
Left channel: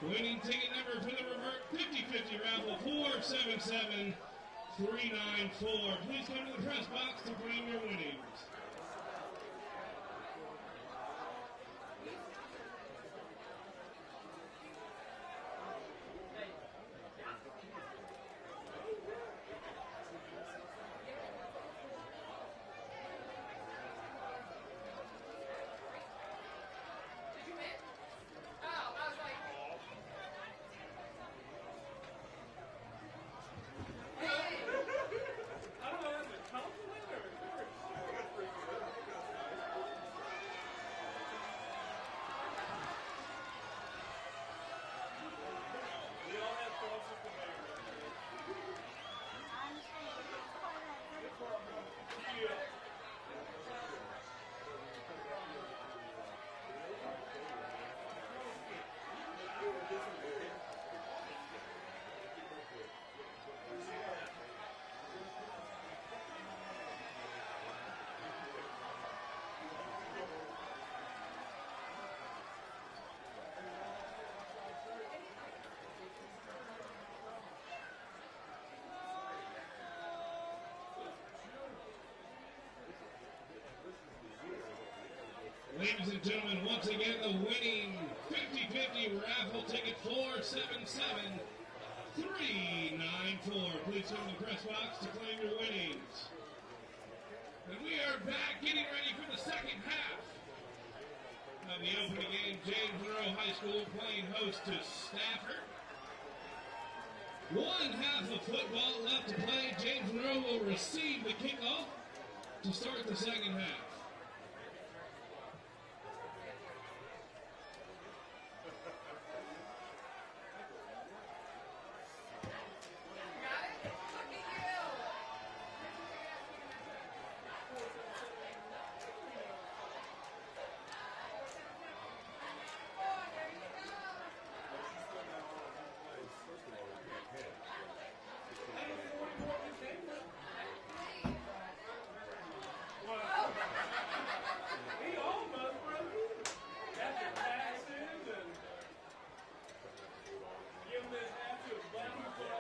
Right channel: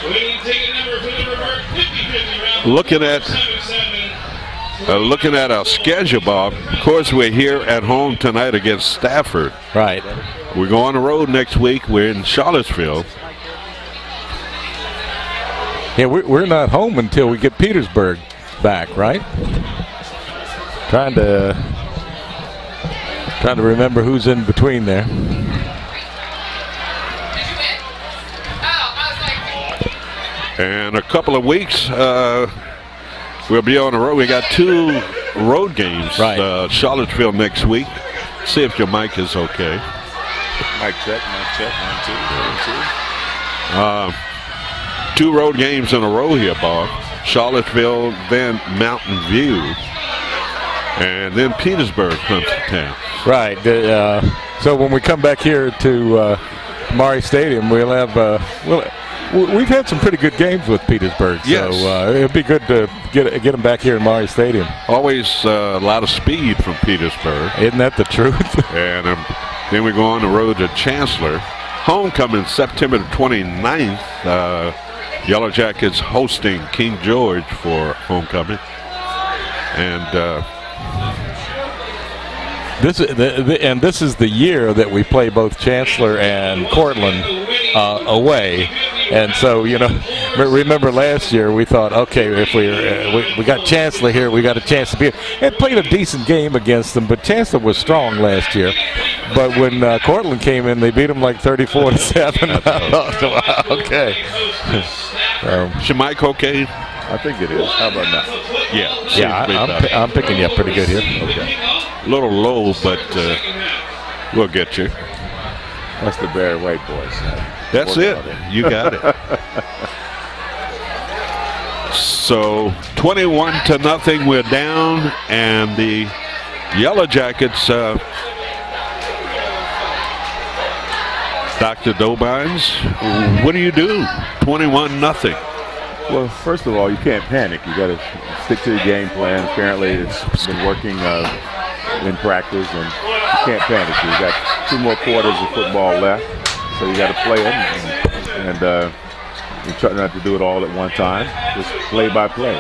Winning ticket number for the revert 50-50 round. Looking at our schedule, Bob. Of course, we're here at home tonight against Stafford. Right. We go on the road next week. We're in Charlottesville. Yeah, we're not home until we get Petersburg back, right? Trying to remember who's in between there. And a couple of weeks, we'll be on the road. We got 2 road games. Right. Charlottesville next week. See if your mic is okay. Mic check, 1, 2. 2 road games in a row here, Bob. Charlottesville, then Mountain View, and then Petersburg comes to town. Right. So when we come back here to Monroe Stadium, we'll have we've had some pretty good games with Petersburg. Yes. So it'd be good to get them back here in Monroe Stadium. Always a lot of speed from Petersburg. Isn't that the truth? And then we go on the road to Chancellor. Homecoming September the 29th. Yellow Jackets hosting King George for homecoming. And this is the year that we play both Chancellor and Cortland away. And so, remember last year we thought, okay, if we got Chancellor here, we got a chance to be here. It played a decent game against them, but Chancellor was strong last year. But when Cortland came in, they beat them like 34-7. Wow, okay. is your mic okay? I think it is. How about now? Yeah. I'm picking you up pretty good here. Okay. A little low, but we'll get you. That's the Barry White boys. That's it. You got it. So 21-0, we're down, and the Yellow Jackets, Dr. Dobines, what do you do? 21-0. Well, first of all, you can't panic. You got to stick to your game plan. Apparently, it's been working in practice, and you can't panic. You got 2 more quarters of football left, so you got to play them, and you try not to do it all at one time. Just play by play.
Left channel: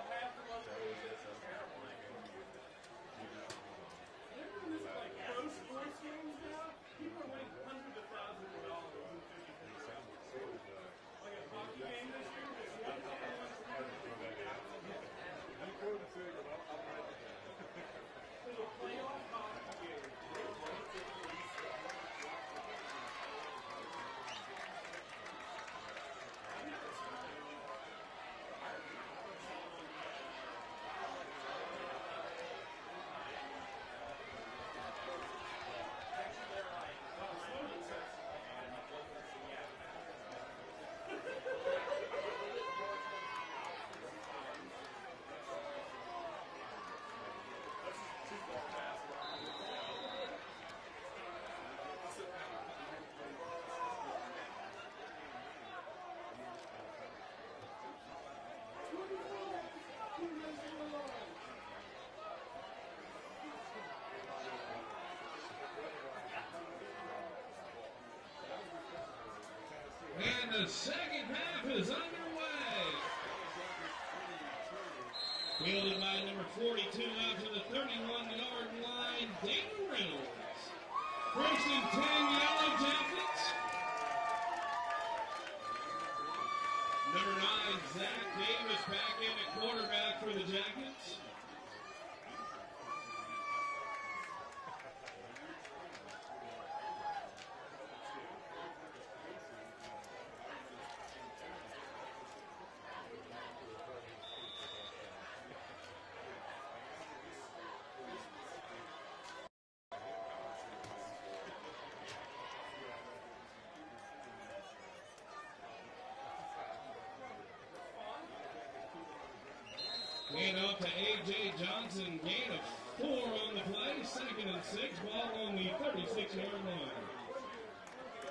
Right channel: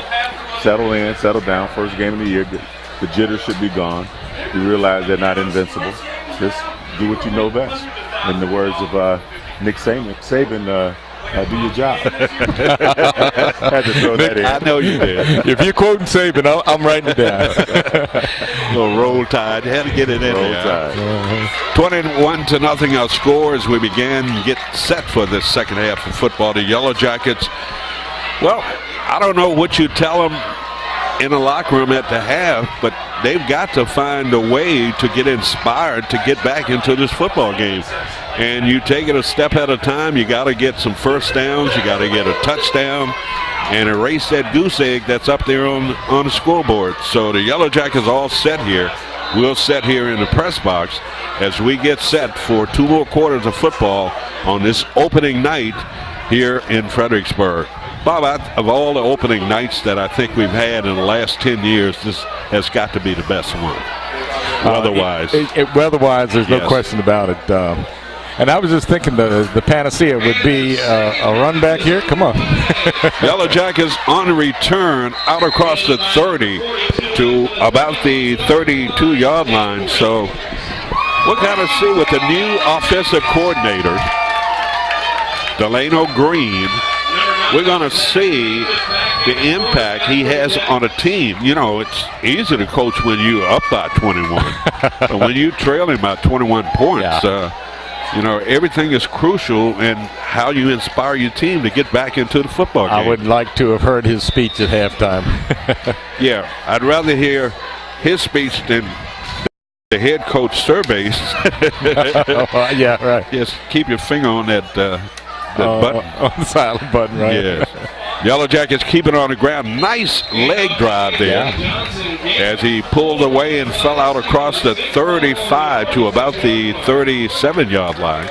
Settle in, settle down. First game of the year, the jitters should be gone. You realize they're not invincible. Just do what you know best. In the words of Nick Saban, do your job. Had to throw that in. I know you did. If you're quoting Saban, I'm writing it down. Little roll tide. Had to get it in Roll there. Tide. 21-0 our score as we get set for this second half of football. The Yellow Jackets, well, I don't know what you tell them in the locker room at the half, but they've got to find a way to get inspired to get back into this football game. And you take it a step at a time. You got to get some first downs. You got to get a touchdown and erase that goose egg that's up there on the scoreboard. So the Yellow Jackets all set here. We'll set here in the press box as we get set for 2 more quarters of football on this opening night here in Fredericksburg. Bob, of all the opening nights that I think we've had in the last 10 years, this has got to be the best one. Weather-wise. Weather-wise, there's no Yes. question about it. And I was just thinking the panacea would be a run back here. Come on. Yellow Jackets on the return out across the 30 to about the 32-yard line. So we'll kind of see with the new offensive coordinator, Delano Green, we're going to see the impact he has on a team. It's easy to coach when you're up by 21. But when you trailing by 21 points, everything is crucial in how you inspire your team to get back into the football game. I would like to have heard his speech at halftime. Yeah, I'd rather hear his speech than the head coach surveys. Yeah, right. Just keep your finger on that button. On the silent button, right? Yes. Yellow Jackets keep it on the ground. Nice leg drive there as he pulled away and fell out across the 35 to about the 37-yard line.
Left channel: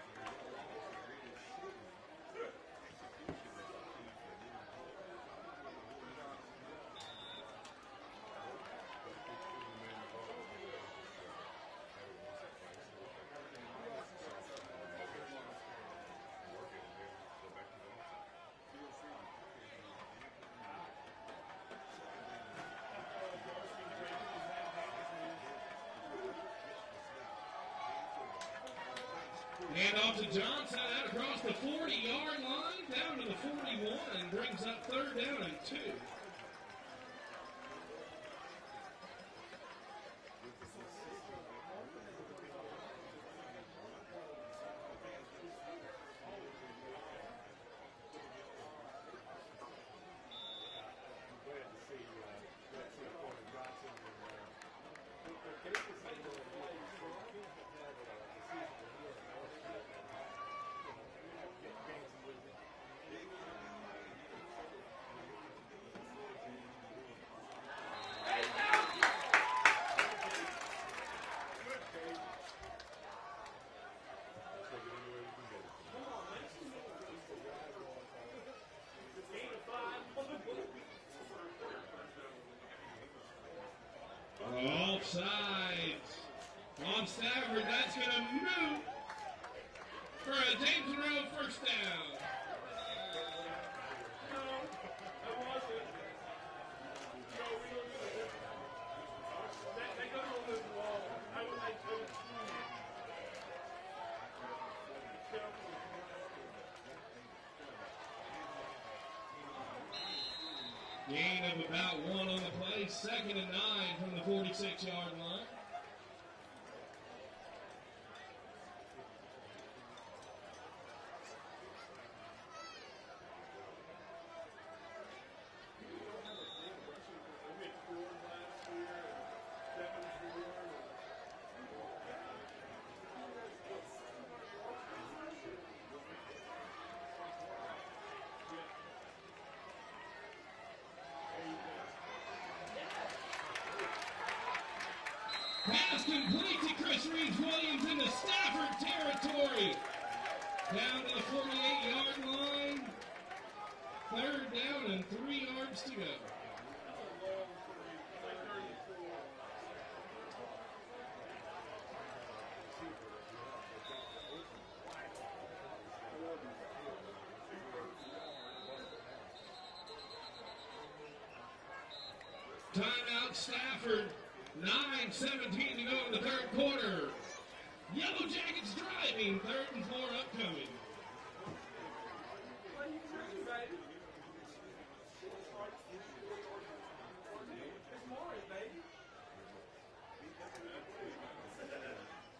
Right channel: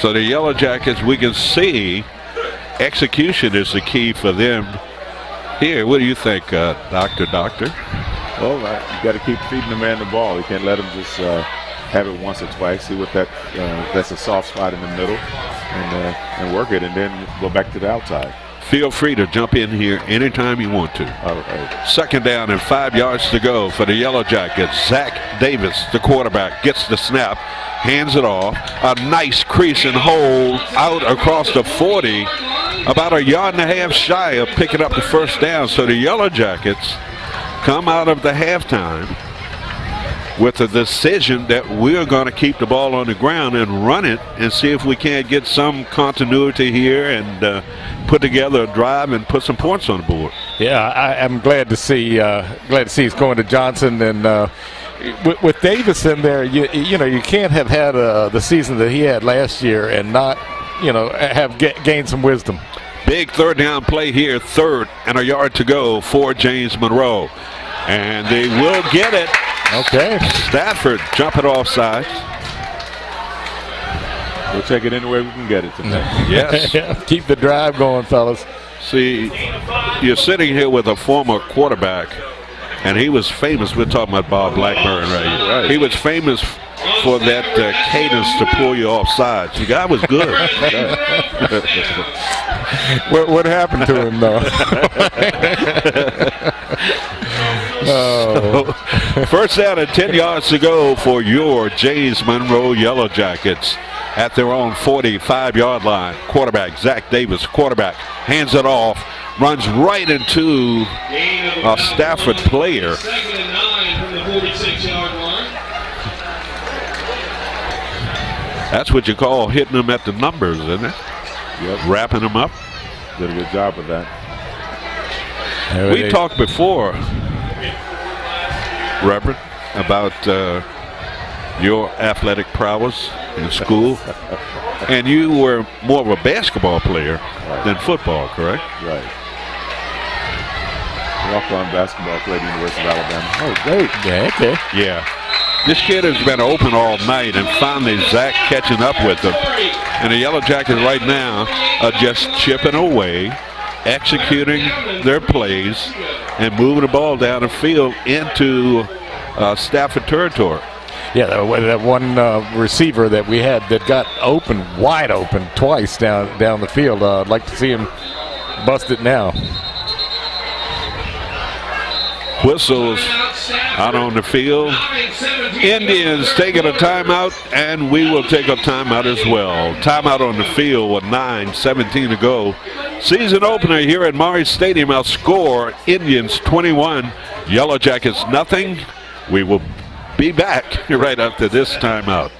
So the Yellow Jackets, we can see execution is the key for them here. What do you think, Doctor? Well, you got to keep feeding the man the ball. You can't let him just have it once or twice. See what that's a soft spot in the middle, and work it, and then go back to the outside. Feel free to jump in here anytime you want to. All right. Second down and 5 yards to go for the Yellow Jackets. Zach Davis, the quarterback, gets the snap, hands it off. A nice crease and hole out across the 40, about a yard and a half shy of picking up the first down. So the Yellow Jackets come out of the halftime with a decision that we're going to keep the ball on the ground and run it and see if we can't get some continuity here and put together a drive and put some points on the board. Yeah, I'm glad to see he's going to Johnson, and with Davis in there, you know you can't have had the season that he had last year and not have gained some wisdom. Big third down play here, 3rd and a yard to go for James Monroe, and they will get it. Okay. Stafford jumping off sides. We'll take it any way we can get it tonight. Yes. Keep the drive going, fellas. See, you're sitting here with a former quarterback, and he was famous. We're talking about Bob Blackburn, right? He was famous for that cadence to pull you off sides. The guy was good. What happened to him, though? So, first down and 10 yards to go for your James Monroe Yellow Jackets at their own 45-yard line. Quarterback, Zach Davis, quarterback, hands it off, runs right into a Stafford player. 2nd and 9 from the 46-yard line. That's what you call hitting them at the numbers, isn't it? Yep. Wrapping them up. Did a good job of that. We talked before, Reverend, about your athletic prowess in school, and you were more of a basketball player than football, correct? Right. Walk-on basketball player at the University of Alabama. Oh, great. Yeah, okay. Yeah. This kid has been open all night, and finally Zach catching up with him. And the Yellow Jackets right now are just chipping away, executing their plays, and moving the ball down the field into Stafford territory. Yeah, that one receiver that we had that got open, wide open twice down the field. I'd like to see him bust it now. Whistles out on the field. Indians taking a timeout, and we will take a timeout as well. Timeout on the field with 9:17 to go. Season opener here at Maury Stadium. Our score, Indians 21, Yellow Jackets nothing. We will be back right after this timeout.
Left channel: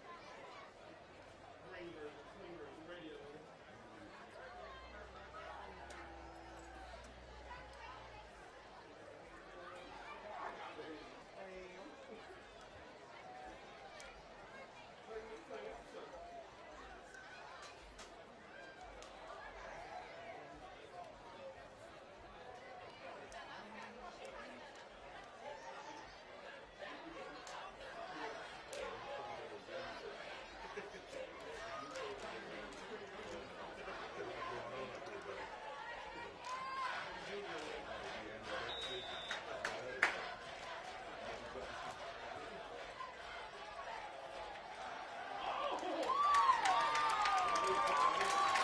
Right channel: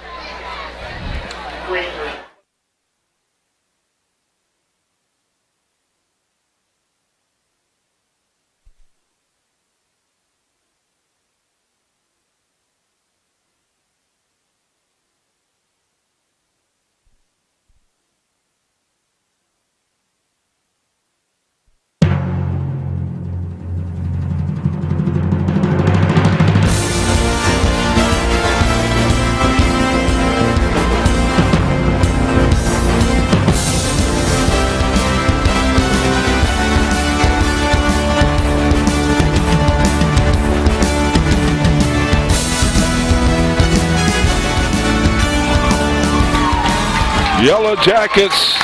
Yellow Jackets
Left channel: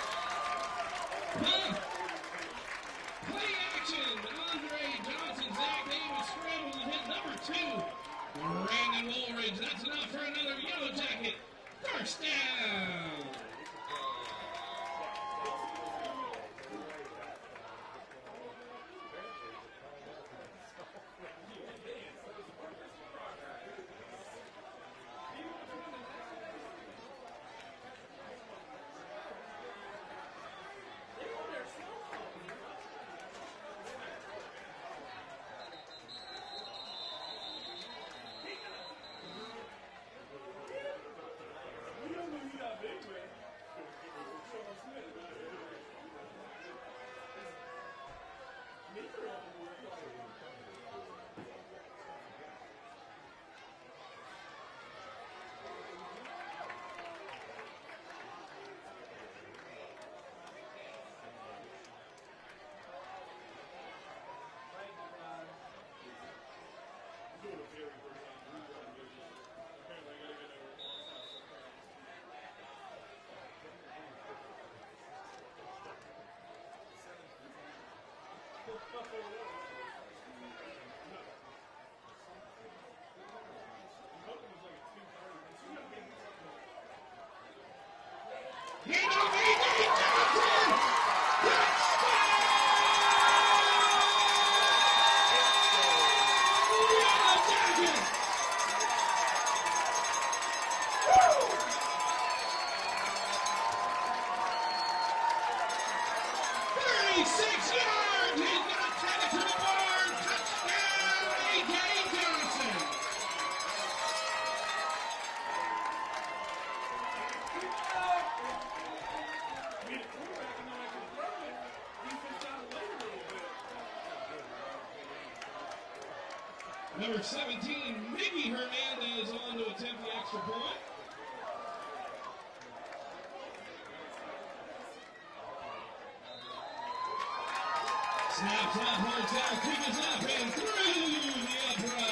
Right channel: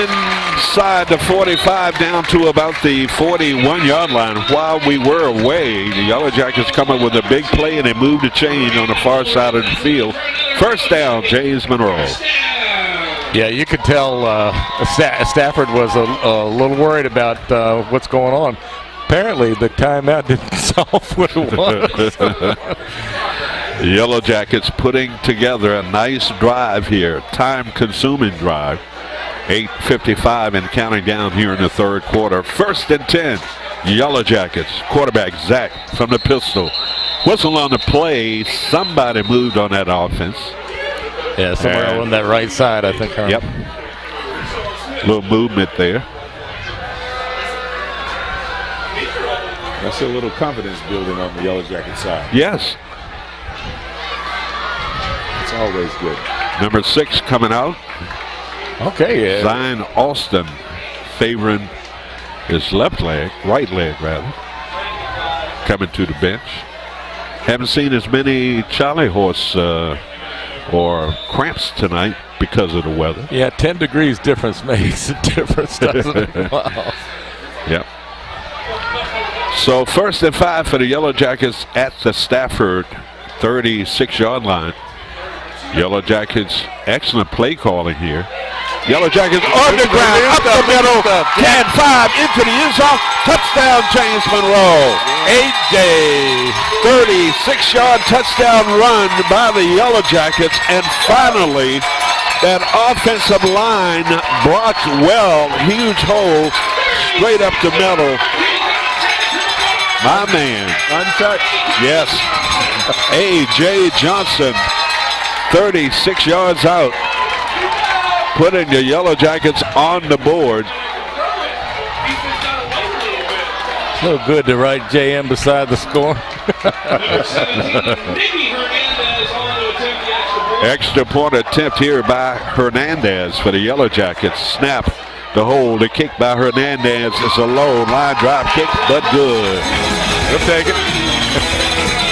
inside the 45 down to about the 41-yard line. While we were away, the Yellow Jackets come up with a big play, and they moved the chain on the far side of the field. First down, James Monroe. Yeah, you could tell Stafford was a little worried about what's going on. Apparently, the timeout didn't solve what it was. The Yellow Jackets putting together a nice drive here, time-consuming drive. 8:55 and counting down here in the third quarter. 1st and 10, Yellow Jackets. Quarterback Zach from the pistol. Whistle on the play. Somebody moved on that offense. Yeah, somewhere on that right side, I think. Yep. Little movement there. That's a little confidence building on the Yellow Jacket side. Yes. It's always good. Number 6 coming out. Okay, yeah. Zion Alston favoring his right leg rather. Coming to the bench. Haven't seen as many Charlie horse or cramps tonight because of the weather. Yeah, 10 degrees difference makes a difference, doesn't it? Wow. Yep. So 1st and 5 for the Yellow Jackets at the Stafford 36-yard line. Yellow Jackets, excellent play calling here. Yellow Jackets on the ground, up the middle, 10-5 into the end zone. Touchdown, James Monroe. A.J. 36-yard touchdown run by the Yellow Jackets. And finally, that offensive line blocked well. Huge hole straight up the middle. My man. Untouched. Yes. A.J. Johnson, 36 yards out, putting the Yellow Jackets on the board. So good to write JM beside the score. Extra point attempt here by Hernandez for the Yellow Jackets. Snap, the hold, the kick by Hernandez. It's a low line drive kick, but good. We'll take it.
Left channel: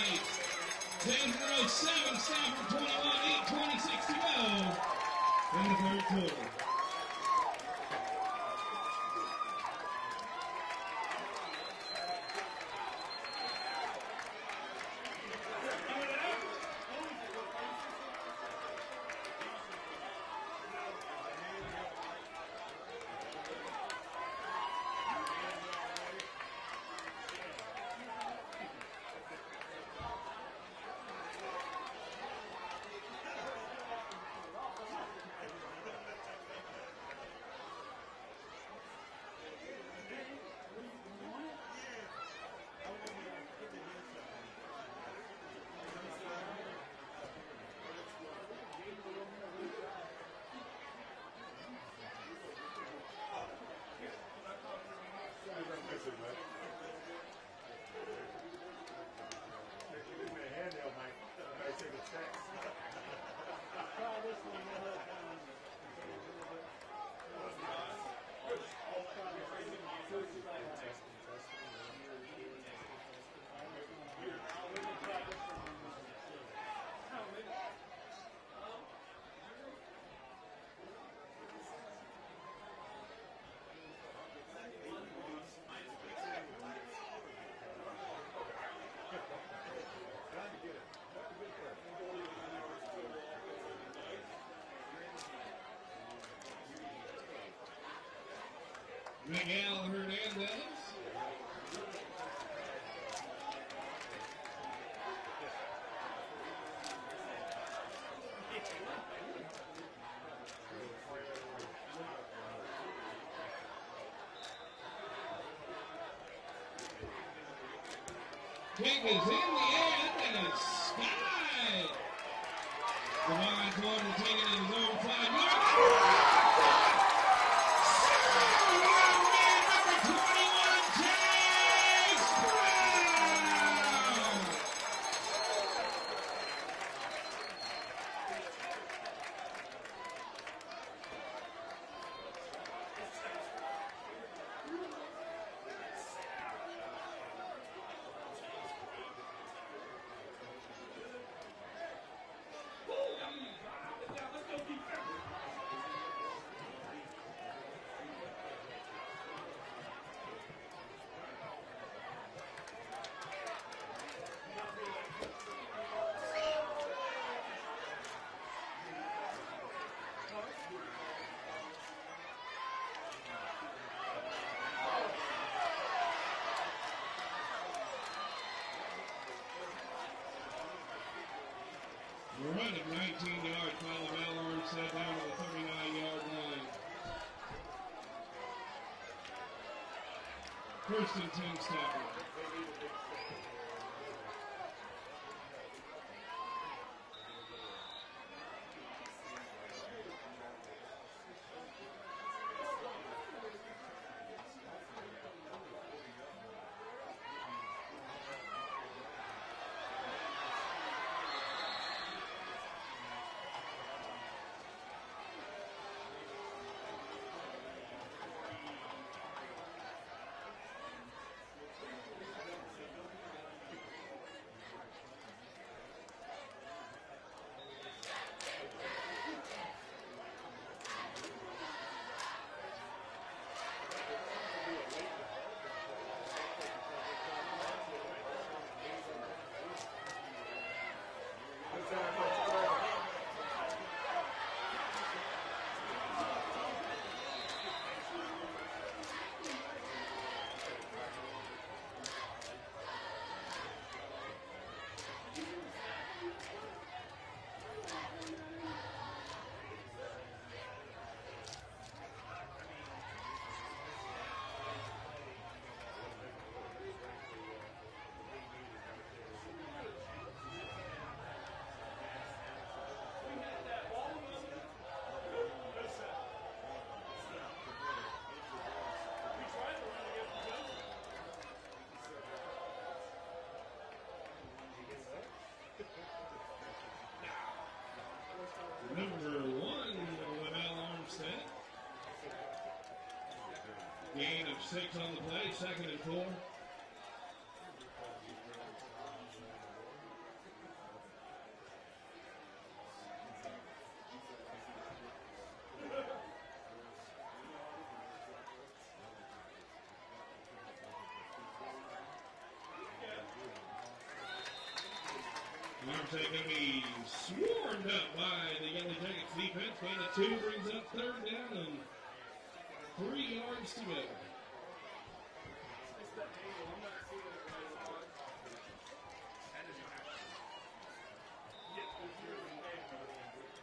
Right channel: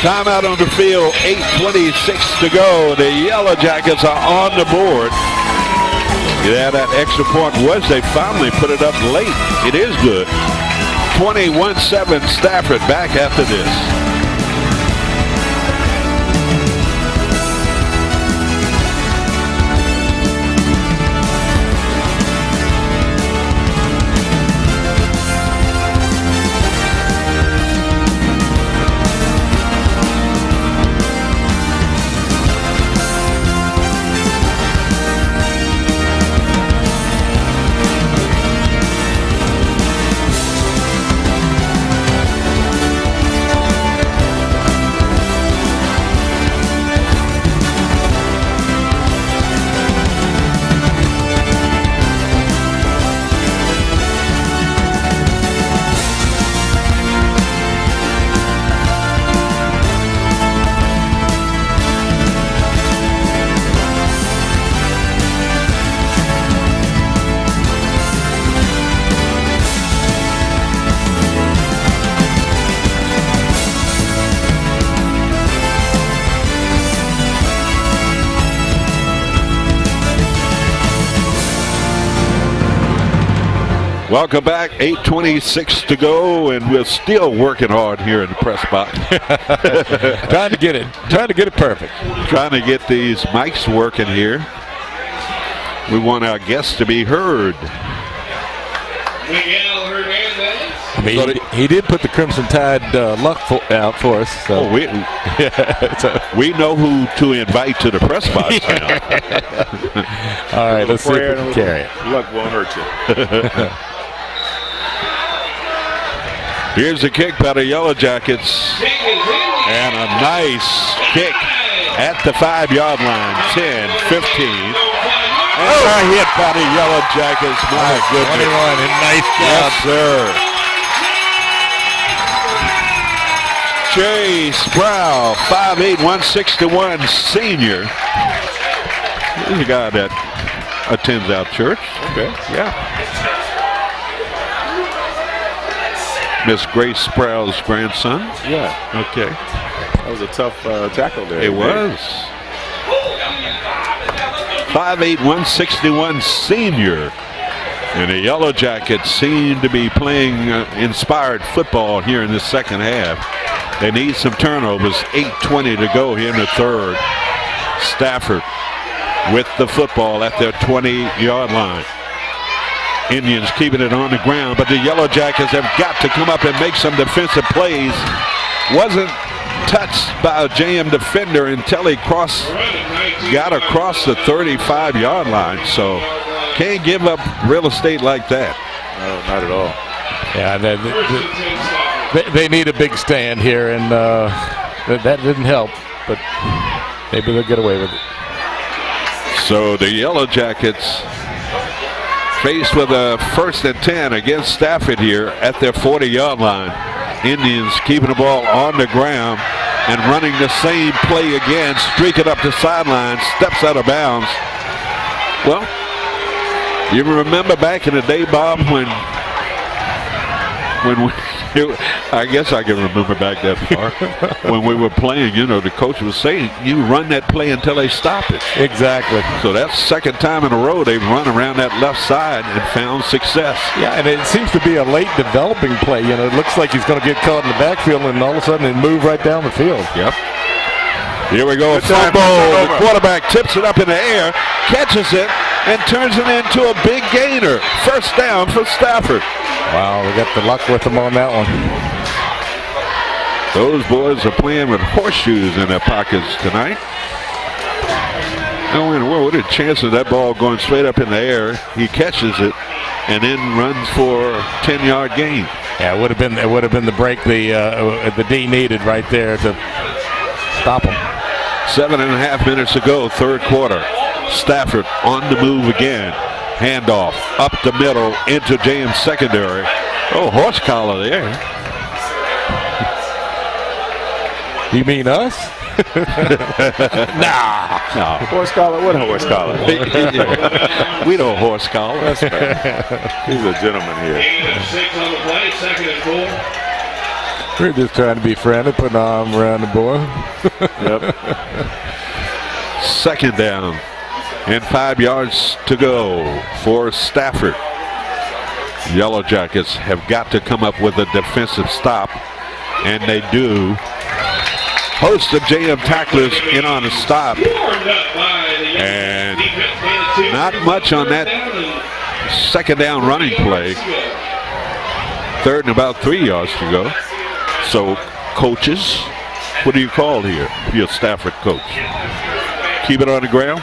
Timeout on the field, 8:26 to go. The Yellow Jackets are on the board. Yeah, that extra point was they finally put it up late. It is good. 21-7 Stafford back after this. Welcome back, 8:26 to go, and we're still working hard here in the press box. trying to get it perfect. Trying to get these mics working here. We want our guests to be heard. I mean, he did put the Crimson Tide luck out for us. So. Oh, we know who to invite to the press box now. All right, let's see if we can carry it. Luck won't hurt you. Here's the kick by the Yellow Jackets. And a nice kick at the 5-yard line. 10, 15. And a hit by the Yellow Jackets. My goodness. 21, and nice job. Yes, sir. Jay Sproul, 5'8", 161 senior. He's a guy that attends our church. Okay. Yeah. Miss Grace Sproul's grandson. Yeah. Okay. That was a tough tackle there. It was. 5'8", 161 senior. And the Yellow Jackets seem to be playing inspired football here in the second half. They need some turnovers. 8:20 to go here in the third. Stafford with the football at their 20-yard line. Indians keeping it on the ground, but the Yellow Jackets have got to come up and make some defensive plays. Wasn't touched by a JM defender until he got across the 35-yard line. So can't give up real estate like that. No, not at all. Yeah, they need a big stand here, and that didn't help, but maybe they'll get away with it. So the Yellow Jackets faced with a 1st and 10 against Stafford here at their 40-yard line. Indians keeping the ball on the ground and running the same play again, streaking up the sideline, steps out of bounds. Well, you remember back in the day, Bob, when I guess I can remember back that far, when we were playing, the coach was saying, you run that play until they stop it. Exactly. So that's the 2nd time in a row they've run around that left side and found success. Yeah, and it seems to be a late developing play. It looks like he's going to get caught in the backfield and all of a sudden it move right down the field. Yep. Here we go. Fumble. The quarterback tips it up in the air, catches it, and turns it into a big gainer. 1st down for Stafford. Wow, we got the luck with them on that one. Those boys are playing with horseshoes in their pockets tonight. Oh, in the world, what are the chances of that ball going straight up in the air? He catches it and then runs for a 10-yard gain. Yeah, it would have been the break the D needed right there to stop him. 7.5 minutes to go, 3rd quarter. Stafford on the move again. Handoff up the middle into James secondary. Oh, horse collar there. You mean us? Nah. No. Horse collar? What horse collar? We don't horse collar. That's right. He's a gentleman here. 6 on the play, 2nd and 4. We're just trying to be friendly, put an arm around the boy. Yep. 2nd down and 5 yards to go for Stafford. Yellow Jackets have got to come up with a defensive stop, and they do. Host of JM tacklers in on the stop, and not much on that 2nd down running play. 3rd and about 3 yards to go. So, coaches, what do you call here if you're a Stafford coach? Keep it on the ground?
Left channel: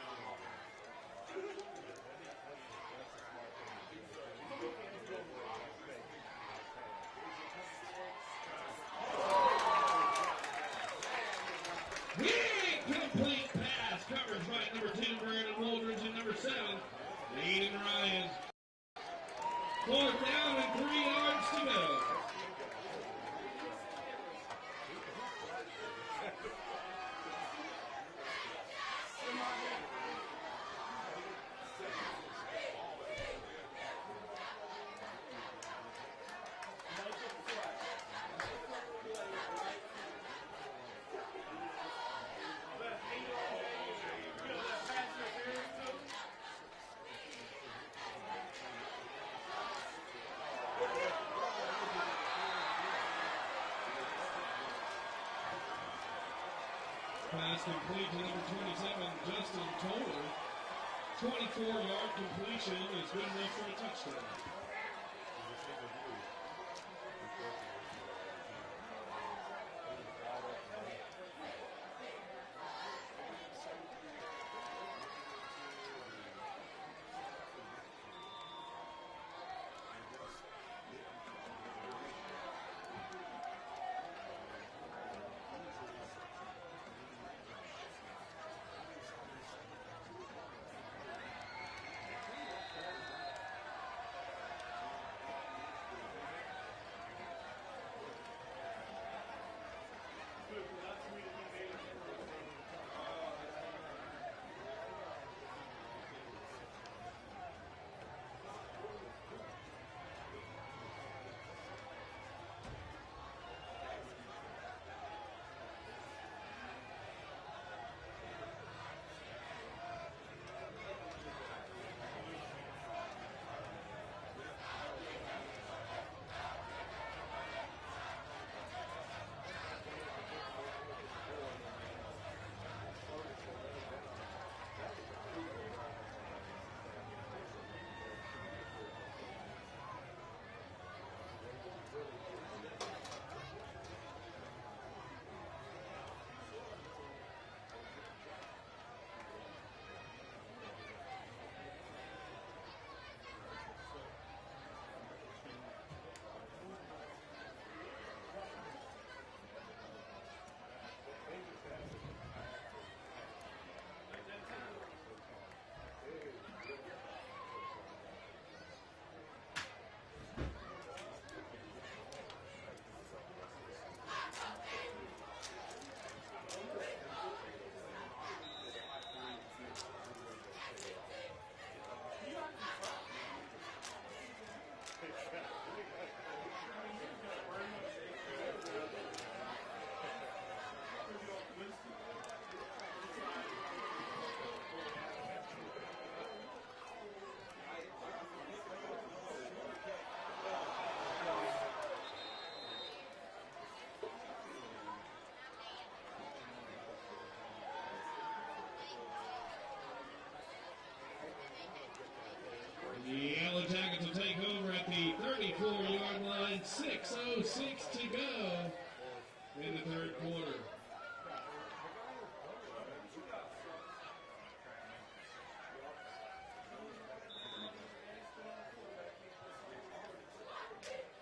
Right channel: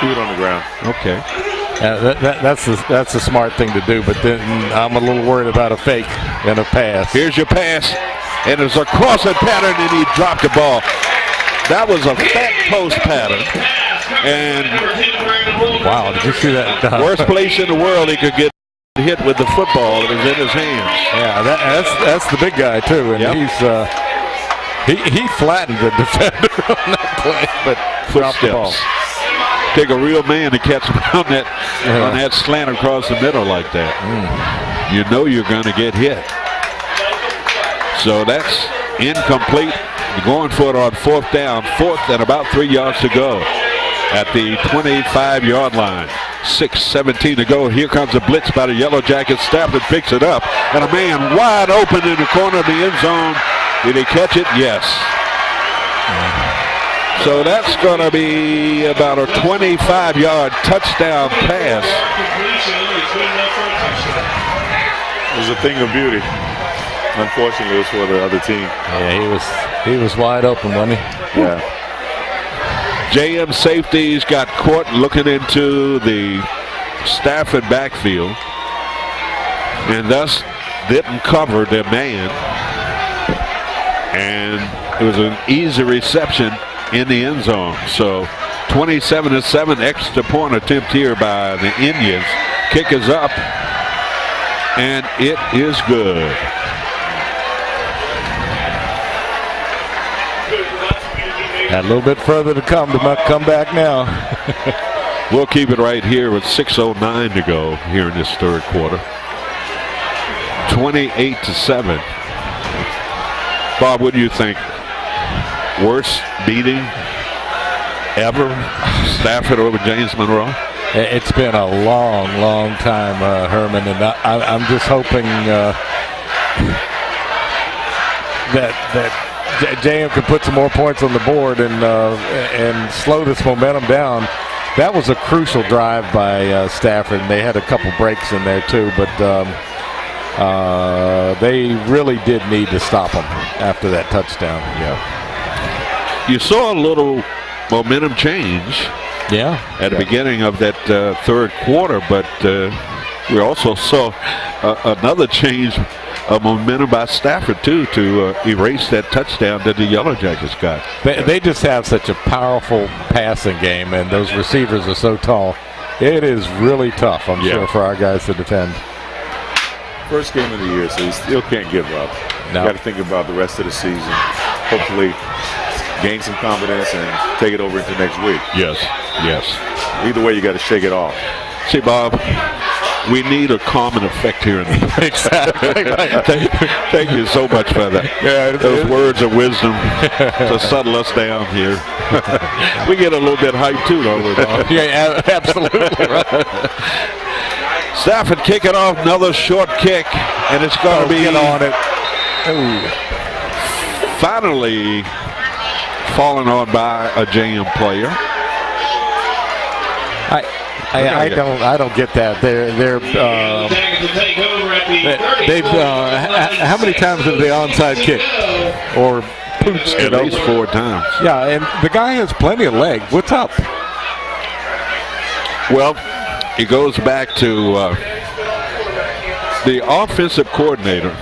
Keep it on the ground. Okay. That's the smart thing to do, but then I'm a little worried about a fake and a pass. Here's your pass, and it's a crossing pattern, and he dropped the ball. That was a fat post pattern. And wow, did you see that? Worst place in the world he could get hit with the football that was in his hands. Yeah, that's the big guy too, and he flattened the defender on that play, but dropped the ball. Take a real man to catch him on that slant across the middle like that. You know you're going to get hit. So that's incomplete. Going for it on 4th down, 4th and about 3 yards to go at the 25-yard line. 6:17 to go. Here comes a blitz by the Yellow Jackets. Stafford picks it up, and a man wide open in the corner of the end zone. Did he catch it? Yes. So that's going to be about a 25-yard touchdown pass. It was a thing of beauty. Unfortunately, it was for the other team. Yeah, he was wide open, wasn't he? Yeah. JM safeties got caught looking into the Stafford backfield and thus didn't cover their man. And it was an easy reception in the end zone. So 27-7 extra point attempt here by the Indians. Kick is up, and it is good. Got a little bit further to come back now. We'll keep it right here with 6:09 to go here in this 3rd quarter. 28-7. Bob, what do you think? Worst beating ever? Stafford over James Monroe? It's been a long time, Herman, and I'm just hoping that JM can put some more points on the board and slow this momentum down. That was a crucial drive by Stafford, and they had a couple breaks in there too, but they really did need to stop him after that touchdown. Yeah. You saw a little momentum change at the beginning of that 3rd quarter, but we also saw another change momentum by Stafford, too, to erase that touchdown that the Yellow Jackets got. They just have such a powerful passing game, and those receivers are so tall. It is really tough, I'm sure, for our guys to defend. First game of the year, so you still can't give up. No. You got to think about the rest of the season. Hopefully gain some confidence and take it over into next week. Yes, yes. Either way, you got to shake it off. See, Bob, we need a common effect here in the Exactly. Thank you so much for that. Yeah, those words of wisdom to settle us down here. We get a little bit hyped too, don't we, Bob? Yeah, absolutely. Right. Stafford kicking off, another short kick, and it's going to be get on it. Ooh. Finally fallen on by a JM player. I don't get that. How many times have they onside kicked or pooched At least 4 times. Yeah, and the guy has plenty of leg. What's up? Well, it goes back to the offensive coordinator,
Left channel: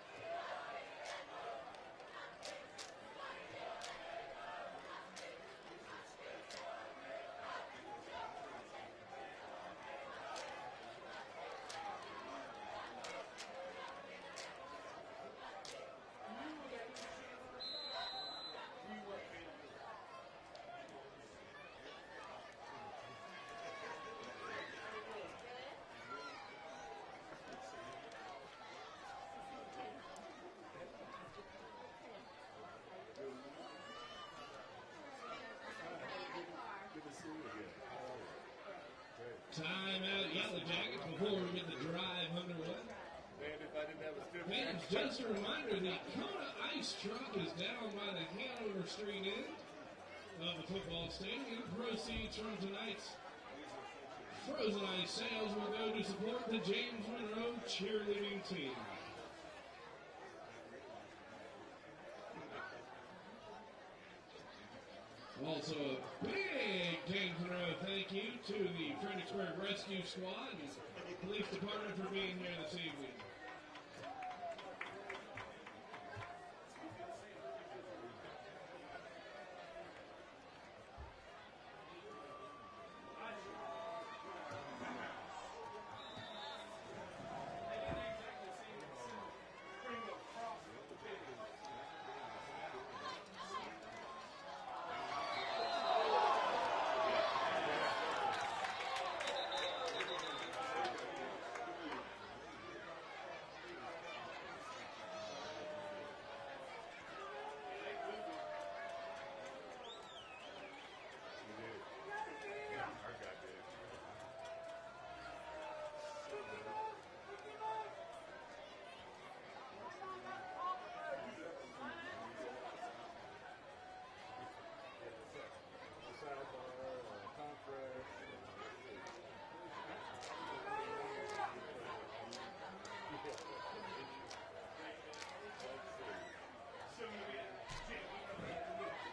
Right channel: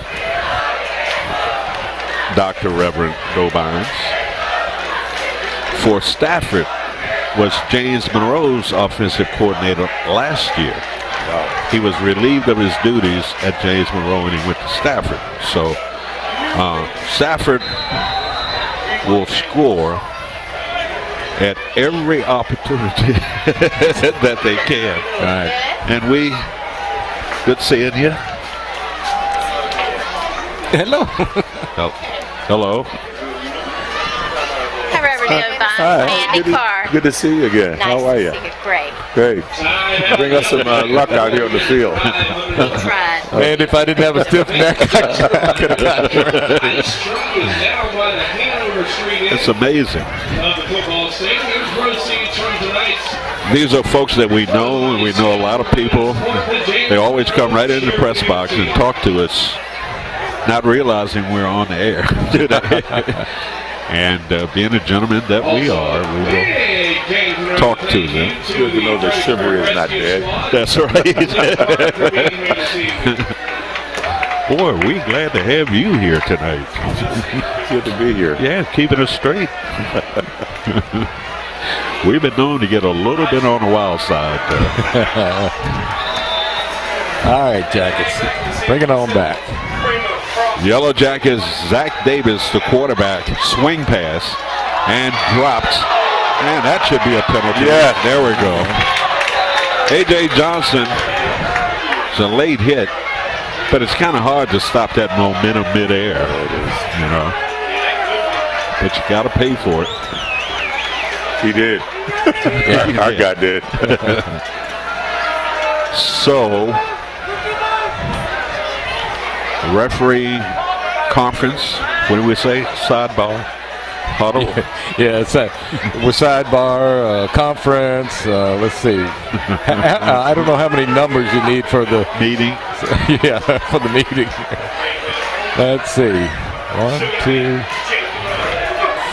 Dr. Reverend Dobines, for Stafford was James Monroe's offensive coordinator last year. He was relieved of his duties at James Monroe and he went to Stafford. So Stafford will score at every opportunity that they can. Right. And good seeing you. Hello. Oh, hello. Hi, Reverend Dobine. Andy Carr. Good to see you again. Nice How are to you? see you. Great. Great. Bring us some luck out here on the field. We tried. Man, if I didn't have a stiff neck, I could have gotten it. It's amazing. These are folks that we know, and we know a lot of people. They always come right in the press box and talk to us, not realizing we're on the air today. And being a gentleman that we are, we will talk to them. It's good to know that chivalry is not dead. That's right. Boy, we glad to have you here tonight. Good to be here. Yeah, keeping us straight. We've been known to get a little bit on the wild side. All right, Jackets, bring it on back. Yellow Jackets, Zach Davis, the quarterback, swing pass, and dropped. Man, that should be a penalty. Yeah. There we go. A.J. Johnson, it's a late hit, but it's kind of hard to stop that momentum midair. It is. You know. But you got to pay for it. He did. Yeah, Our guy did. So, referee conference, what do we say? Sidebar? Huddle? Yeah, it's we're sidebar, conference, let's see. I don't know how many numbers you need for the Meeting. yeah, for the meeting. Let's see. 1, 2,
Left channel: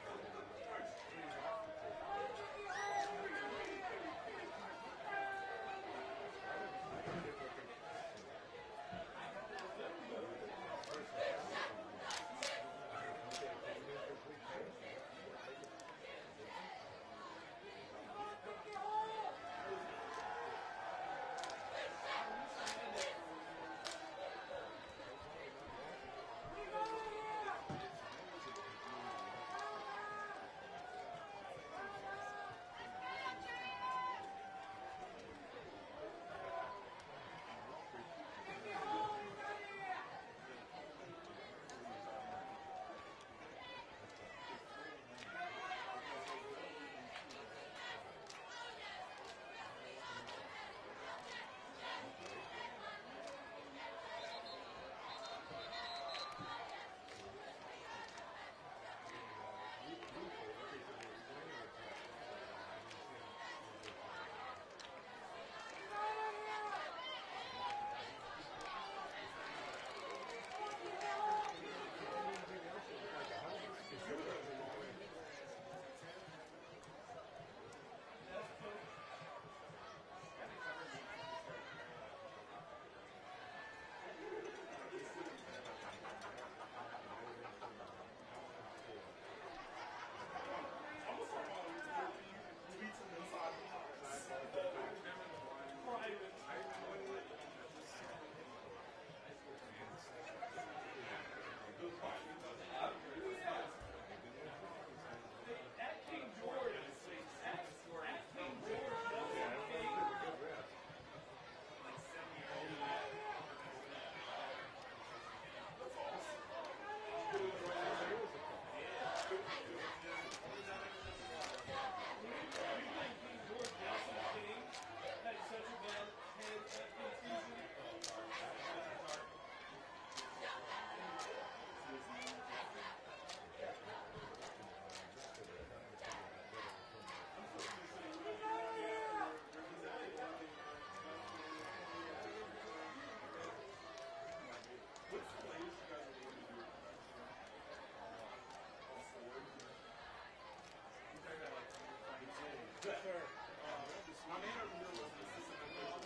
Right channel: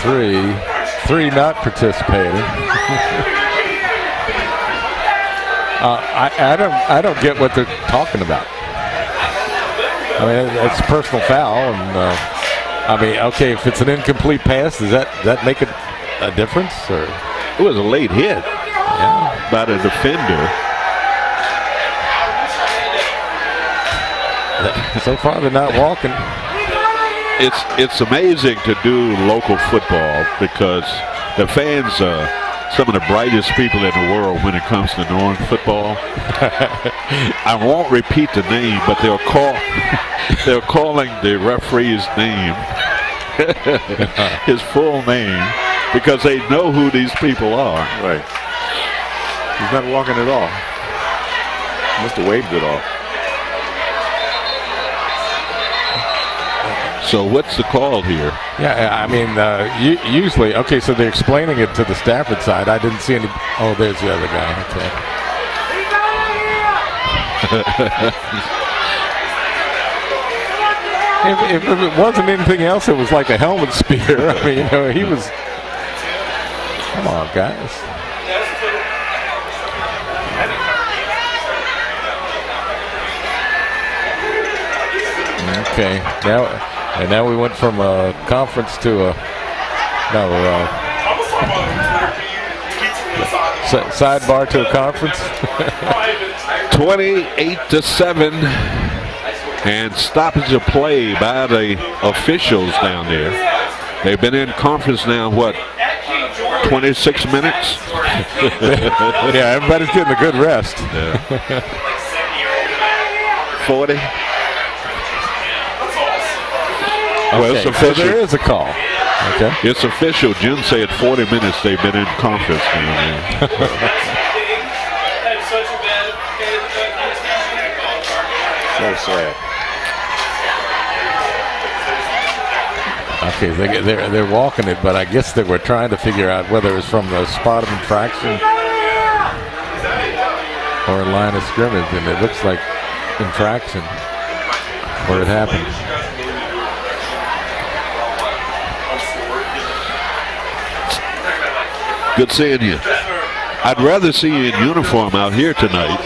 3. 3 not participating. I don't get what they're talking about. I mean, it's a personal foul, and I mean, okay, if it's an incomplete pass, does that make a difference? Or It was a late hit by the defender. So far, they're not walking. It's amazing to do local football because the fans are some of the brightest people in the world when it comes to knowing football. I won't repeat the name, but they're calling the referee's name, his full name, because they know who these people are. Right. He's not walking at all. Must have waved it off. So what's the call here? Yeah, I mean, usually, okay, so they're explaining it to the Stafford side. I didn't see any. Oh, there's the other guy. Okay. If it wasn't anything else, it was like a helmet spear. I mean, he was. Come on, guys. Okay. Now we went from a conference to a sidebar to a conference. 28-7, and stoppage of play by the officials down there. They've been in conference now, what, 26 minutes? Yeah, everybody's getting a good rest. Yeah. 40. Well, it's Okay, so official. there is a call. Okay. It's official. Jim said 40 minutes they've been in conference down there. So sad. Okay, they're walking it, but I guess they were trying to figure out whether it's from the spot of infraction or a line of scrimmage, and it looks like infraction where it happened. Good seeing you. I'd rather see you in uniform out here tonight.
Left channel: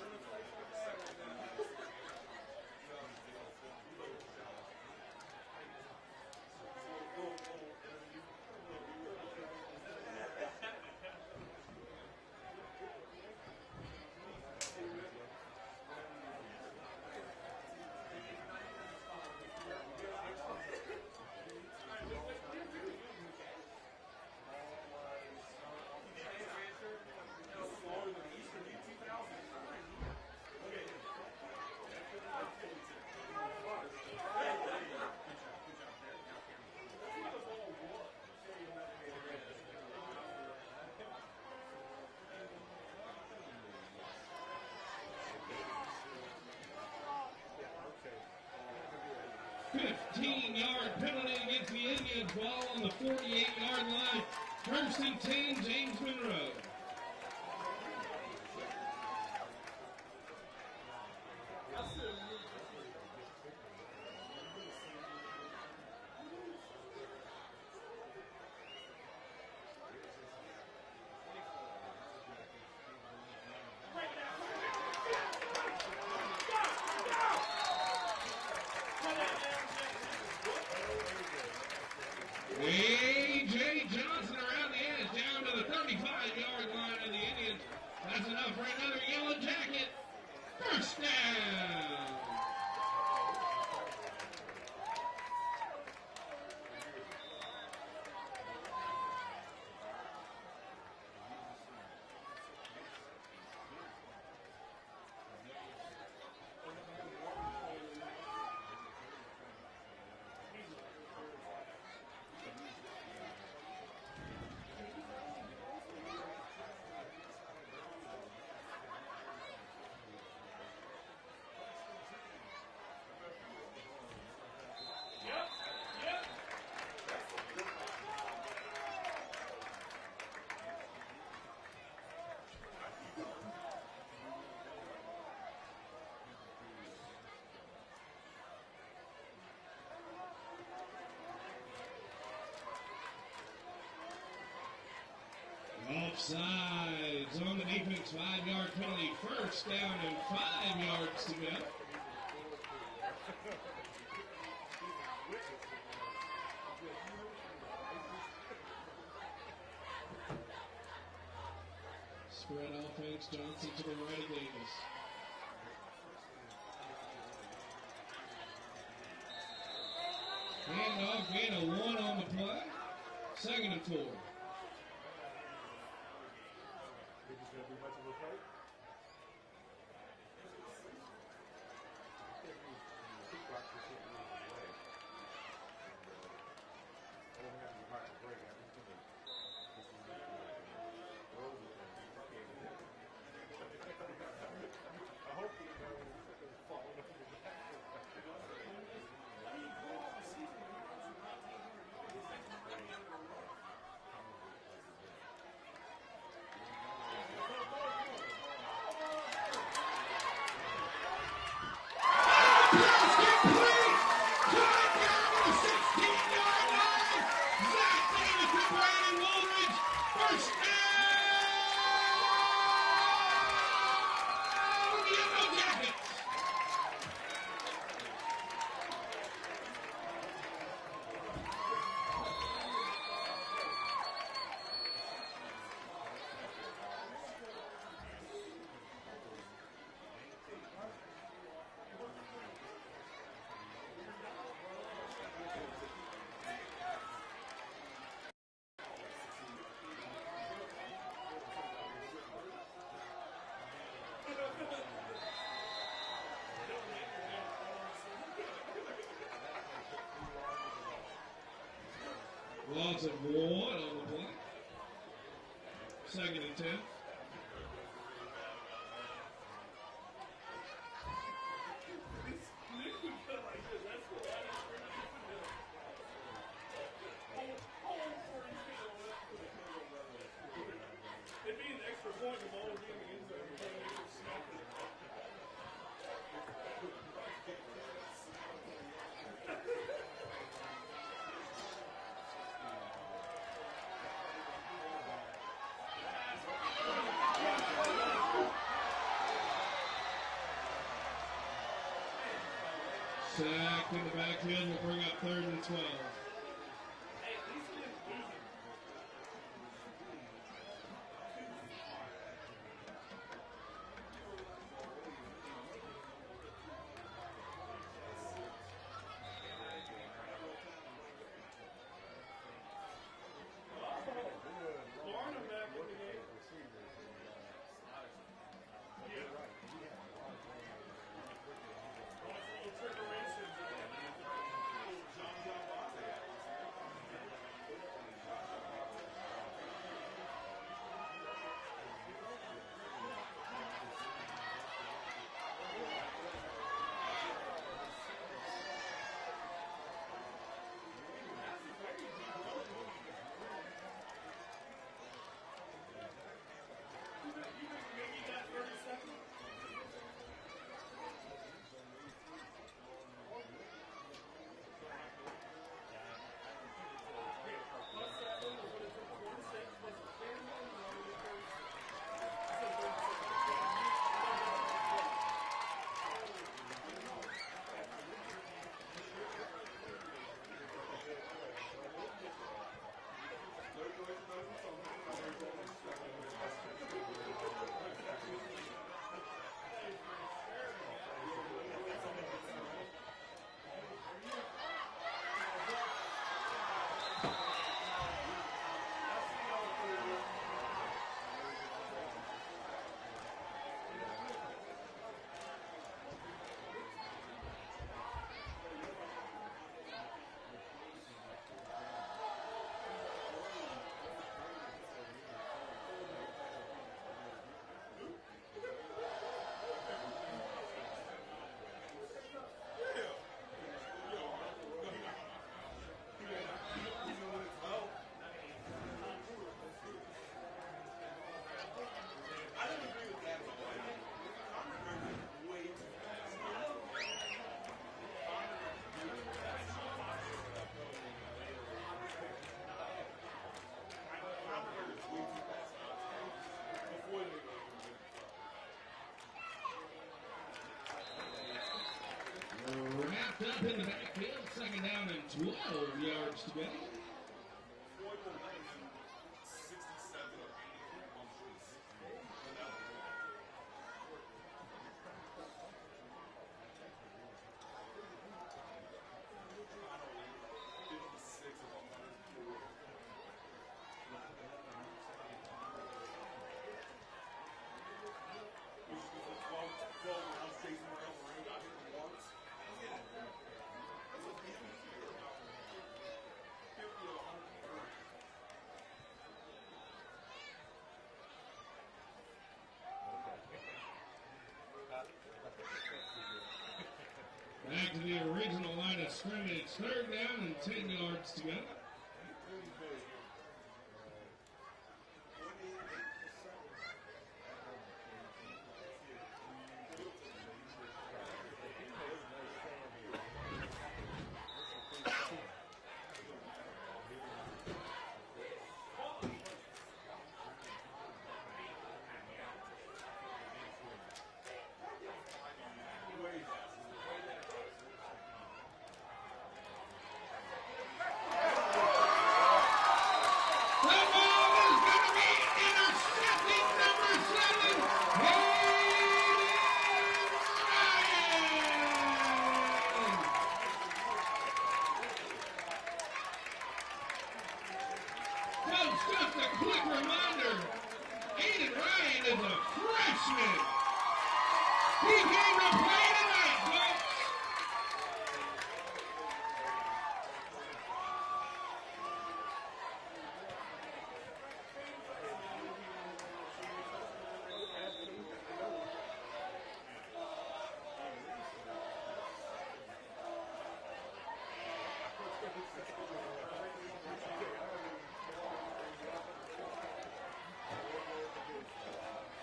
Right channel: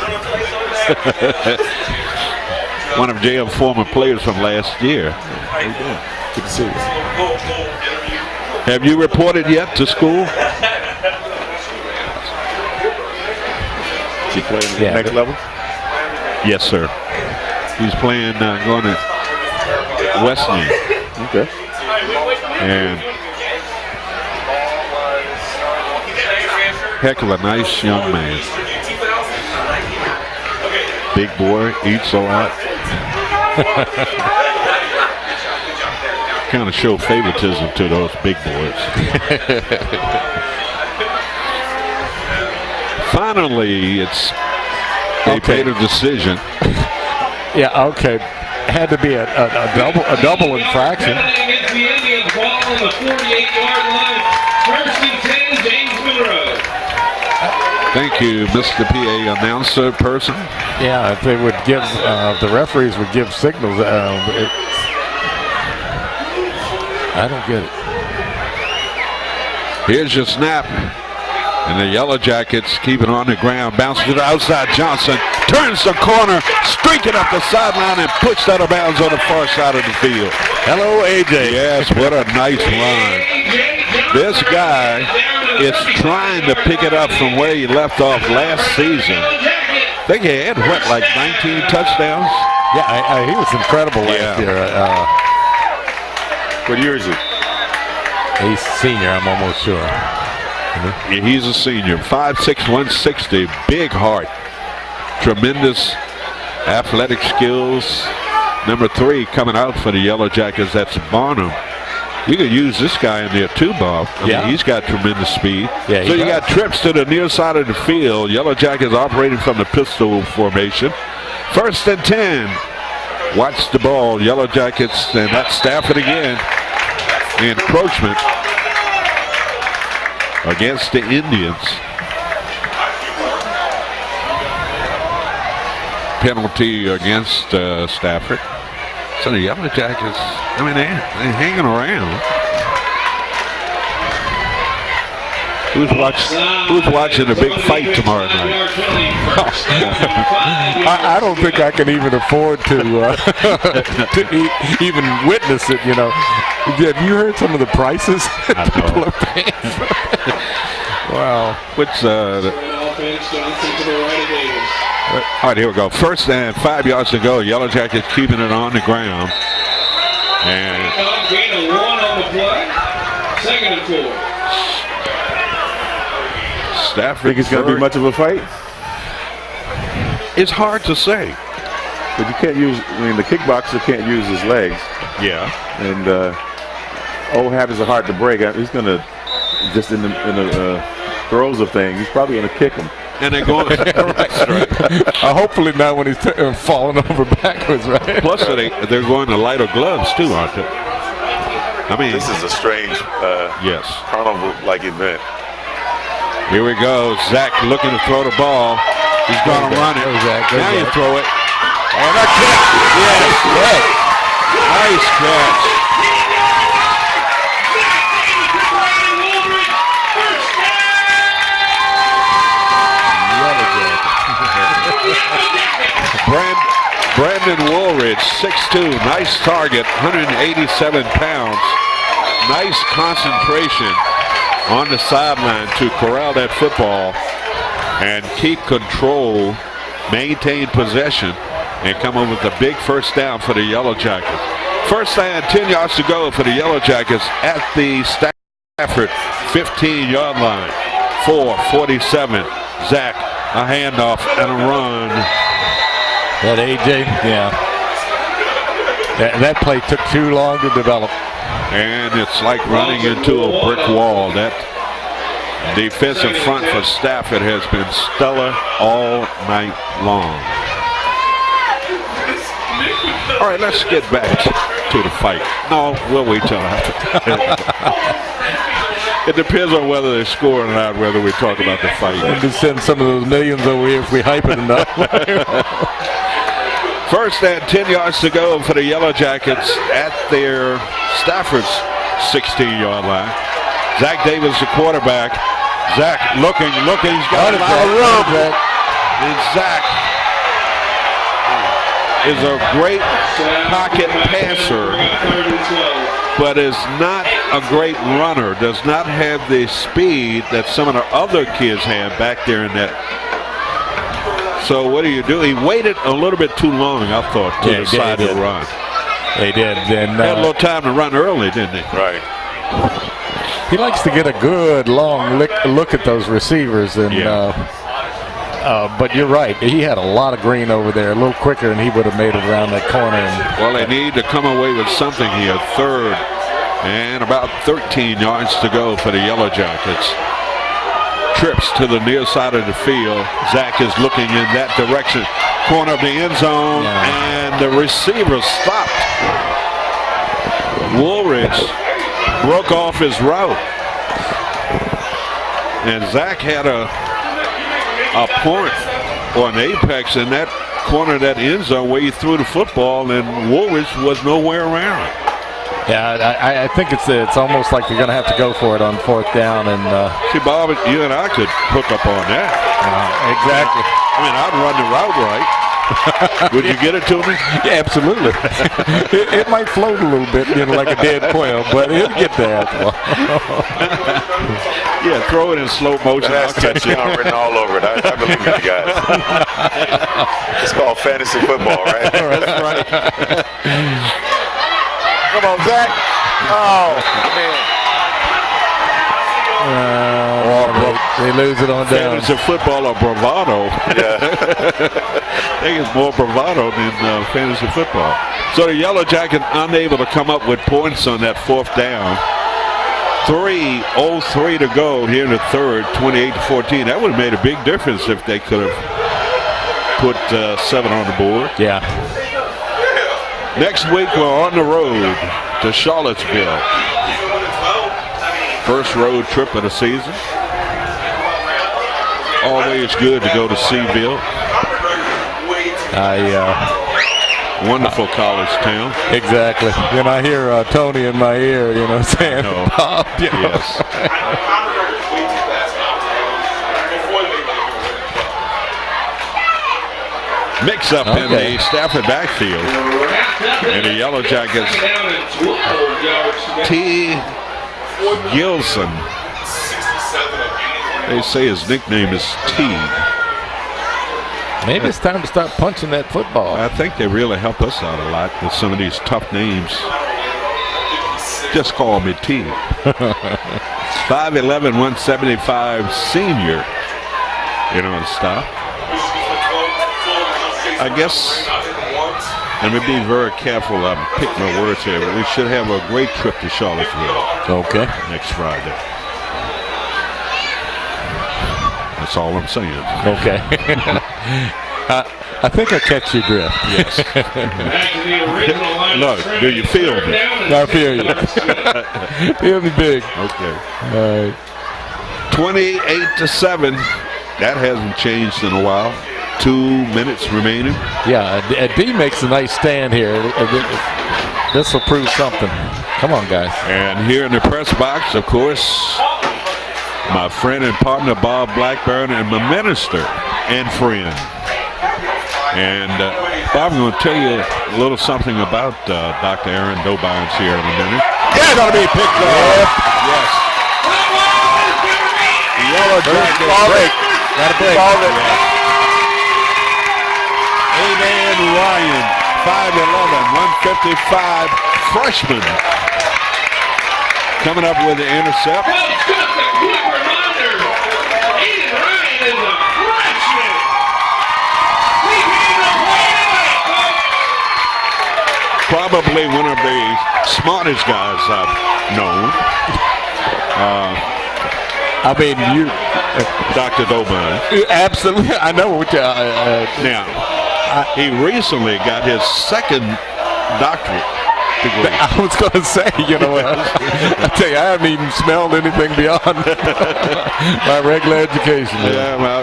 One of JM's former players from last year. How you doing? Good to see you. Have you reported yet to school? Is he playing at the Yeah, next level? Yes, sir. He's playing, going to Wesleyan. Okay. And heck of a nice young man. Big boy, eats a lot. Kind of show favoritism to those big boys. Finally, they made a decision. Yeah, okay. Had to be a double infraction. Against the Indians, ball on the 48-yard line. First and 10, James Monroe. Thank you, Mr. PA announcer person. Yeah, if they would give, the referees would give signals. I don't get it. Here's your snap. And the Yellow Jackets keep it on the ground. Bounces to the outside. Johnson turns the corner, streaking up the sideline, and puts out of bounds on the far side of the field. Hello, AJ. Yes, what a nice run. This guy is trying to pick it up from where he left off last season. I think he had, what, like 19 touchdowns? Yeah, he was incredible last year. What year is he? He's senior, I'm almost sure. Yeah, he's a senior. 5'6", 160, big heart. Tremendous athletic skills. Number 3 coming out for the Yellow Jackets, that's Barnum. You could use this guy in there too, Bob. I mean, he's got tremendous speed. Yeah, so you got trips to the near side of the field. Yellow Jackets operating from the pistol formation. First and 10. Watch the ball. Yellow Jackets, and that's Stafford again. Encroachment against the Indians. Penalty against Stafford. So the Yellow Jackets, I mean, they're hanging around. Who's watching the big fight tomorrow night? I don't think I can even afford to even witness it, you know. Have you heard some of the prices that people are paying? Wow. What's all right, here we go. First and 5 yards to go. Yellow Jackets keeping it on the ground. And Gain of 1 on the play. Second and 4. Stafford. Think it's going to be much of a fight? It's hard to say. But you can't use, I mean, the kickboxer can't use his legs. Yeah. And old habits are hard to break. He's going to, just in the throes of things, he's probably going to kick him. And they're going. Right. Hopefully not when he's falling over backwards, right? Plus, they're going to lighter gloves too, aren't they? I mean, This is a strange yes. carnival-like event. Here we go. Zach looking to throw the ball. He's going to run it. Now you throw it. And a catch. Yes. Nice catch. Brandon Woolridge, 6'2", 6'2", nice target, 187 pounds. Nice concentration on the sideline to corral that football and keep control, maintain possession, and come up with a big first down for the Yellow Jackets. First down, 10 yards to go for the Yellow Jackets at the Stafford 15-yard line. 4:47. Zach, a handoff and a run. That A.J., yeah. That play took too long to develop. And it's like running into a brick wall. That defensive front for Stafford has been stellar all night long. All right, let's get back to the fight. No, we'll wait till after. It depends on whether they score or not, whether we talk about the fight. We'll just send some of those millions over here if we hype it enough. First and 10 yards to go for the Yellow Jackets at their Stafford's 16-yard line. Zach Davis, the quarterback. Zach looking. He's got a lot of room. And Zach is a great pocket passer, but is not a great runner. Does not have the speed that some of the other kids have back there in that. So what do you do? He waited a little bit too long, I thought, to decide to run. He did. And had a little time to run early, didn't he? Right. He likes to get a good long look at those receivers. And but you're right. He had a lot of green over there. A little quicker, and he would have made it around that corner. Well, they need to come away with something here. Third and about 13 yards to go for the Yellow Jackets. Trips to the near side of the field. Zach is looking in that direction. Corner of the end zone, and the receiver stopped. Woolridge broke off his route. And Zach had a point or an apex in that corner of that end zone where he threw the football, and Woolridge was nowhere around. Yeah, I think it's almost like you're going to have to go for it on fourth down. And see, Bob, you and I could hook up on that. Exactly. I mean, I'd run the route right. Would you get it to me? Yeah, absolutely. it might float a little bit, like a dead quail, but it'll get there. Yeah, throw it in slow motion. That's touchdown written all over it. I believe in you guys. It's called fantasy football, right? That's right. Come on, Zach. Oh, man. They lose it on down. Fantasy football or bravado. Yeah. I think it's more bravado than fantasy football. So the Yellow Jackets unable to come up with points on that fourth down. 3:03 to go here in the third, 28-14. That would have made a big difference if they could have put 7 on the board. Yeah. Next week, we're on the road to Charlottesville. First road trip of the season. Always good to go to Seaville. Wonderful college town. Exactly. Then I hear Tony in my ear, saying, Bob, Yes. Mix up in the Stafford backfield. And the Yellow Jackets, T. Gilson. They say his nickname is T. Maybe it's time to start punching that football. I think they really help us out a lot with some of these tough names. Just call me T. 5'11", 175 senior. Stuff. I guess, let me be very careful. I'm picking my words here, but we should have a great trip to Charlottesville. Okay. Next Friday. That's all I'm saying. Okay. I think I catch your drift. Yes. Look, do you feel me? I feel you. Feel me big. Okay. All right. 28-7. That hasn't changed in a while. 2 minutes remaining. Yeah, D makes a nice stand here. This will prove something. Come on, guys. And here in the press box, of course, my friend and partner Bob Blackburn, and my minister and friend. And Bob, I'm going to tell you a little something about Dr. Aaron Dobyns here in a minute. Yeah, going to be picked up. Yes. Yellow jacket break. Got a break. A-Man Ryan, 5'11", 155, freshman. Coming up with the intercept. Well, just a quick reminder, Aiden Ryan is a freshman. He came to play tonight, folks. Probably one of the smartest guys I've known. I mean, you Dr. Dobyns. absolutely. I know what you. Now, he recently got his second doctorate degree. I was going to say, you know, I tell you, I haven't even smelled anything beyond my regular education. Yeah, well,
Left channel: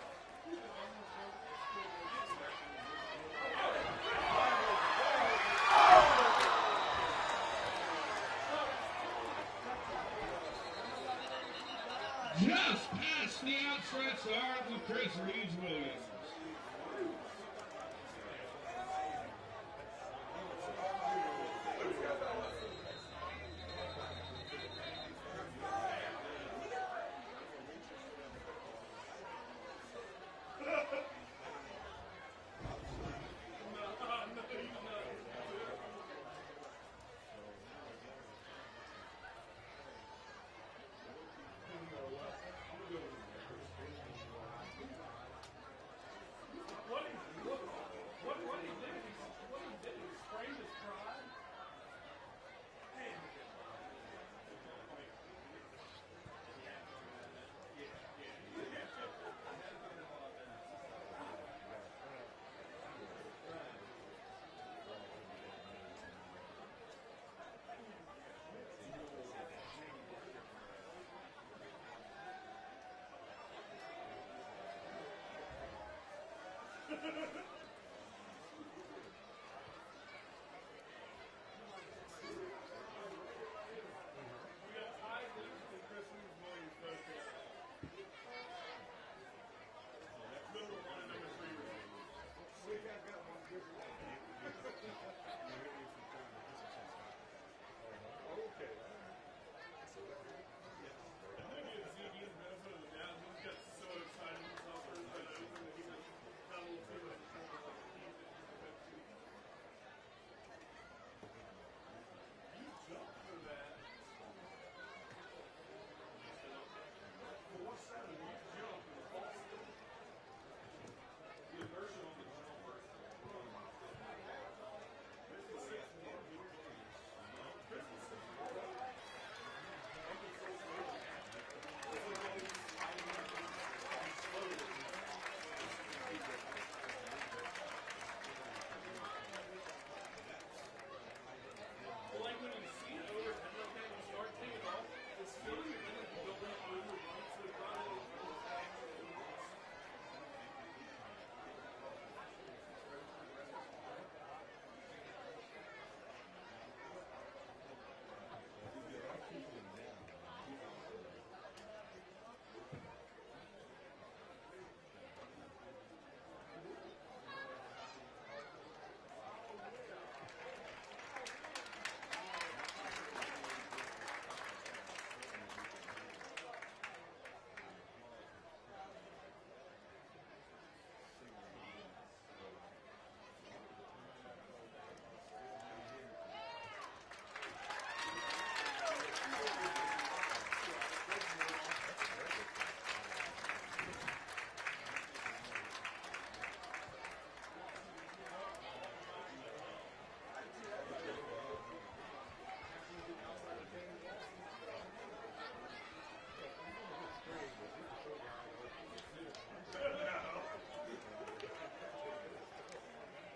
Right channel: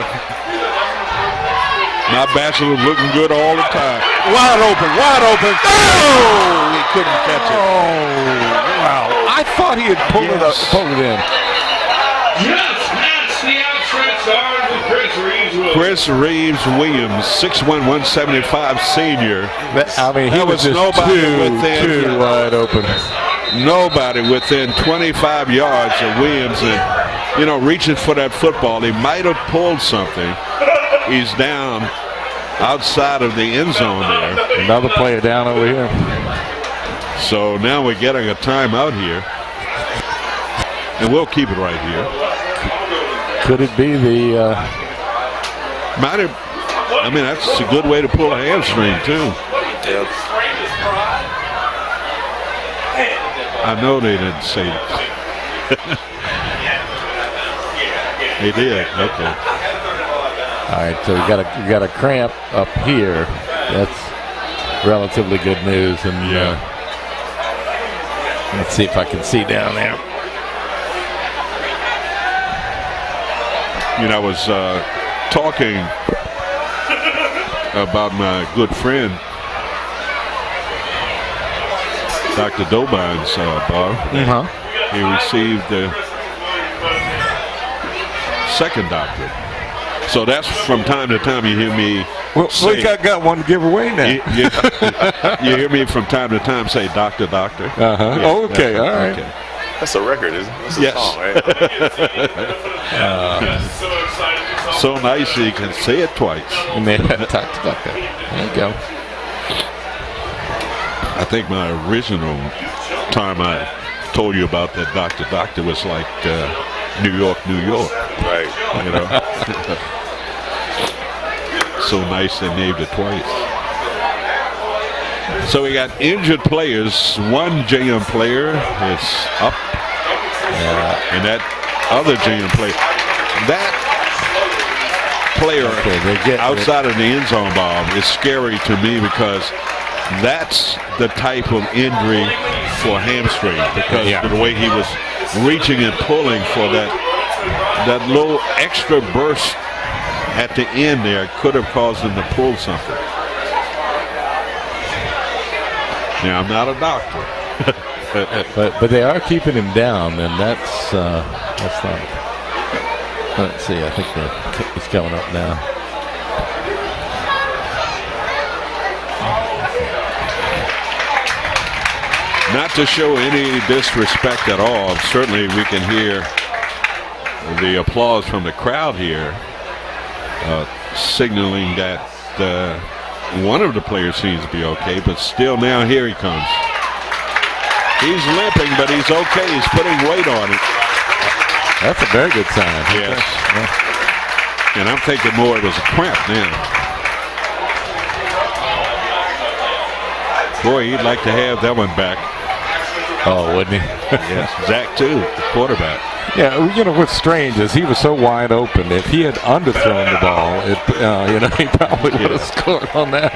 my bachelor's looking good all the time. Wide open. Oh, he couldn't catch it. Wow! I thought he had pulled it up, Yes. pulled it in. Just past the outstretched arms of Chris Reeves Williams. Chris Reeves Williams, 6'1", 175 senior. I mean, he There was was just nobody within- too wide open. Nobody within 25 yards of Williams, and you know, reaching for that football. He might have pulled something. He's down outside of the end zone there. Another player down over here. So now we're getting a timeout here, and we'll keep it right here. Could it be the? Might have. I mean, that's a good way to pull a hamstring too. Yep. I know they didn't say it. They did. Okay. All right, so we got a cramp up here. That's relatively good news, and Yeah. let's see if I can see down there. You know, I was talking about my good friend, Dr. Dobyns, Bob. He received the second doctorate. So that's from time to time you hear me Well, say, we got one to give away now. you hear me from time to time say, doctor, doctor. Uh-huh. Yeah, Okay, all right. Okay. That's a record, isn't it? That's a Yes. song, right? So nice you can say it twice. And then talked about that. There you go. I think my original time I told you about that doctor was like New York, Right. you know. So nice they named it twice. So we got injured players. One JM player is up, and that other JM player, player outside of the end zone, Bob, is scary to me because that's the type of injury for hamstring, because of the way he was reaching and pulling for that little extra burst at the end there could have caused him to pull something. Now, I'm not a doctor. But they are keeping him down, and that's not. Let's see. I think he's coming up now. Not to show any disrespect at all. Certainly, we can hear the applause from the crowd here, signaling that one of the players seems to be okay, but still now here he comes. He's limping, but he's okay. He's putting weight on it. That's a very good sign. Yes. And I'm thinking more it was a cramp now. Boy, he'd like to have that one back. Oh, wouldn't he? Yes, Zach too, the quarterback. Yeah, you know what's strange is he was so wide open. If he had underthrown the ball, he probably would have scored on that.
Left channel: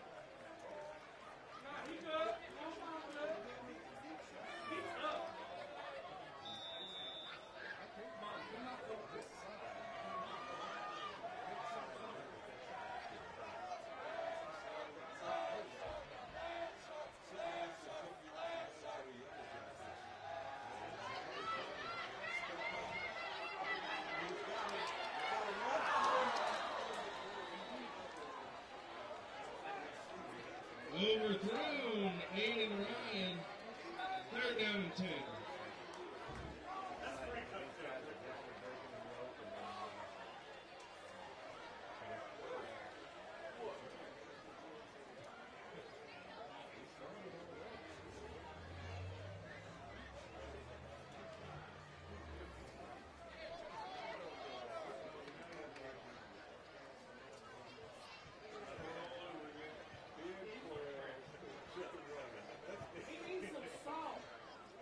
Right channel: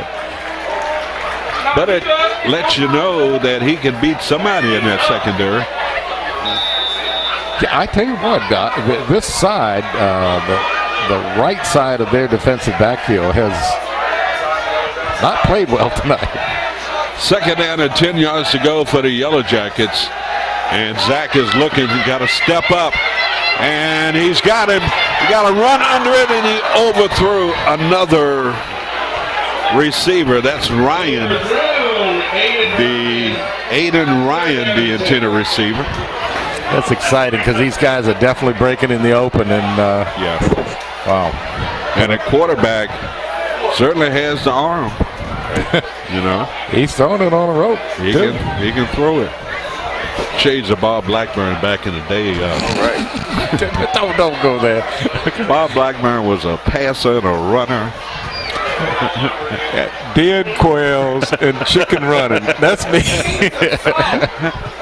But it lets you know that he can beat somebody in that secondary. Yeah, I tell you what, this side, the right side of their defensive backfield has not played well tonight. Second down and 10 yards to go for the Yellow Jackets. And Zach is looking. He's got to step up. And he's got him. He got to run under it, and he overthrew another receiver. That's Ryan, the Aiden Ryan, the intended receiver. That's exciting because these guys are definitely breaking in the open. And Yeah. wow. And a quarterback certainly has the arm. You know, He's throwing it on a rope. he can throw it. Shades of Bob Blackburn back in the day. Right. Don't go there. Bob Blackburn was a passer and a runner. Dead quails and chicken running. That's me.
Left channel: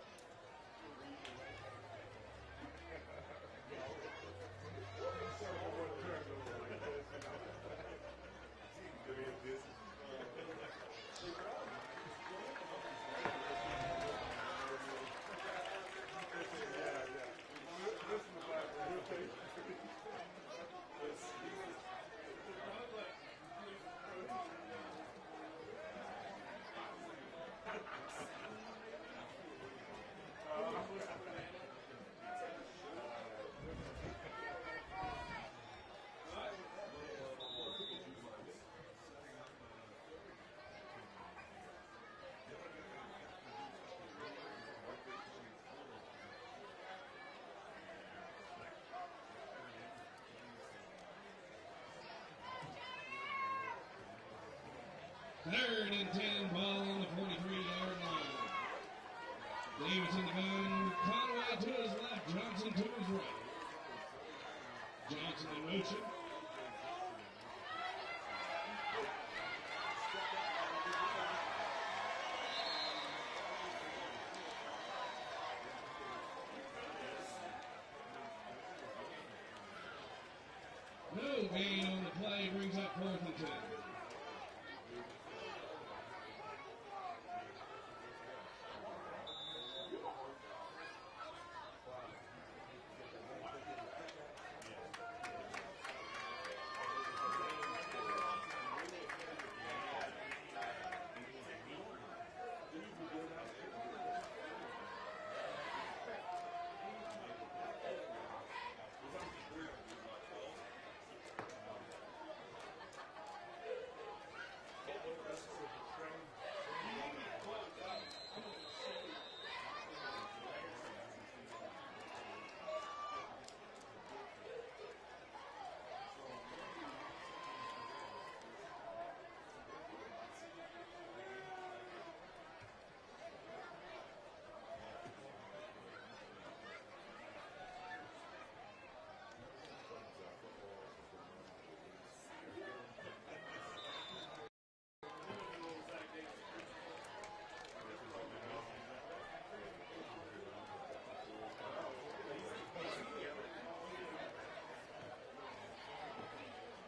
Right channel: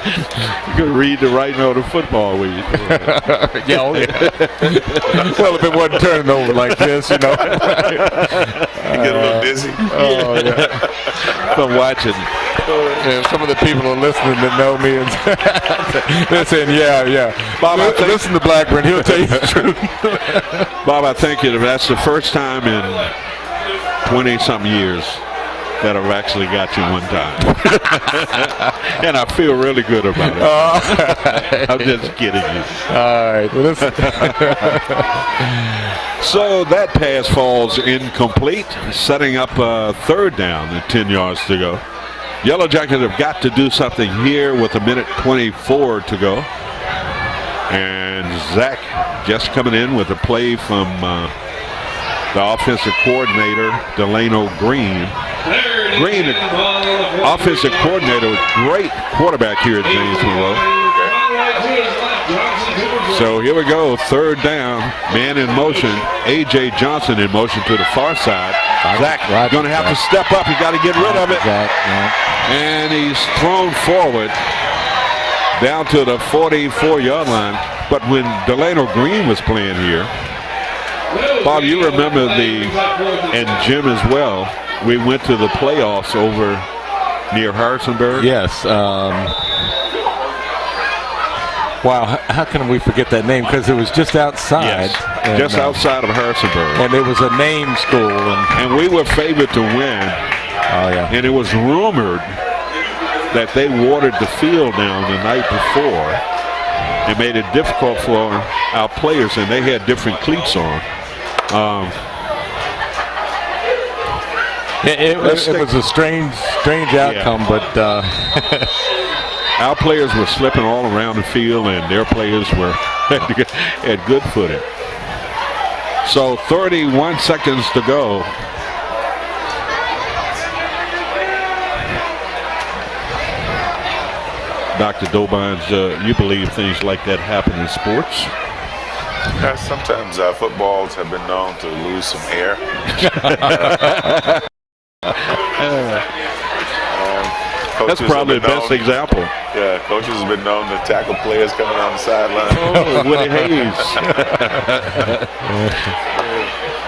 You could read the writing on the football when you do it. Yeah, oh, yeah. Well, if it wasn't turning over like this, you know. You get a little dizzy. Oh, yeah. From watching. And some of the people are listening that know me and they're saying, yeah. Bob, I think, Listen to Blackburn. He'll tell you the truth. Bob, I think that's the first time in 20-something years that I've actually got you one time. And I feel really good about it. I'm just kidding you. All right. Well, So that pass falls incomplete, setting up a third down and 10 yards to go. Yellow Jackets have got to do something here with 1:24 to go. And Zach just coming in with a play from the offensive coordinator, Delano Green. Green, offensive coordinator, great quarterback here at James Monroe. So here we go, third down, man in motion. A.J. Johnson in motion to the far side. Zach going to have to step up. He got to get rid of it. And he's thrown forward down to the 44-yard line. But when Delano Green was playing here, Bob, you remember and Jim as well, we went to the playoffs over near Harrisonburg. yes. Wow, how can we forget that name? Because it was just outside. Yes, and, just outside of Harrisonburg. And it was a name school. And we were favored to win. Oh, yeah. And it was rumored that they watered the field down the night before and made it difficult for our players, and they had different cleats on. It was a strange outcome, but our players were slipping all around the field, and their players were had good footing. So 31 seconds to go. Dr. Dobines, you believe things like that happen in sports? Sometimes footballs have been known to lose some air. That's probably the best example. Yeah, coaches have been known to tackle players coming on the sideline. Oh, Woody Hayes.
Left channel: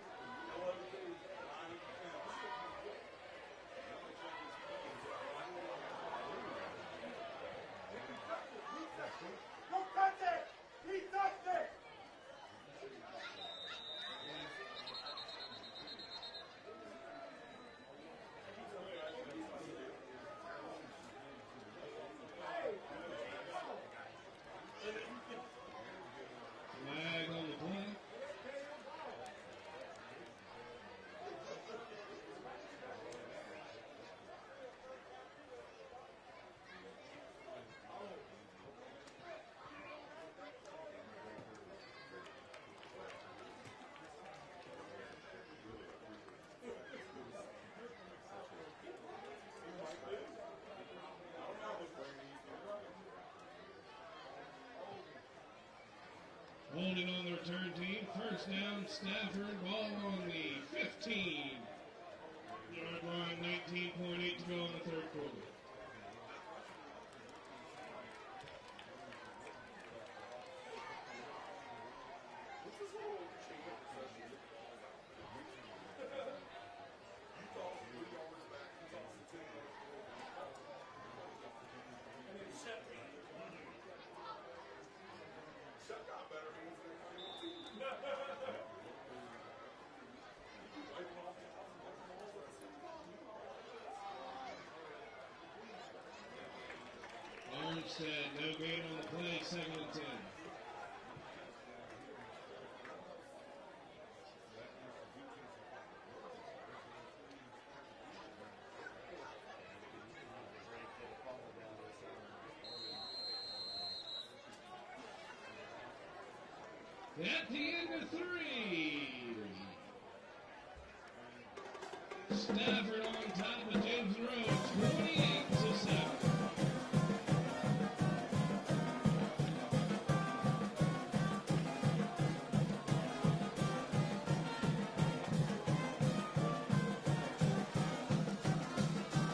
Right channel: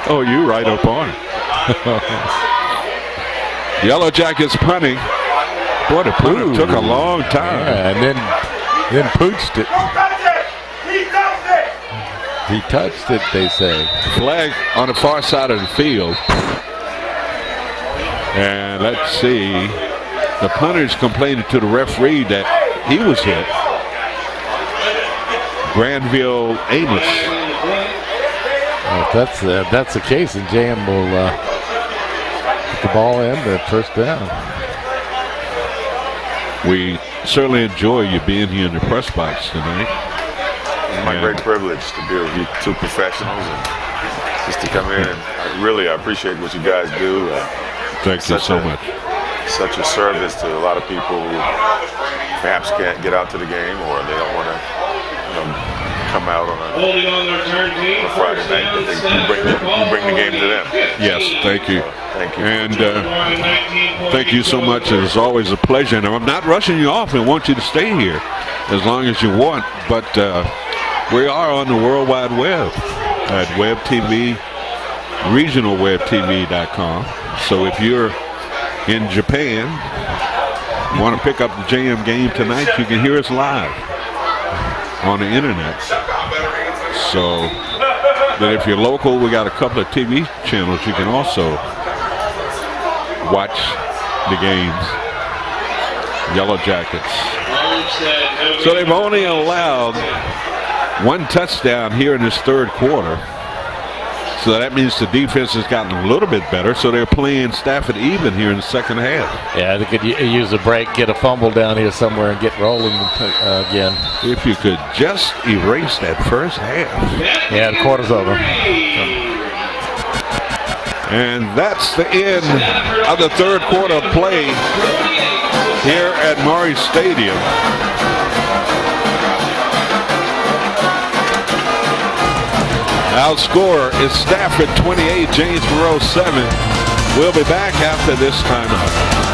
Oh, you right up on it. Yellow Jackets punting. Boy, the punter took a long time. Yeah, and then pooched it. He touched it, they say. Flag on the far side of the field. And let's see. The punter's complaining to the referee that he was hit. Granville Amos. Well, if that's the case, and JM will put the ball in the first down. We certainly enjoy you being here in the press box tonight. It's my great privilege to be with you two professionals and just to come in, and I appreciate what you guys do. Thank you so much. Such a service to a lot of people who perhaps can't get out to the game, or they don't want to come out on a Friday night, but you bring the game to them. Yes, thank you. Thank you. And thank you so much. It's always a pleasure. And I'm not rushing you off and want you to stay here as long as you want. But we are on the World Wide Web at WebTV, regionalwebtv.com. So if you're in Japan, you want to pick up the JM game tonight, you can hear us live on the internet. So, but if you're local, we got a couple of TV channels you can also watch the games. Yellow Jackets. So they've only allowed one touchdown here in this third quarter So that means the defense has gotten a little bit better. So they're playing Stafford even here in the second half. Yeah, they could use a break, get a fumble down here somewhere, and get rolling again. If you could just erase that first half. Yeah, the quarter's over. And that's the end of the third quarter play here at Murray Stadium. Our score is Stafford 28, James Monroe 7. We'll be back after this timeout.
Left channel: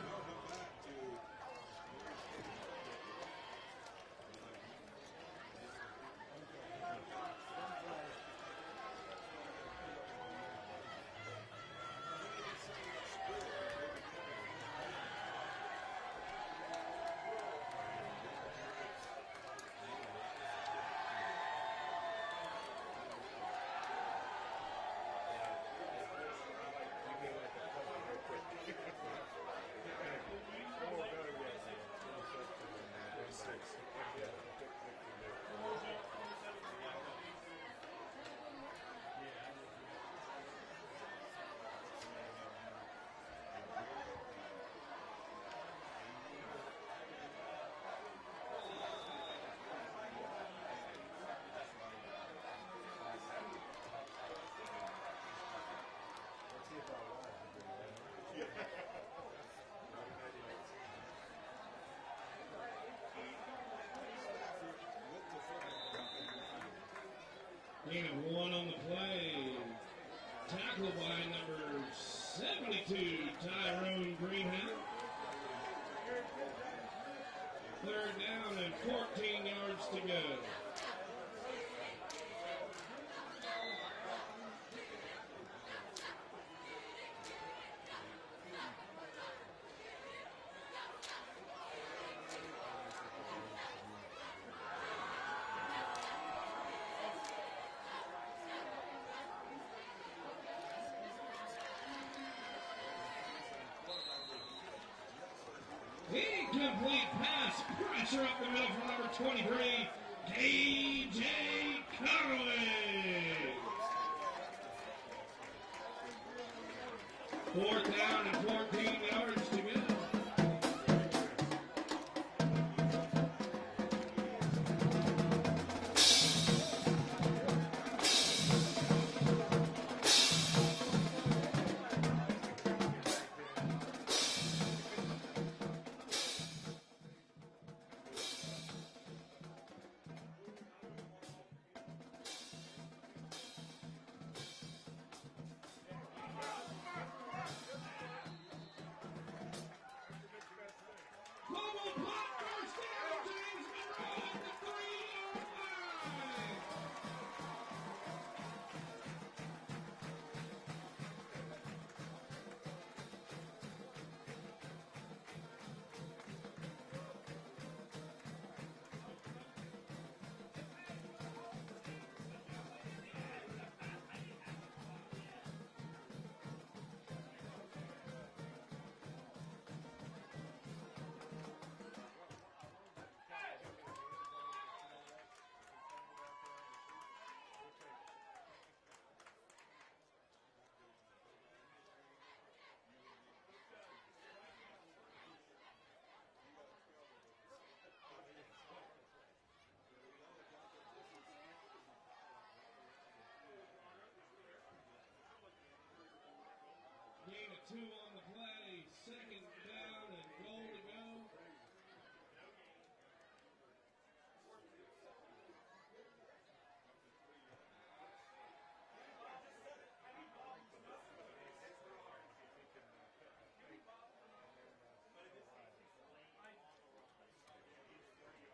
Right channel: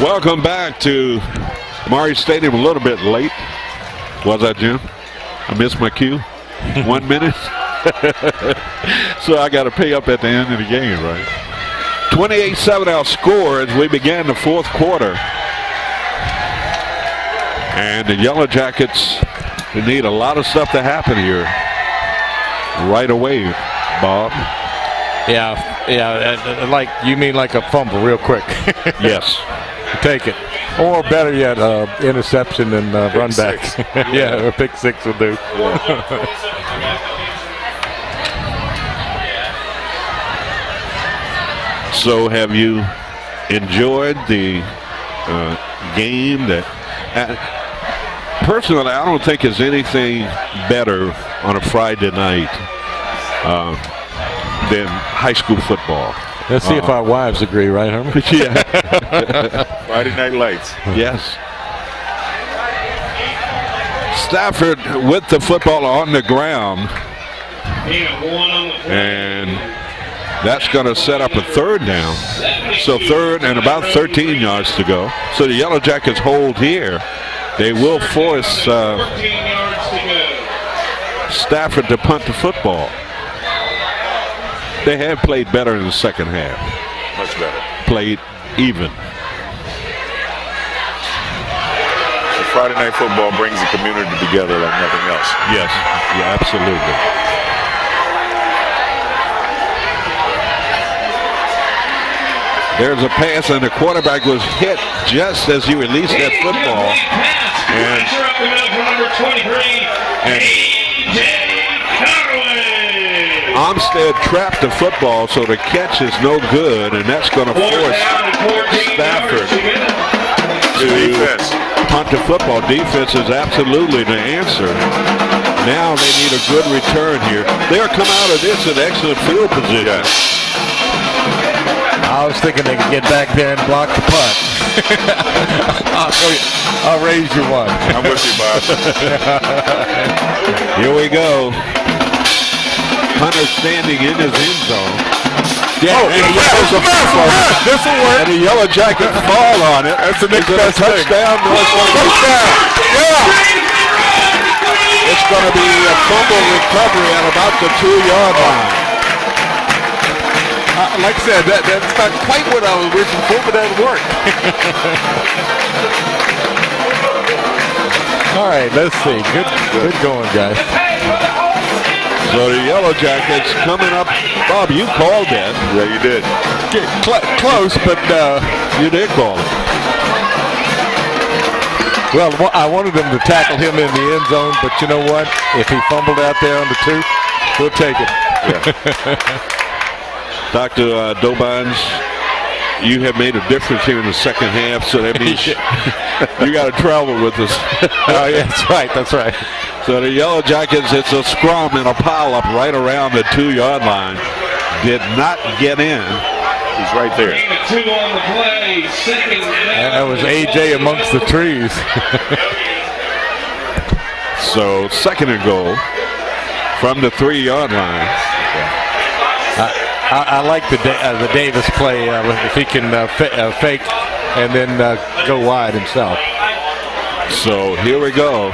Welcome back to Murray Stadium. A little bit late. Was I, Jim? I missed my cue. 1 minute. So I got to pay up at the end of the game, right? 28-7 our score as we began the fourth quarter. And the Yellow Jackets need a lot of stuff to happen here right away, Bob. Yeah, like you mean like a fumble real quick. Yes. Take it. Or better yet, interception and run back. Yeah, or pick six will do. So have you enjoyed the game? Personally, I don't think there's anything better on a Friday night than high school football. Let's see if our wives agree, right, Herman? Yeah. Friday Night Lights. Yes. Stafford with the football on the ground. And that's going to set up a third down. So third and about 13 yards to go. So the Yellow Jackets hold here. They will force Stafford to punt the football. They have played better in the second half. Much better. Played even. So Friday Night Football brings the community together like nothing else. Yes, yeah, absolutely. There's a pass, and the quarterback was hit just as he released that football. And Armstead trapped the football, so the catch is no good, and that's going to force Stafford to punt the football. Defense is absolutely the answer. Now they need a good return here. They'll come out of this in excellent field position. Yes. I was thinking they could get back there and block the punt. I'll raise you one. I'm with you, Bob. Here we go. Hunter standing in his end zone. Yeah, This will work. and the Yellow Jackets fall on it. That's the next Is it a best thing. touchdown? No, it's going to be It's going to be a fumble recovery at about the 2-yard line. Like I said, that's not quite what I was wishing for, but that worked. All right, let's see. Good going, guys. So the Yellow Jackets coming up. Bob, you called that. Yeah, you did. Close, but You did call it. Well, I wanted them to tackle him in the end zone, but you know what? If he fumbled out there on the 2, we'll take it. Yeah. Dr. Dobines, you have made a difference here in the second half, so that means you got to travel with us. Oh, yeah, that's right. That's right. So the Yellow Jackets, it's a scrum and a pile-up right around the 2-yard line. Did not get in. He's right there. 2 on the play. Second down. That was AJ amongst the trees. So second and goal from the 3-yard line. I like the Davis play if he can fake and then go wide himself. So here we go.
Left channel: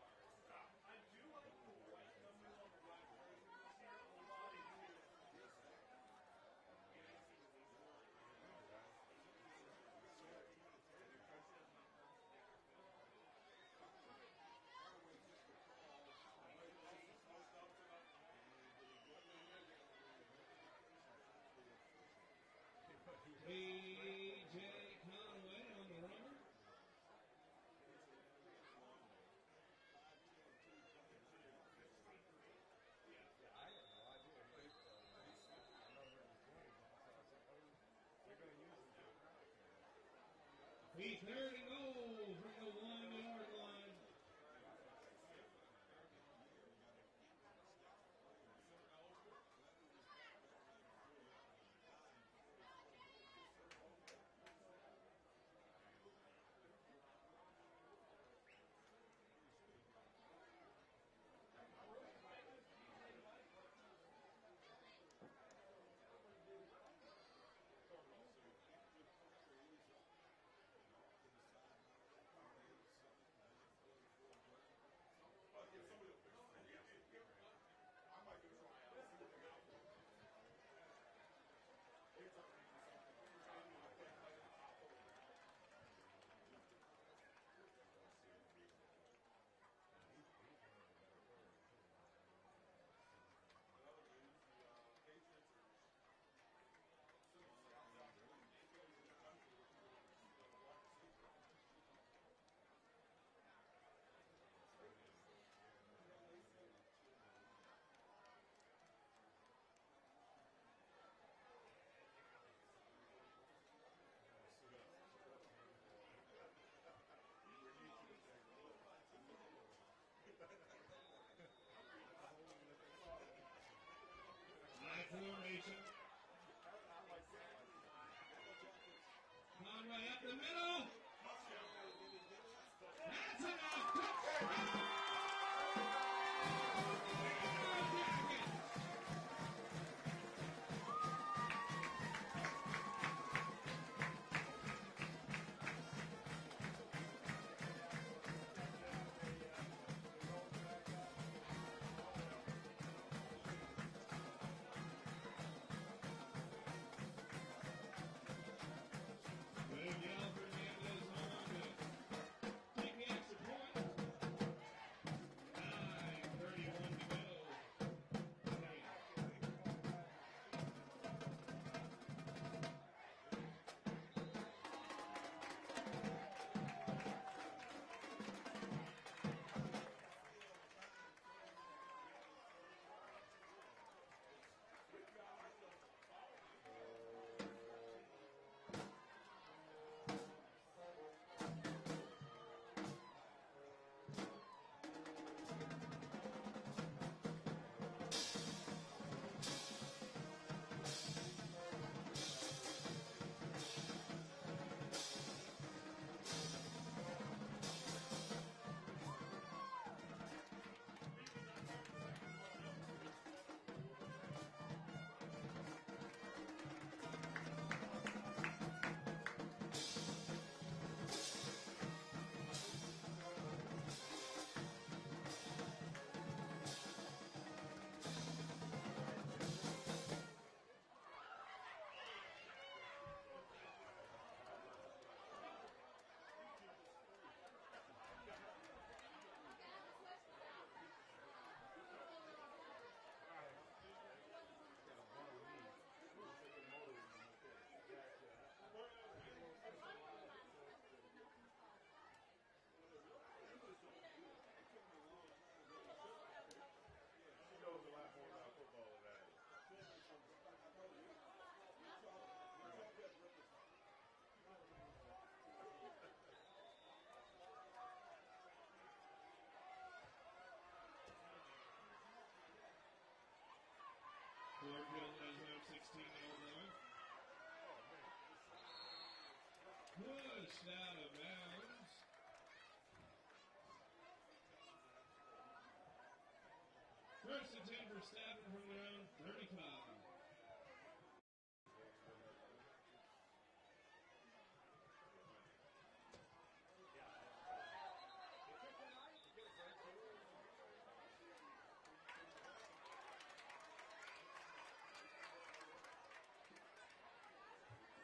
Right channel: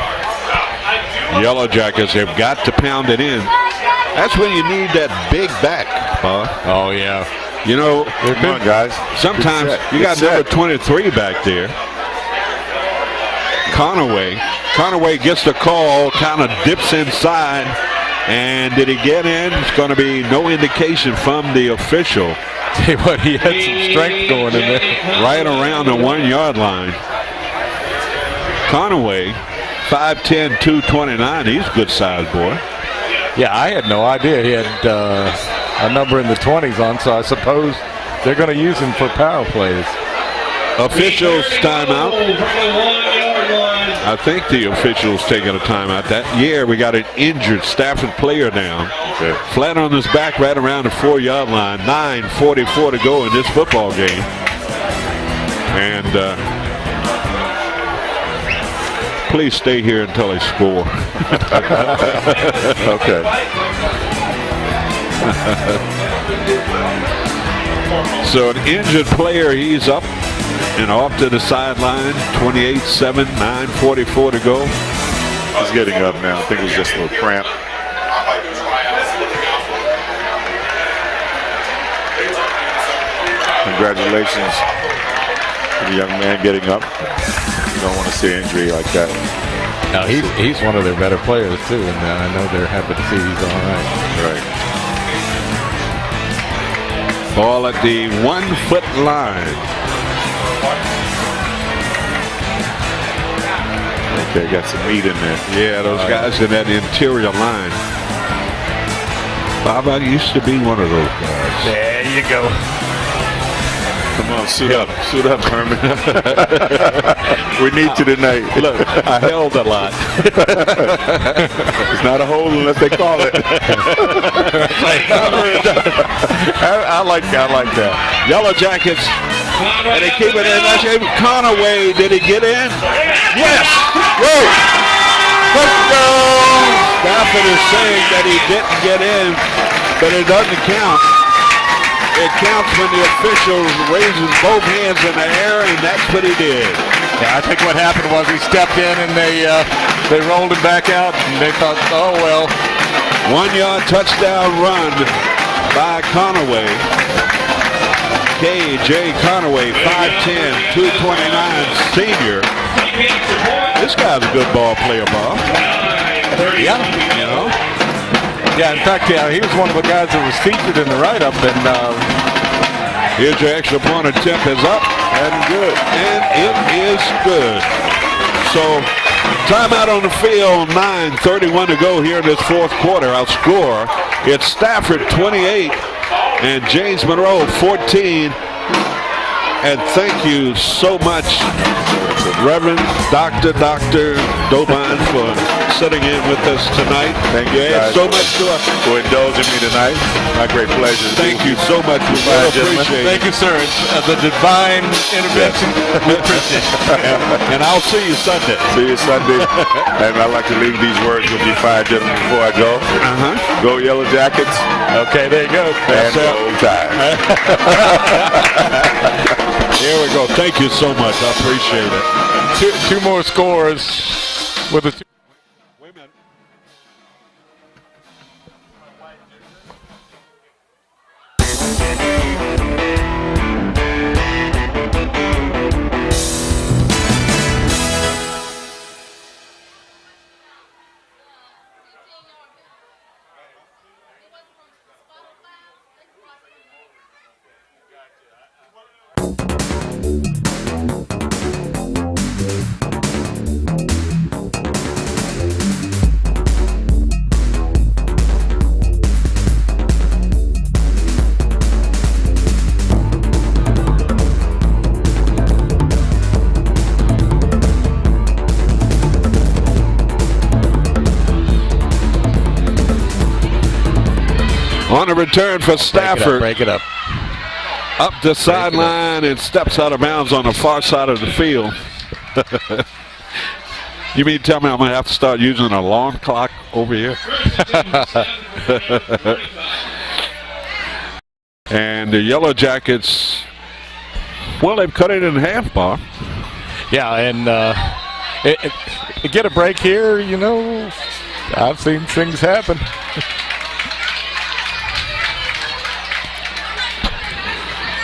Yellow Jackets have got to pound it in. That's when you need that big back, Bob. Oh, yeah. You know, Come on, guys. sometimes you got number 23 back there. Conaway gets the call, kind of dips inside. And did he get in? It's going to be no indication from the official. Tell you what, he had some strength going in there. Right around the 1-yard line. Conaway, 5'10", 229. He's a good size boy. Yeah, I had no idea he had a number in the 20s on, so I suppose they're going to use him for power plays. Officials timeout. I think the officials taking a timeout. That year we got an injured Stafford player down. Okay. Flat on his back right around the 4-yard line. 9:44 to go in this football game. And please stay here until they score. Okay. So an injured player, he's up and off to the sideline. 28-7, 9:44 to go. He's getting up now. I think it was just a little cramp. Congratulations to the young man getting up. You don't want to see an injury like that. No, he's one of their better players, too, and I know they're happy to see he's all right. Right. Ball at the 1-foot line. Okay, got some meat in there. Yeah, those guys in that interior line. Bob, I used to be one of those guys. There you go. Come on, suit up. Suit up, Herman. We need you tonight. Look, I held a lot. It's not a hole unless they call it. I like that. Yellow Jackets, and they keep it in. That's Conaway. Did he get in? Yes. Whoa. Touchdown. Stafford is saying that he didn't get in, but it doesn't count. It counts when the official raises both hands in the air, and that's what he did. Yeah, I think what happened was he stepped in and they rolled him back out, and they thought, oh well. 1-yard touchdown run by Conaway. K.J. Conaway, 5'10", 229 senior. This guy's a good ball player, Bob. Yeah. You know? Yeah, in fact, he was one of the guys that was featured in the write-up, and here's your extra point attempt is up and good, and it is good. So timeout on the field, 9:31 to go here in this fourth quarter. Our score, it's Stafford 28 and James Monroe 14. And thank you so much, Reverend Dr. Dobine, for sitting in with us tonight. Thank you had guys so much to us. for indulging me tonight. My great pleasure. Thank you so much. We really appreciate it. thank you, sir. It's the divine intervention. We appreciate it. And I'll see you Sunday. See you Sunday. And I'd like to leave these words with you fine gentlemen before I go. Go Yellow Jackets. Okay, there you go. And go Tide. Here we go. Thank you so much. I appreciate it. Two more scores with the. return for Stafford. Break it up. Up the sideline and steps out of bounds on the far side of the field. You mean tell me I'm going to have to start using an alarm clock over here? And the Yellow Jackets, well, they've cut it in half, Bob. Yeah, and get a break here, you know, I've seen things happen.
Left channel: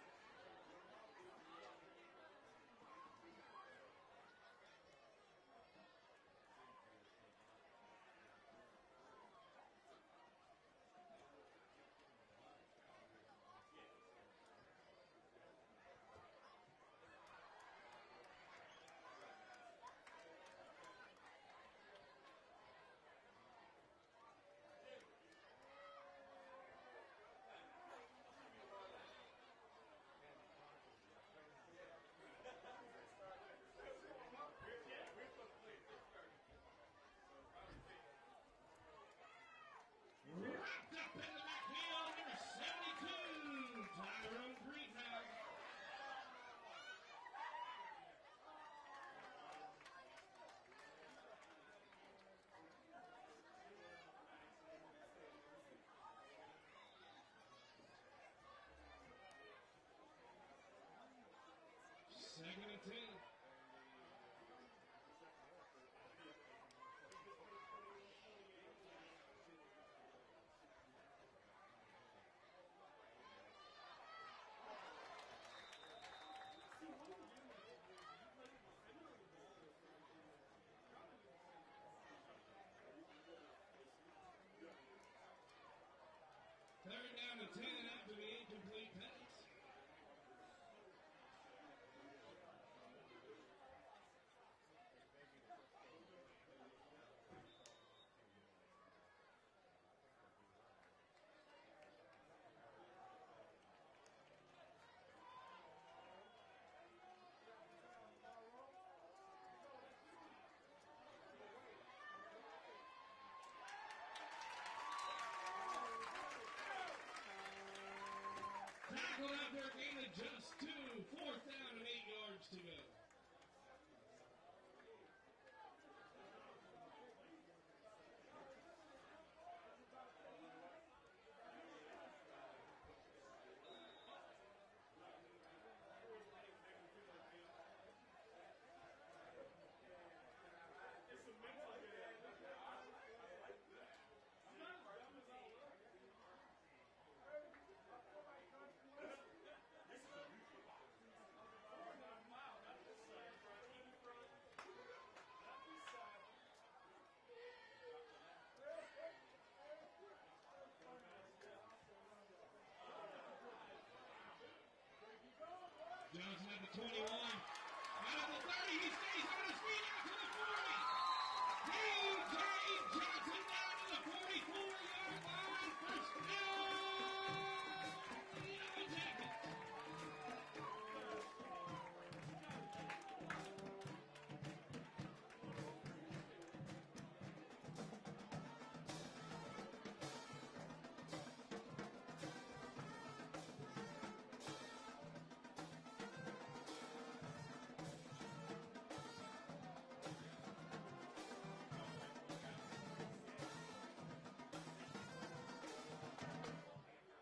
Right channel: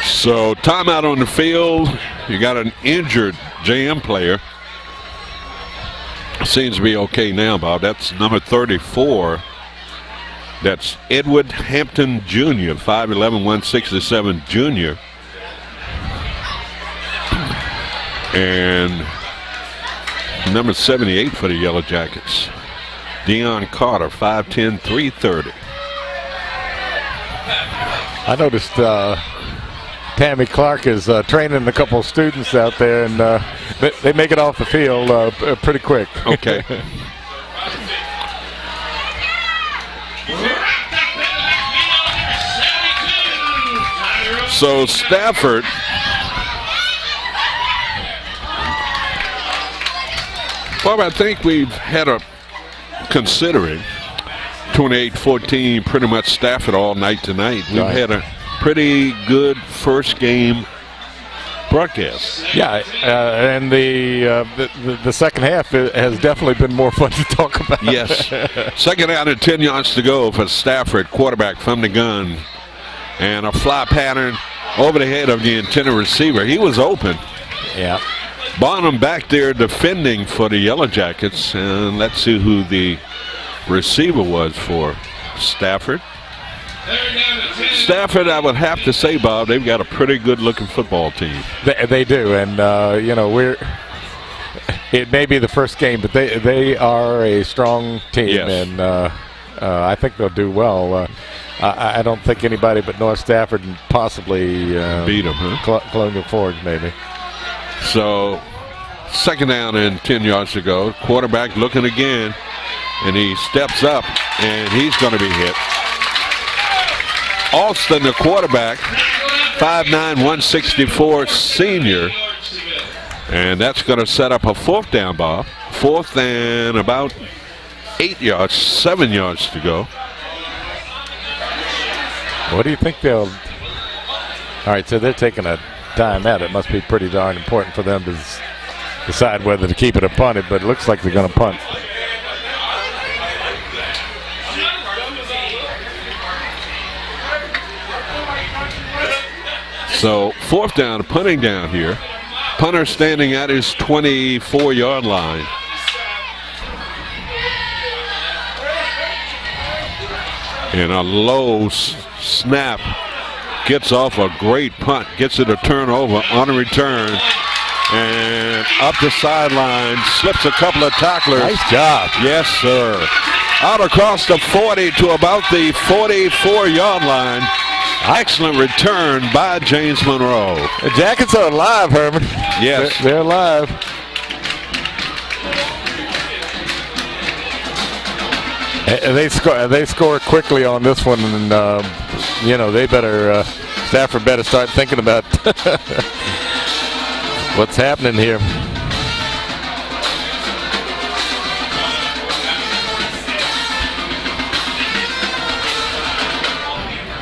So timeout on the field. You got an injured JM player. Seems to be okay now, Bob. That's number 34. That's Edward Hampton Jr., 5'11", 167 junior. And number 78 for the Yellow Jackets, Deion Carter, 5'10", 330. I noticed Tammy Clark is training a couple of students out there, and they make it off the field pretty quick. Okay. So Stafford well, I think we've had a considering 28-14 pretty much Stafford all night tonight. We've had a pretty good first game broadcast. Yeah, and the second half has definitely been more fun to talk about. Yes. Second out and 10 yards to go for Stafford, quarterback from the gun. And a fly pattern over the head of the intended receiver. He was open. Yeah. Bonham back there defending for the Yellow Jackets. And let's see who the receiver was for Stafford. Stafford, I would have to say, Bob, they've got a pretty good-looking football team. They do, and you know, it may be the first game, but they are a strong team, yes. And I think they'll do well. I don't think anybody but North Stafford and possibly beat them, huh? Colonial Forge, maybe. So, second down and 10 yards to go. Quarterback looking again, and he steps up, and he's going to be hit. Alston, the quarterback, 5'9", 164 senior. And that's going to set up a fourth down, Bob. Fourth and about 7 yards to go. What do you think they'll... All right, so they're taking a timeout. It must be pretty darn important for them to decide whether to keep it or punt it, but it looks like they're going to punt. So fourth down, punting down here. Punter standing at his 24-yard line. And a low snap gets off a great punt, gets it a turnover on a return. And up the sideline, slips a couple of tacklers. Nice job. Yes, sir. Out across the 40 to about the 44-yard line. Excellent return by James Monroe. The Jackets are alive, Herman. Yes. They're alive. They score quickly on this one, and you know, they better Stafford better start thinking about what's happening here.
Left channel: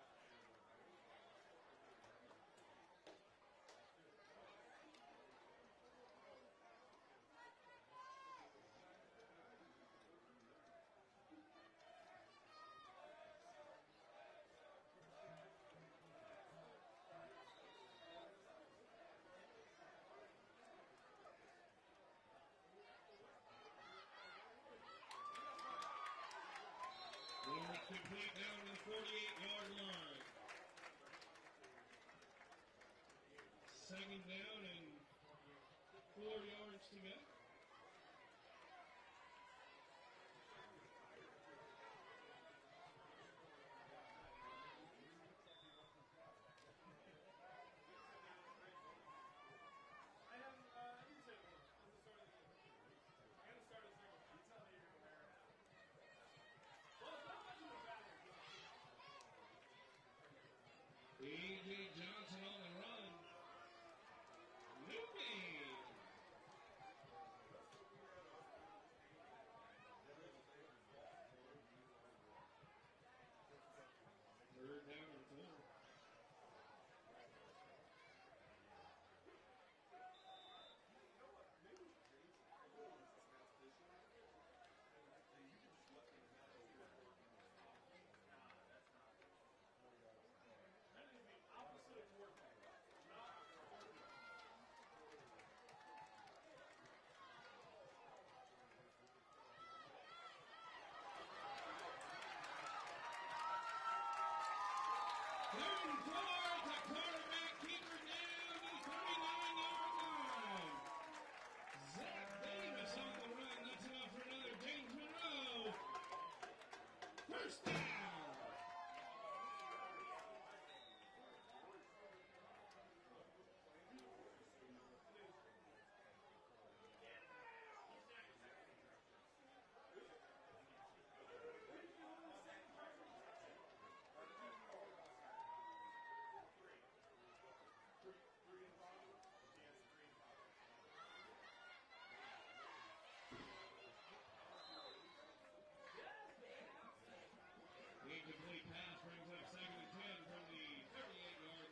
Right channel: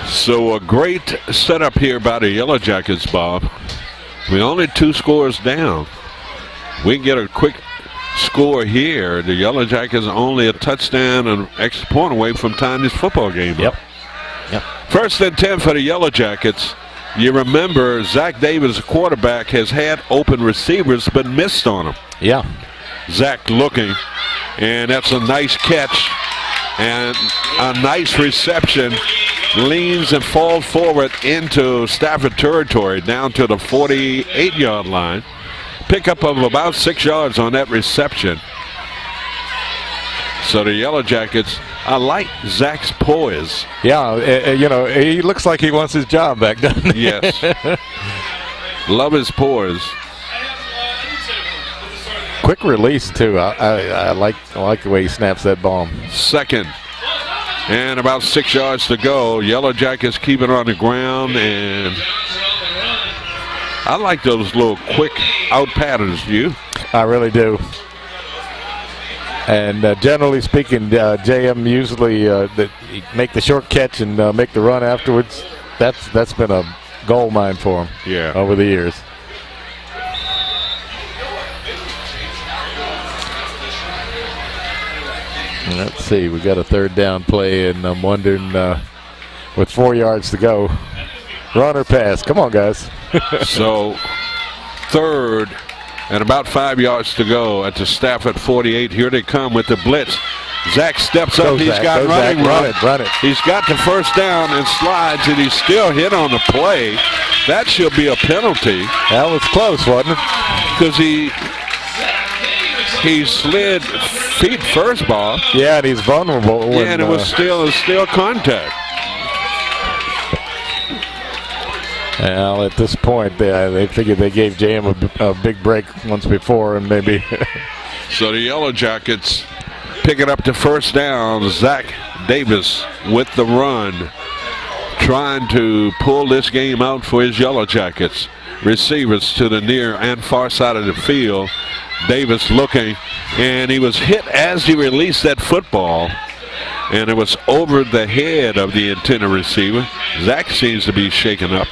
So a great setup here by the Yellow Jackets, Bob. We're only 2 scores down. We get a quick score here. The Yellow Jackets are only a touchdown and extra point away from tying this football game. Yep. First and 10 for the Yellow Jackets. You remember Zach Davis, quarterback, has had open receivers but missed on them. Yeah. Zach looking, and that's a nice catch and a nice reception. Leans and falls forward into Stafford territory down to the 48-yard line. Pickup of about 6 yards on that reception. So the Yellow Jackets, I like Zach's poise. Yeah, you know, he looks like he wants his job back, doesn't he? Yes. Love his poise. Quick release too. I like the way he snaps that ball. Second And about 6 yards to go. Yellow Jackets keep it on the ground, and I like those little quick out patterns, you? I really do. And generally speaking, JM usually make the short catch and make the run afterwards. That's been a gold mine for him over the years. Let's see, we got a third down play, and I'm wondering, with 4 yards to go, run or pass? Come on, guys. So, third and about 5 yards to go at the Stafford 48. Here they come with the blitz. Zach steps up. He's got running room. Run it. He's got the first down and slides, and he's still hit on the play. That should be a penalty. That was close, wasn't it? Because he slid feet first, Bob. Yeah, and he's vulnerable. Yeah, and it was still contact. Well, at this point, they figured they gave JM a big break once before, and maybe. So the Yellow Jackets picking up the first down. Zach Davis with the run, trying to pull this game out for his Yellow Jackets. Receivers to the near and far side of the field. Davis looking, and he was hit as he released that football, and it was over the head of the intended receiver. Zach seems to be shaken up,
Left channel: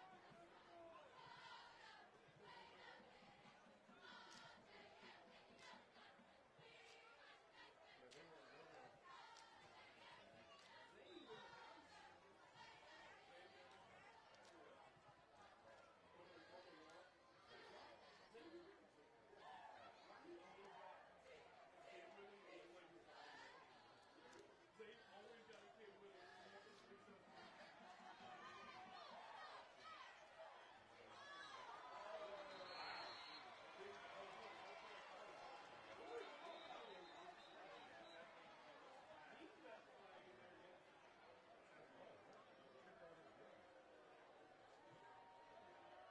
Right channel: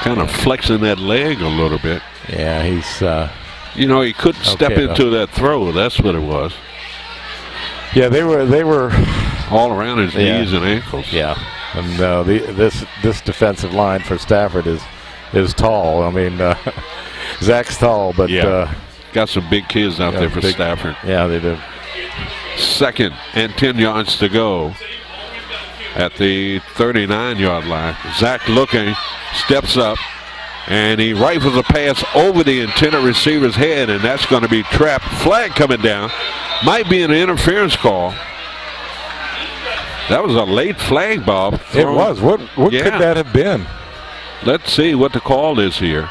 kind of flexing that leg a little bit. Yeah, he's you know, he couldn't step into that throw. That's what it was. Yeah, they were all around his knees and ankles. Yeah, and this defensive line for Stafford is tall. I mean, Zach's tall, but got some big kids out there for Stafford. Yeah, they do. 2nd and 10 yards to go at the 39-yard line. Zach looking, steps up, and he rifles a pass over the intended receiver's head, and that's going to be trapped. Flag coming down. Might be an interference call. That was a late flag, Bob. It was. What could that have been? Let's see what the call is here.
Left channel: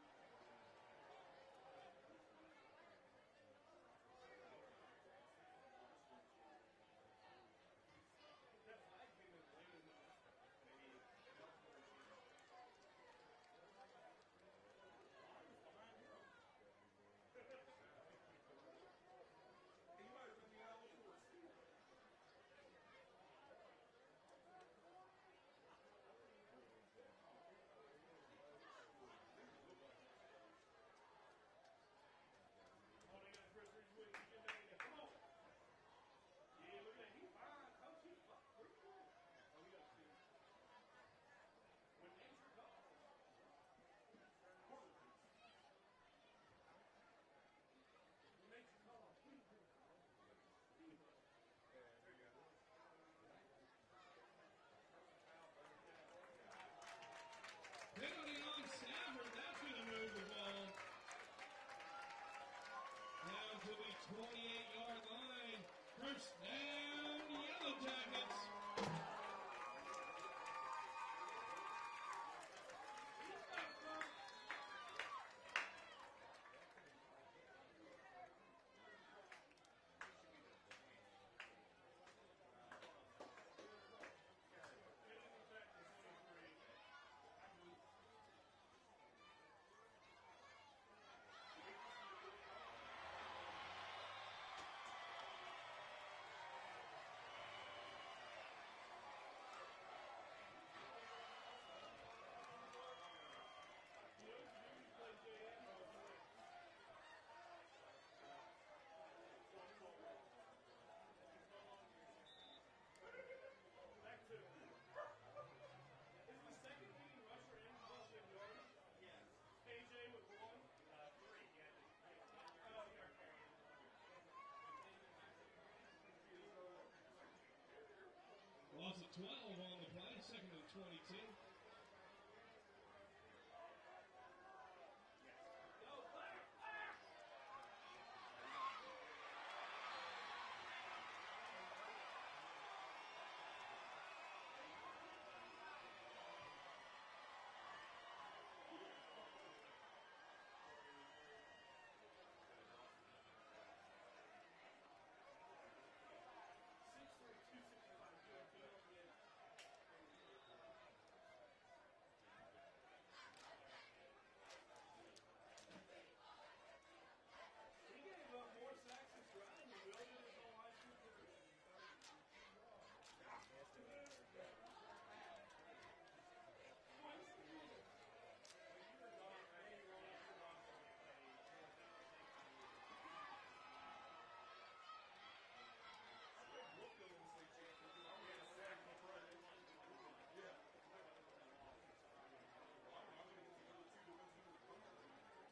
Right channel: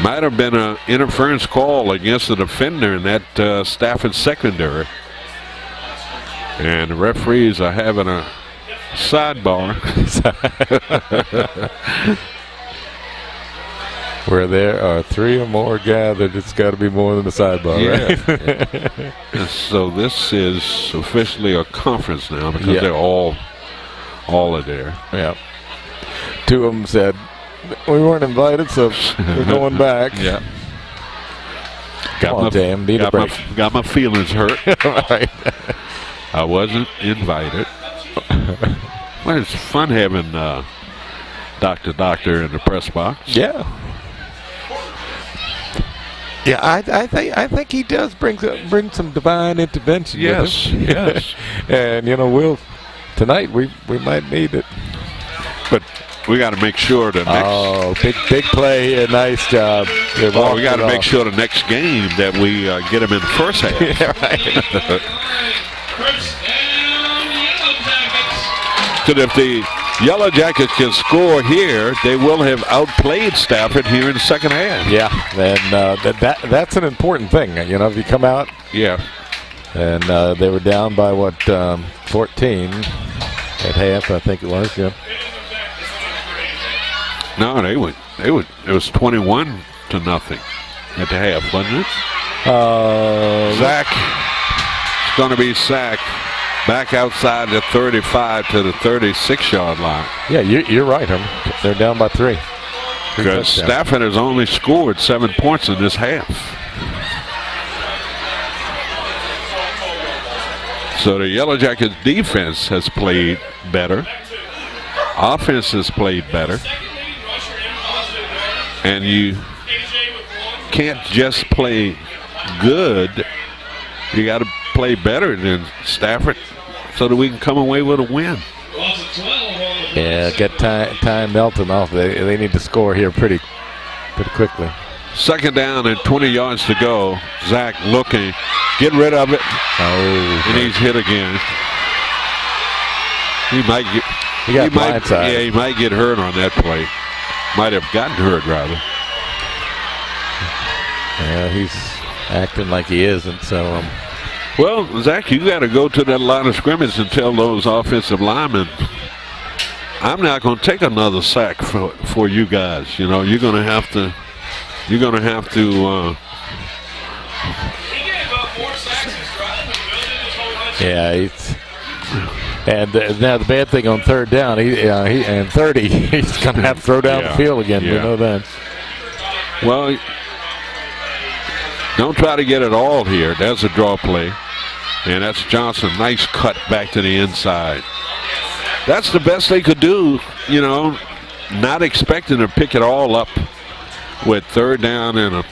Might have been an interference call against the defender in that Stafford secondary. And the referees are having a sidebar. Where there are 3 or more gathered, it's got to be more than a sidebar, right? And so this is officially a conference now because they're all are there. Yeah. 2 of them said, we weren't invited, so we're going back. Yeah. Got my feelings hurt. Right. I wasn't invited. Well, it's fun having Doctor in the press box. Yeah. Yeah, I think he does bring some divine intervention. Yes, with him. yes. And tonight we might need it. But we got to make sure the next. Big play here. Nice job. We got to make sure the next game that we get him in the first half. Yeah, right. Because if the Yellow Jackets can score here, they will have outplayed Stafford here in the second half. Yeah, and that's an important thing. If you come out. Yeah. And they were down by 14 at half, I think it was. Yeah. No, they would. It was 21-0 at the half, wasn't it? Zach is going to be sacked back outside the 35 to the 36-yard line. Yeah, you're right, they're down by 3. Because Stafford has only scored 7 points in this half. So the Yellow Jackets defense has played better. Offense has played better. And you can't just play good. You got to play better than Stafford so that we can come away with a win. Yeah, get Ty Melton off. They need to score here pretty quickly. 2nd down and 20 yards to go. Zach looking. Get rid of it. Oh. And he's hit again. He might get blindsided. He might get hurt on that play. Might have gotten hurt, rather. Yeah, he's acting like he isn't, so Well, Zach, you got to go to that line of scrimmage and tell those offensive linemen, I'm not going to take another sack for you guys. You know, you're going to have to. Yeah, and now the bad thing on third down, and 30, he's going to have to throw down the field again. We know that. Well, don't try to get it all here. There's a draw play, and that's Johnson. Nice cut back to the inside. That's the best they could do, you know, not expecting to pick it all up with third down and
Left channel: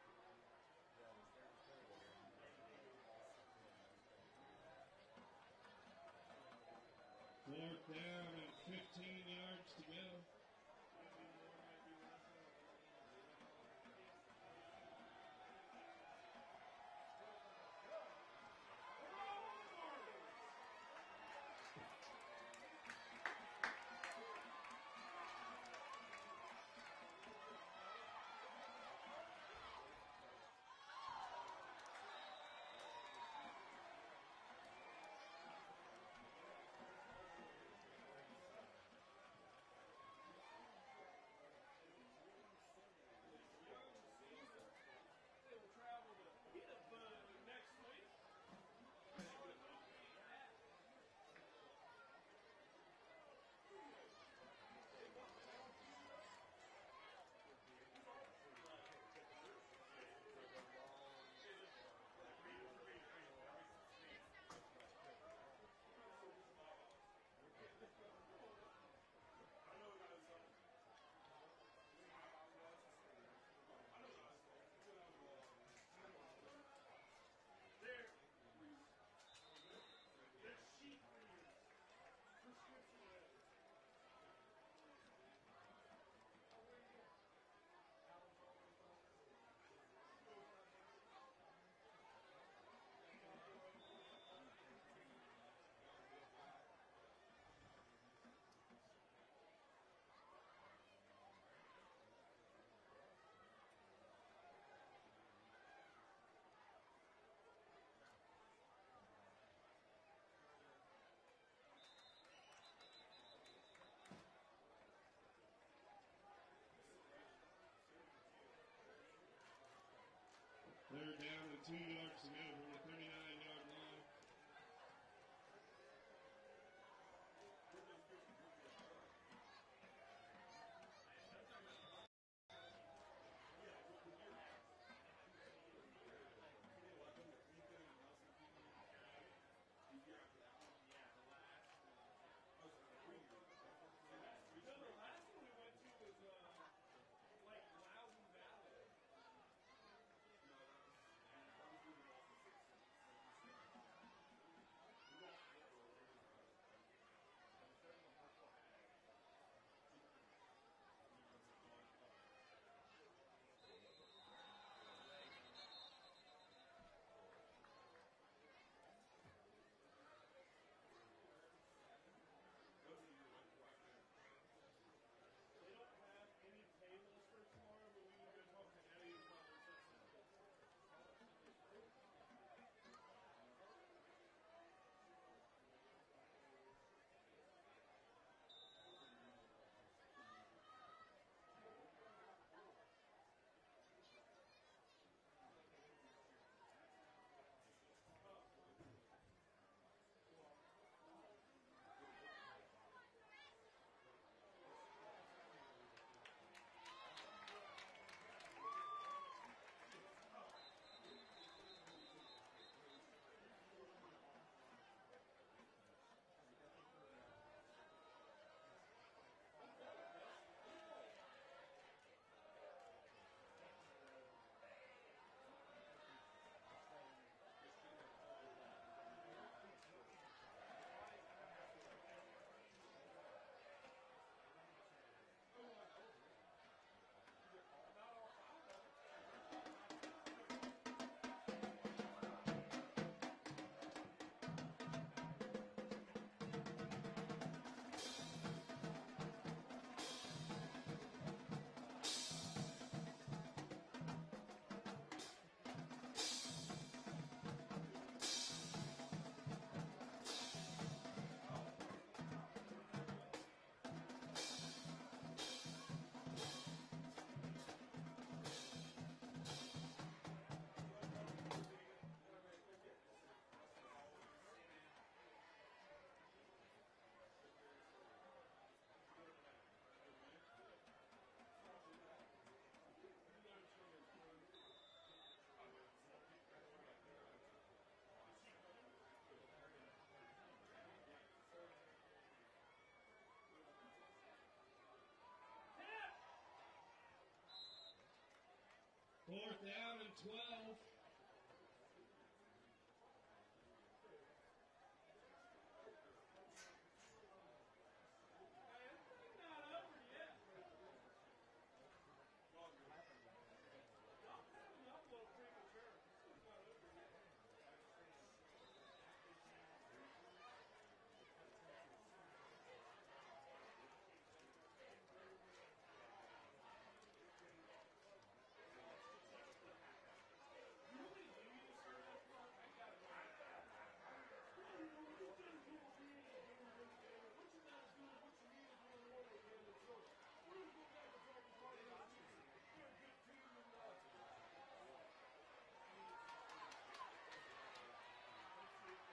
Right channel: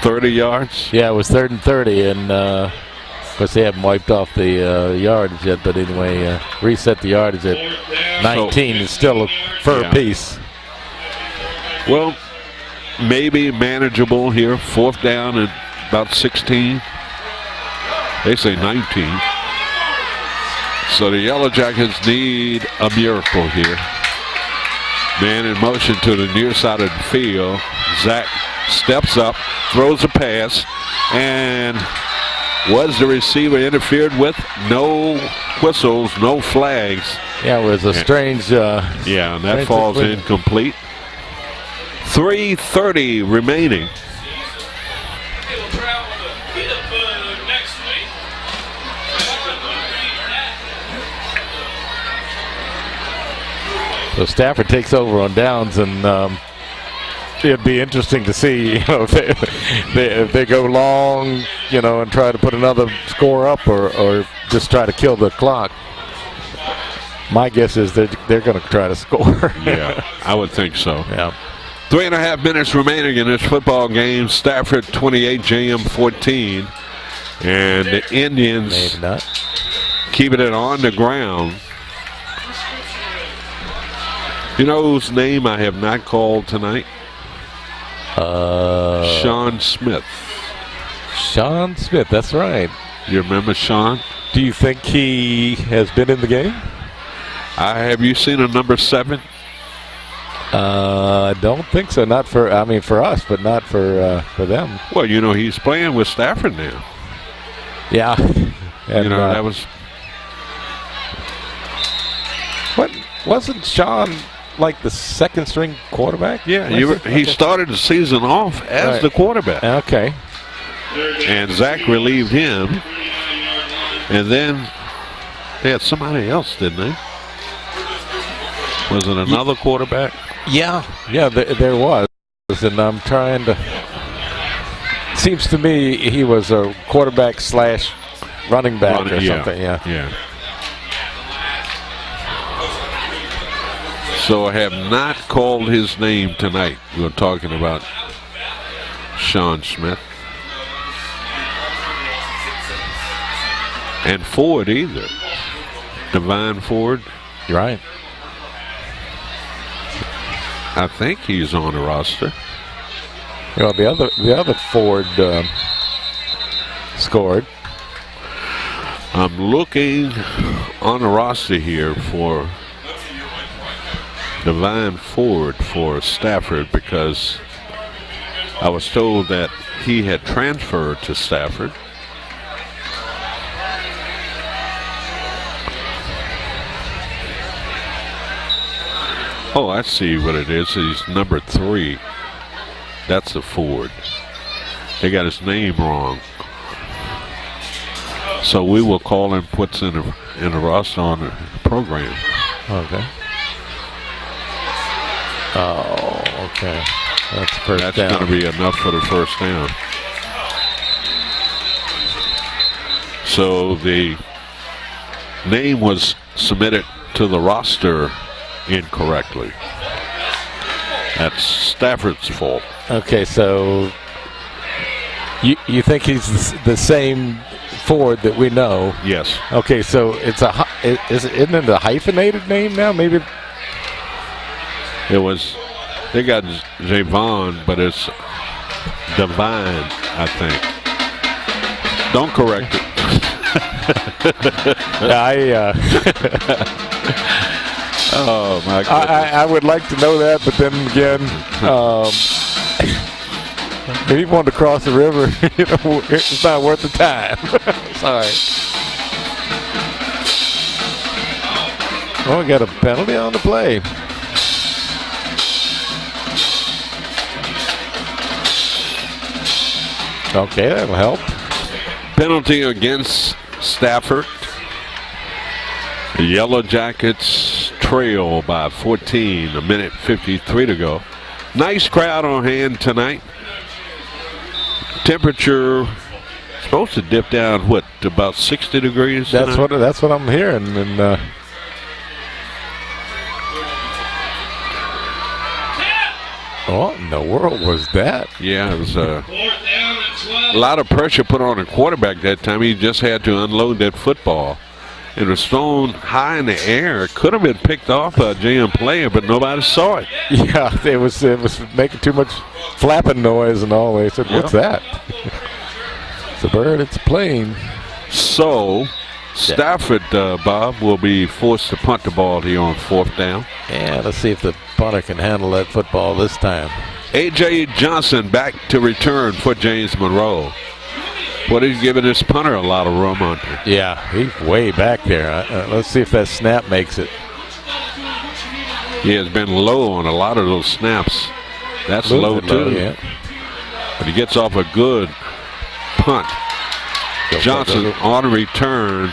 30 yards? Yeah, it was 3rd and 30, and of course they haven't wiped off the yardage yet, but anyway, reset the yardage at 19 is still a fur piece. Well, maybe manageable here. 4th down and about 16. They say 19. So the Yellow Jackets need a miracle here. Man in motion to the near side of the field. Zach steps up, throws a pass, and was the receiver interfered with? No whistles, no flags. Yeah, it was a strange. Yeah, and that falls incomplete. 3:30 remaining. So Stafford takes over on downs, and it'd be interesting to see, you know, if they go long, you know, and try to put another score up, or just try to kill the clock. My guess is they're going to try to score. Yeah, I would think so. Yeah. 3.5 minutes remaining in this football game. Stafford 28, JM 14, and the Indians keeping it on the ground. You know whose name I have not called tonight? Sean Smith. Sean Smith, that's right. You remember Sean? Do you think he has been in the game? Have you seen a number 7? I don't think so. Not for us, but not for them. Well, you know, he's playing with Stafford now. Yeah. And, you know, that was. What wasn't Sean like the second string quarterback? Yeah, he started the season off as the quarterback. Okay. And Zach relieved him. And then they had somebody else, didn't they? Was it another quarterback? Yeah, there was. And I'm trying to. Seems to me he was a quarterback / running back or something. Yeah. So I have not called his name tonight. We're talking about Sean Smith. And Ford either. Divine Ford. You're right. I think he's on the roster. Well, the other Ford scored. I'm looking on the roster here for Divine Ford for Stafford because I was told that he had transferred to Stafford. Oh, I see what it is. He's number 3. That's a Ford. They got his name wrong. So we will call him what's in the roster on the program. Okay. Oh, okay. That's first down. That's going to be enough for the first down. So the name was submitted to the roster incorrectly. That's Stafford's fault. Okay, so you think he's the same Ford that we know? Yes. Okay, so isn't it a hyphenated name now? Maybe it was. They got Javon, but it's Divine, I think. Don't correct it. Oh my goodness. I would like to know that, but then again, If he wanted to cross the river, it's not worth the time. Sorry. Oh, we got a penalty on the play. Okay, that'll help. Penalty against Stafford. The Yellow Jackets trail by 14, 1:53 to go. Nice crowd on hand tonight. Temperature supposed to dip down, what, to about 60 degrees tonight? That's what I'm hearing. And what in the world was that? Yeah, it was a lot of pressure put on the quarterback that time. He just had to unload that football. It was thrown high in the air. It could have been picked off by a JM player, but nobody saw it. Yeah, it was making too much flapping noise and all. They said, "What's that?" It's a bird. It's a plane. So, Stafford, Bob, will be forced to punt the ball here on 4th down. Yeah, let's see if the punter can handle that football this time. A.J. Johnson back to return for James Monroe. What he's giving this punter a lot of room on. Yeah, he's way back there. Let's see if that snap makes it. He has been low on a lot of those snaps. That's low too. Yeah. But he gets off a good punt. Johnson on return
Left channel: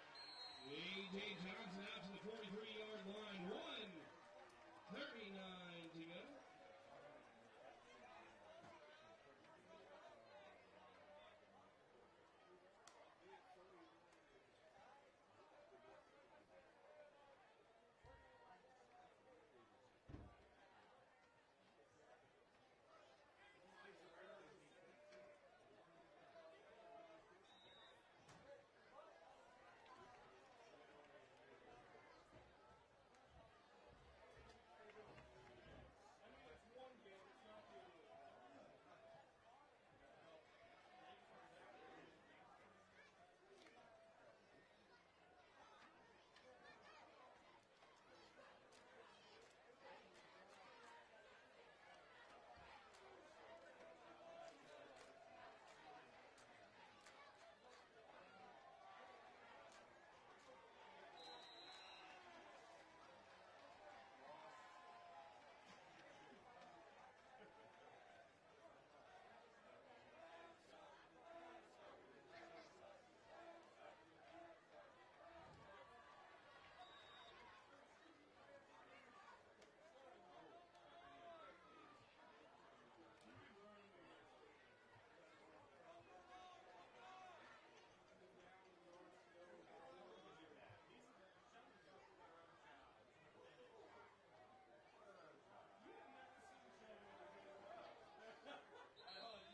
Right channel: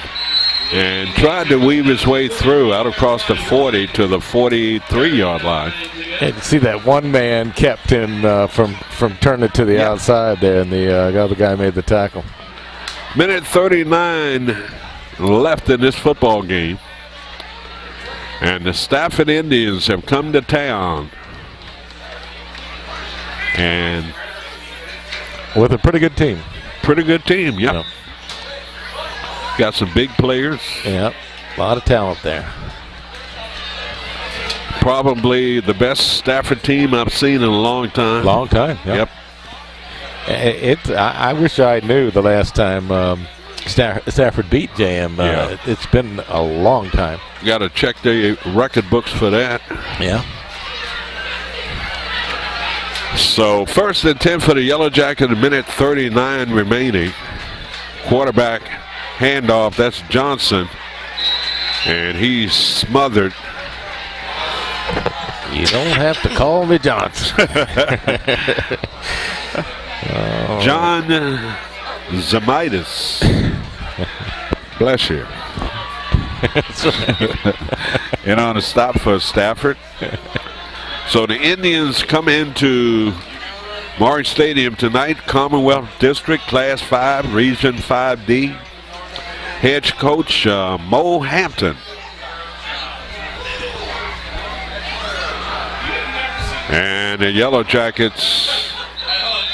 and tried to weave his way through out across the 40 to the 43-yard line. And you see that one man kept him from turning to the outside there, and the other guy made the tackle. 1:39 left in this football game. And the Stafford Indians have come to town. And with a pretty good team. Pretty good team, yep. Yep. Got some big players. Yep, a lot of talent there. Probably the best Stafford team I've seen in a long time. Long time, yep. I wish I knew the last time Stafford beat JM. It's been a long time. Got to check the record books for that. Yeah. So 1st and 10 for the Yellow Jacket, 1:39 remaining. Quarterback handoff, that's Johnson. And he's smothered. You don't have to call me Johnson. John Zamitis. Bless you. And on a stop for Stafford. So the Indians come into Morris Stadium tonight, Commonwealth District, Class 5, Region 5D. Head coach Mo Hampton. And the Yellow Jackets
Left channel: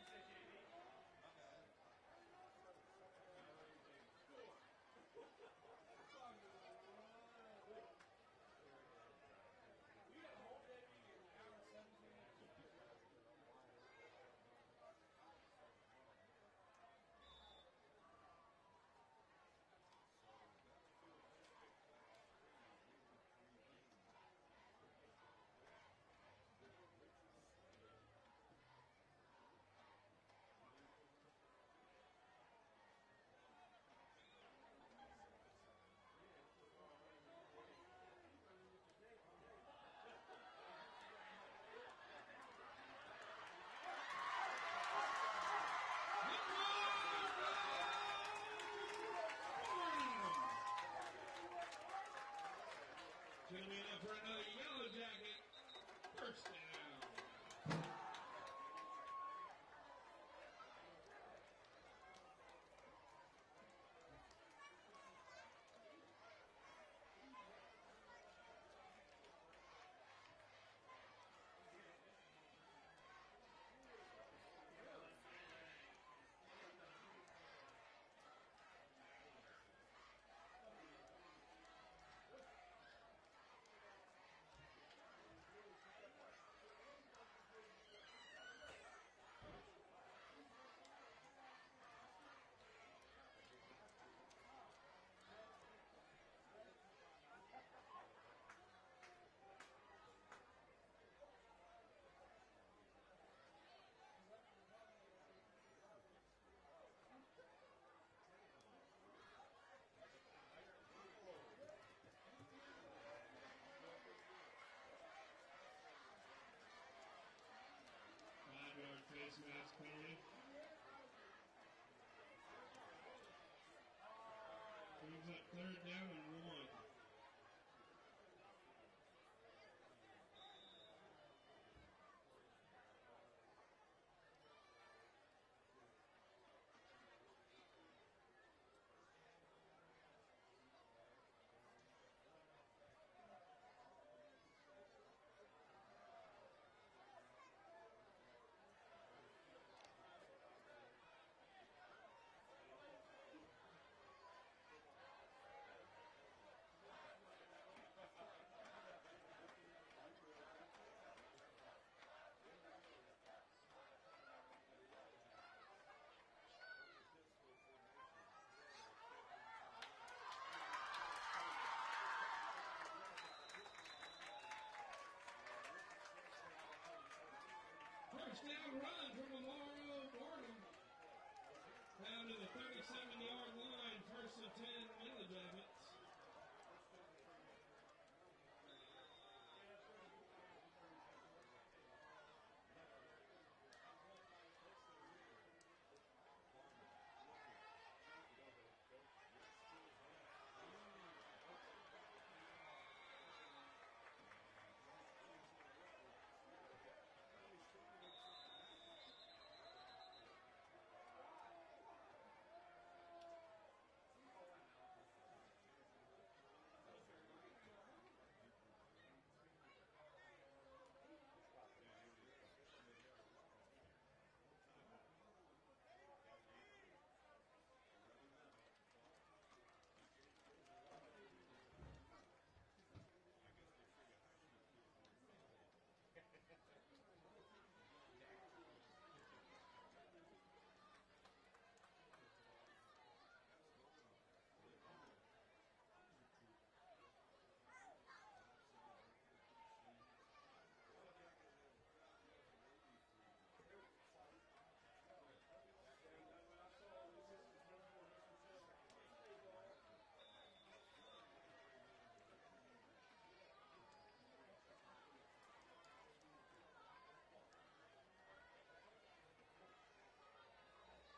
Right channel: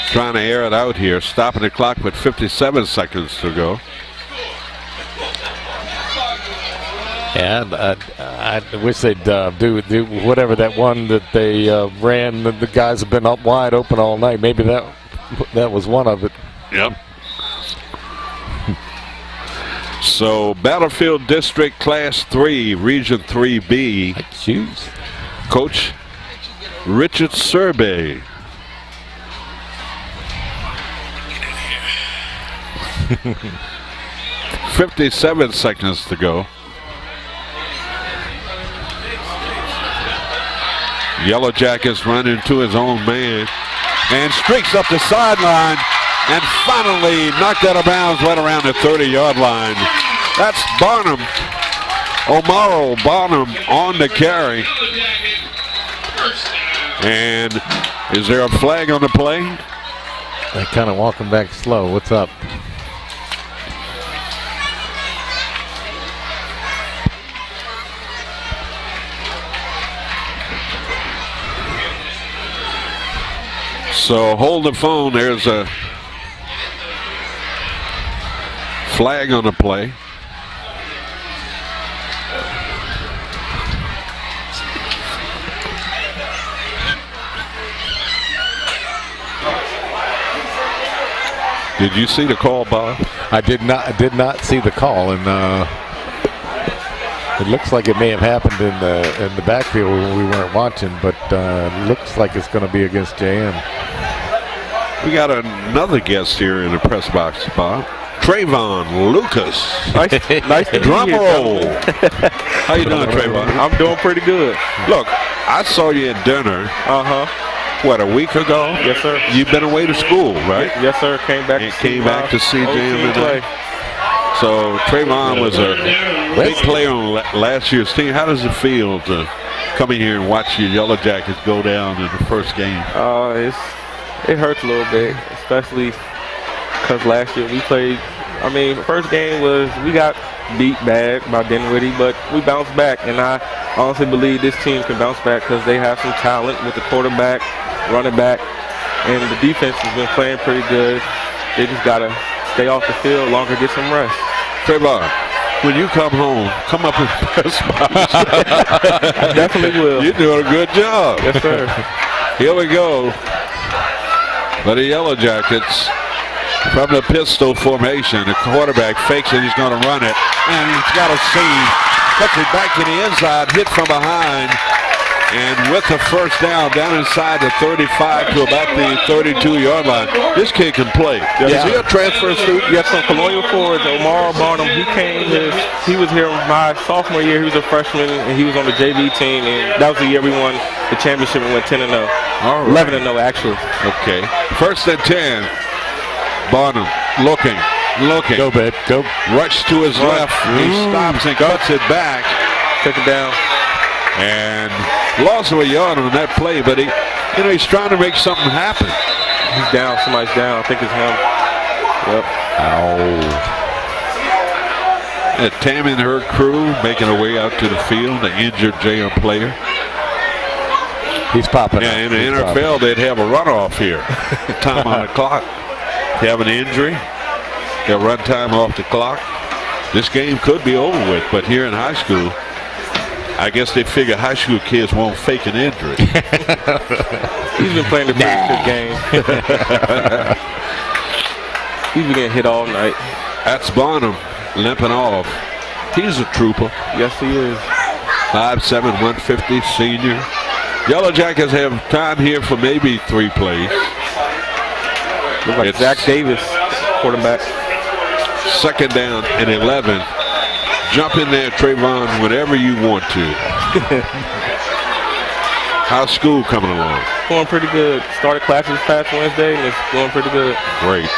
trying to air it out here, stopping the clock with 57 seconds to go. And I wish they'd do whatever that one that they ran. The guys have been up wide open all night. Maybe that was one of it. Yep. So Battlefield District Class 3, Region 3B. Choose. Coach Richard Survey. $57 seconds to go. Yellow Jackets run into his own man and streaks up the sideline and finally knocked out of bounds right around the 30-yard line. That's Barnum. Omaro Barnum on the carry. And is there a flag on the play? They're kind of walking back slow. What's up? So hold the phone. There's a flag on the play. Did you see the call, Bob? I did not see the call, and it looks like it may have happened in the backfield when we weren't watching, but looks like it's going to be against JM. We got another guest here in the press box, Bob. Trayvon Lucas. Nice to Drum be here, roll. How you doing, Trayvon? I'm doing pretty good. Look, I saw you at dinner. What, a week ago? Yes, sir. You've been away to school, right? Yes, sir. Came back to see Jim today. So Trayvon was a big player on last year's team. How does it feel to come in here and watch your Yellow Jackets go down in the first game? It hurts a little bit, especially because last year we played. I mean, the first game was we got beat bad by Dinwiddie, but we bounced back, and I honestly believe this team can bounce back because they have some talent with the quarterback, running back, and the defense has been playing pretty good. They just got to stay off the field longer, get some rest. Trayvon, when you come home, come up and press box. I definitely will. You're doing a good job. Yes, sir. Here we go. For the Yellow Jackets, from the pistol formation, the quarterback fakes it, he's going to run it, and he's got a seam. Cuts it back to the inside, hit from behind, and with the first down inside the 35 to about the 32-yard line. This kid can play. Is he a transfer student? Yes, from Colonial Forge, Omar Barnum. He was here my sophomore year. He was a freshman, and he was on the JV team, and that was the year we won the championship and went 10-0. All right. 11-0, actually. Okay. First and 10. Barnum looking. Go, babe. Go. Rush to his left. He stops and cuts it back. Take it down. And lost a yard on that play, but he's trying to make something happen. He's down. Somebody's down. I think it's him. Yep. And Tammy and her crew making their way out to the field. The injured JM player. He's popping. Yeah, in the NFL, they'd have a runoff here. Time on the clock. If you have an injury, they'll run time off the clock. This game could be over with, but here in high school, I guess they figure high school kids won't fake an injury. He's been playing a pretty good game. He's been getting hit all night. That's Barnum limping off. He's a trooper. Yes, he is. 5'7", 150, senior. Yellow Jackets have time here for maybe 3 plays. Looks like Zach Davis, quarterback. Second down and 11. Jump in there, Trayvon, whenever you want to. How's school coming along? Going pretty good. Started classes past Wednesday, and it's going pretty good. Great.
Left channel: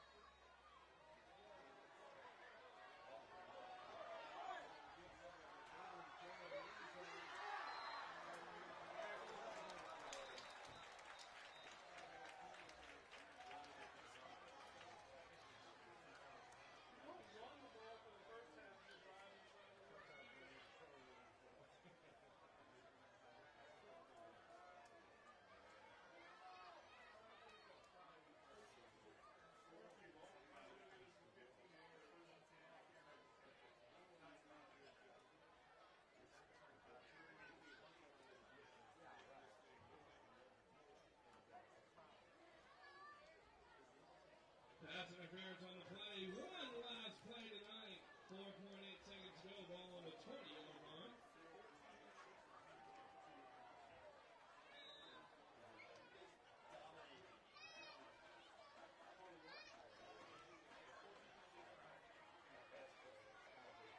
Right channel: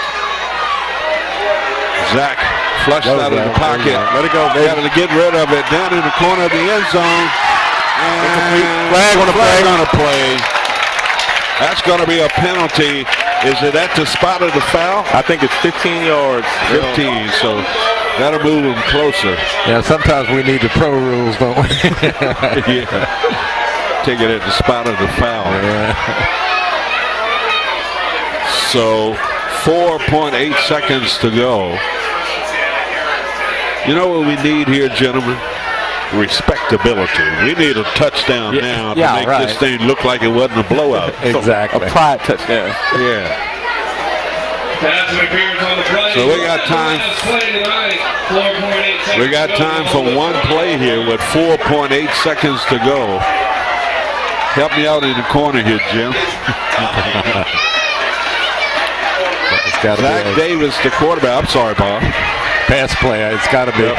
Zach flushed out of the pocket. Let it go, baby. Got to get rid of it. Down in the corner of the end zone. And flag on the play. That's going to be a penalty. Is it at the spot of the foul? I think it's 15 yards. 15, so that'll move them closer. Yeah, sometimes we need the pro rules, don't we? Yeah. Take it at the spot of the foul. Yeah. So 4.8 seconds to go. You know what we need here, gentlemen? Respectability. We need a touchdown now to make this thing look like it wasn't a blowout. Exactly. A pride touchdown. Yeah. So we got time. We got time for one play here with 4.8 seconds to go. Help me out in the corner here, Jim. Zach Davis, the quarterback. I'm sorry, Bob. Pass play. It's got to be. Yep.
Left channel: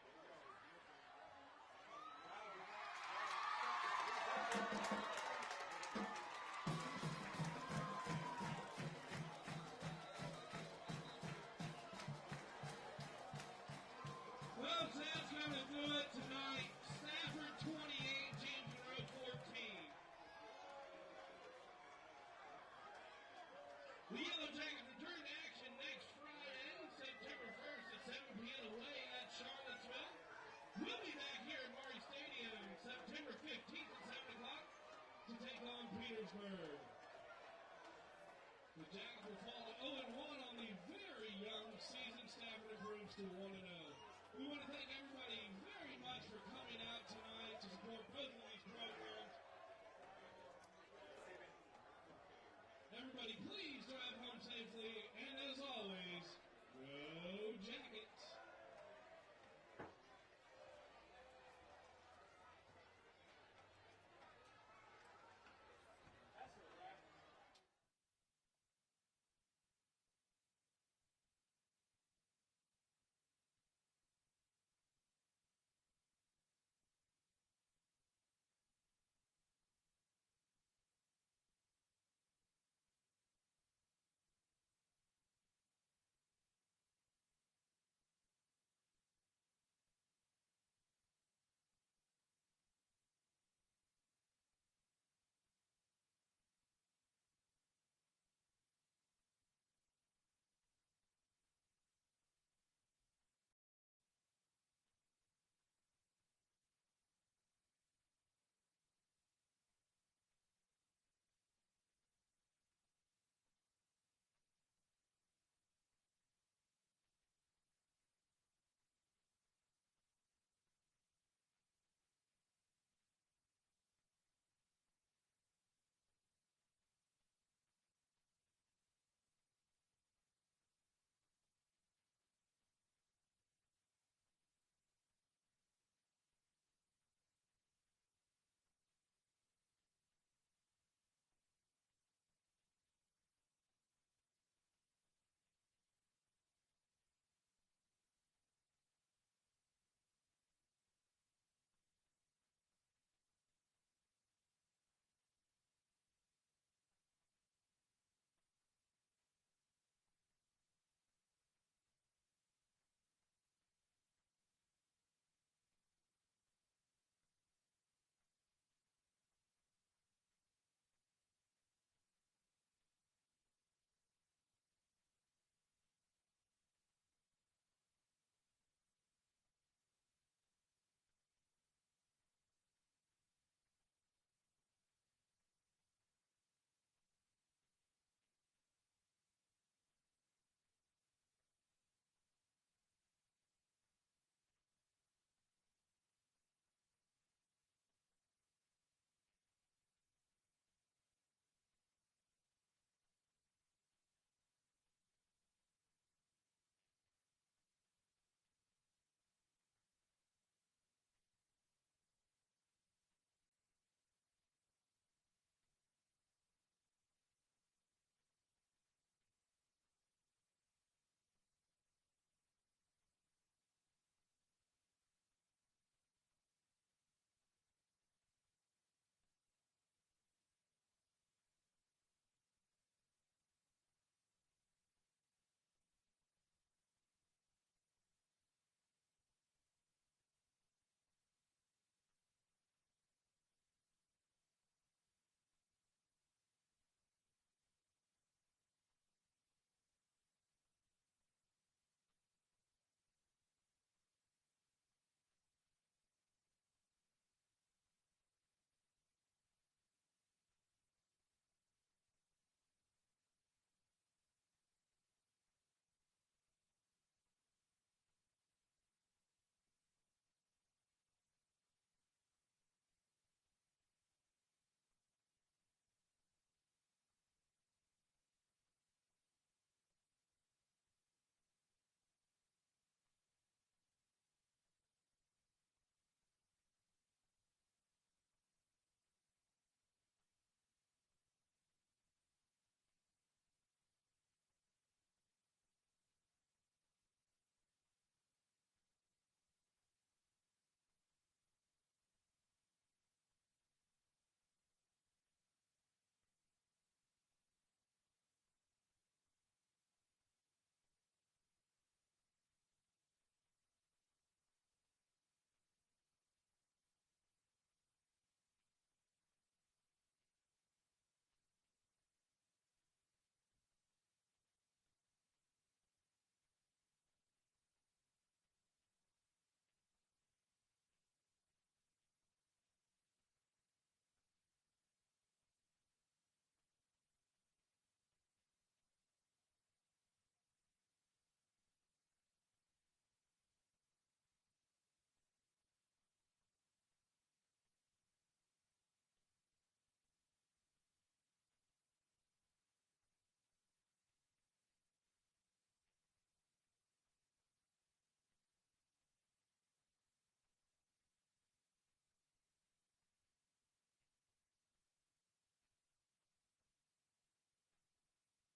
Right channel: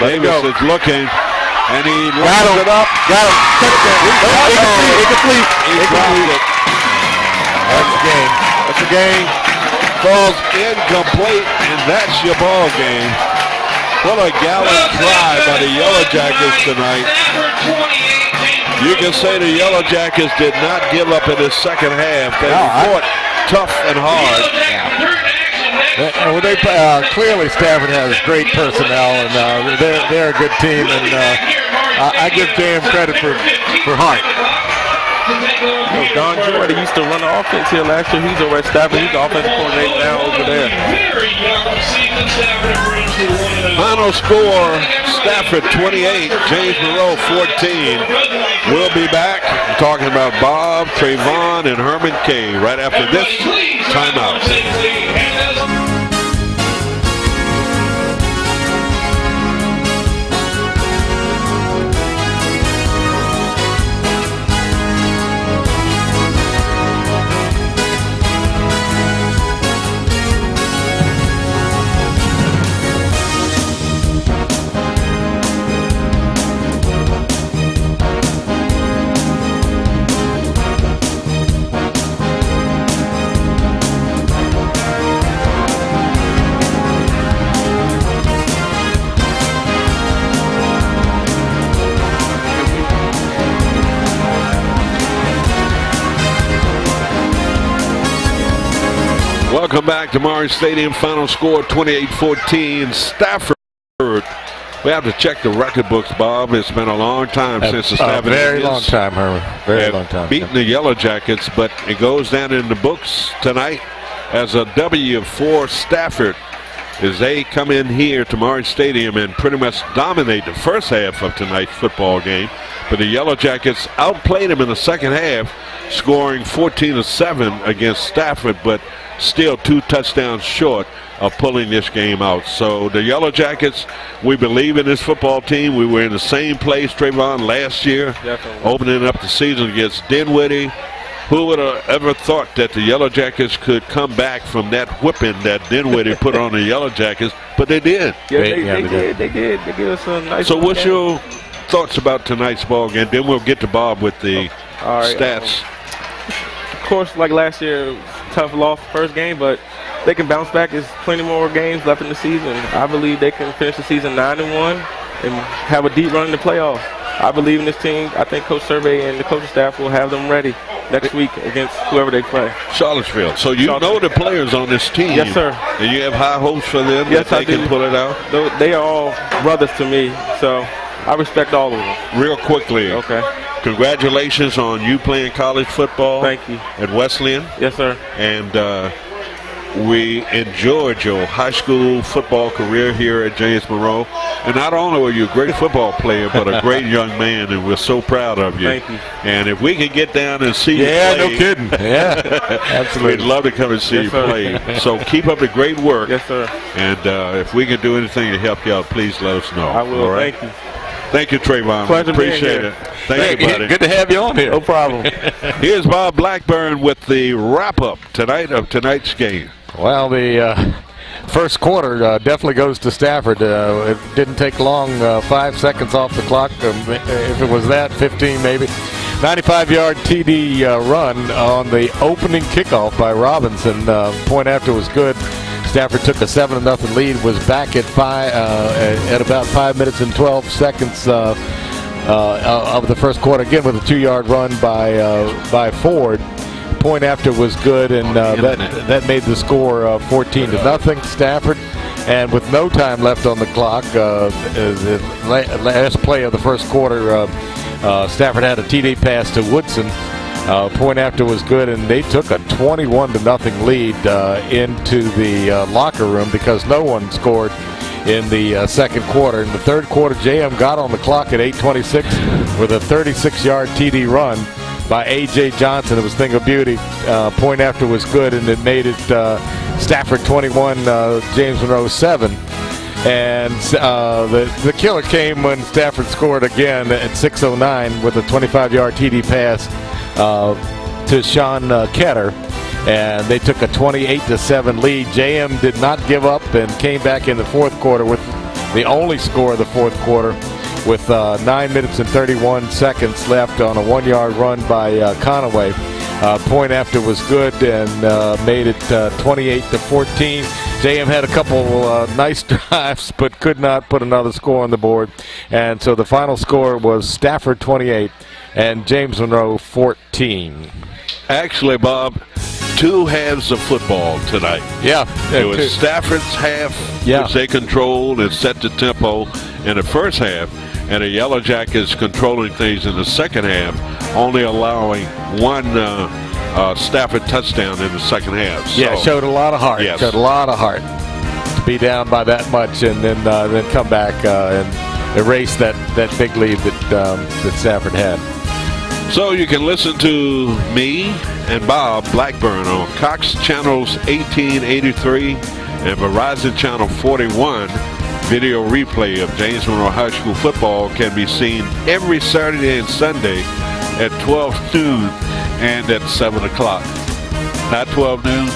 Davis is looking, and he lines it up. Got him. Incomplete. He dropped it. That's the game. That's the game. Falls incomplete, and that's your ball game. What a gallant try by the Yellow Jackets tonight. You can say the Yellow Jackets did not give up in the second half. They fought tough and hard. Well, they clearly Stafford has great personnel, and they're a good team, and I give Jam credit for heart. Don Jordan used to run the offense here last year. He's over at Stafford. He's the offensive coordinator now over there. Final score, Stafford 28, James Monroe 14. We'll be back talking about Bob, Trayvon, and Herman K. right after this timeout. Welcome back to Morris Stadium. Final score 28-14. Stafford. We have to check the record books, Bob. It's been a long time since the Stafford very Indians long time, Herman. Very have long time. beaten the Yellow Jackets, but it goes down in the books tonight as a W for Stafford as they come in here to Morris Stadium and pretty much dominate the first half of tonight's football game. But the Yellow Jackets outplayed them in the second half, scoring 14-7 against Stafford, but still 2 touchdowns short of pulling this game out. So the Yellow Jackets, we believe in this football team. We were in the same place, Trayvon, last year, opening up the season against Dinwiddie. Who would have ever thought that the Yellow Jackets could come back from that whipping that Dinwiddie put on the Yellow Jackets? But they did. Yeah, they did. They gave us a nice. So what's game. your thoughts about tonight's ball game? Then we'll get to Bob with the stats. Of course, like last year, tough loss first game, but they can bounce back. There's plenty more games left in the season. I believe they can finish the season 9-1 and have a deep run in the playoffs. I believe in this team. I think Coach Survey and the coaching staff will have them ready next week against whoever they play. Charlottesville. So you know the players on this team. Yes, sir. And you have high hopes for them yes, that they can pull it out? They are all brothers to me, so I respect all of them. Real quickly. Okay. Congratulations on you playing college football. Thank you. At Wesleyan. Yes, sir. And we enjoyed your high school football career here at James Monroe. And not only were you a great football player, but a great young man, and we're so proud of you. Thank you. And if we could get down and see you play. Yeah, no kidding. Yeah, absolutely. We'd love to come and see you play. So keep up the great work. Yes, sir. And if we can do anything to help you out, please let us know. I will. All right? Thank you. Thank you, Trayvon. Pleasure Appreciate being it. Thank you, buddy. Good to have you on here. No problem. Here's Bob Blackburn with the wrap-up tonight of tonight's game. Well, the first quarter definitely goes to Stafford. It didn't take long, 5 seconds off the clock. If it was that, 15 maybe. 95-yard TD run on the opening kickoff by Robinson. Point after was good. Stafford took a 7-0 lead, was back at about 5 minutes and 12 seconds of the first quarter, again with a 2-yard run by Ford. Point after was good, and that made the score 14-0 Stafford. And with no time left on the clock, the last play of the first quarter, Stafford had a TD pass to Woodson. Point after was good, and they took a 21-0 lead into the locker room because no one scored in the second quarter. In the third quarter, JM got on the clock at 8:26 with a 36-yard TD run by A.J. Johnson. It was thing of beauty. Point after was good, and it made it Stafford 21, James Monroe 7. And the killer came when Stafford scored again at 6:09 with a 25-yard TD pass to Sean Ketter, and they took a 28-7 lead. JM did not give up and came back in the fourth quarter with the only score of the fourth quarter with 9 minutes and 31 seconds left on a 1-yard run by Conaway. Point after was good and made it 28-14. JM had a couple nice drives but could not put another score on the board, and so the final score was Stafford 28 and James Monroe 14. Actually, Bob, 2 halves of football tonight. Yeah. It was Stafford's half, which they controlled and set the tempo in the first half, and the Yellow Jackets controlling things in the second half, only allowing one Stafford touchdown in the second half. So, yeah, showed a lot of heart. Yes. Showed a lot of heart to be down by that much and then come back and erase that big lead that Stafford had. So you can listen to me and Bob Blackburn on Cox Channels 1883 and Verizon Channel 41. Video replay of James Monroe High School football can be seen every Saturday and Sunday at 12 noon and at 7 o'clock. Not 12 noon.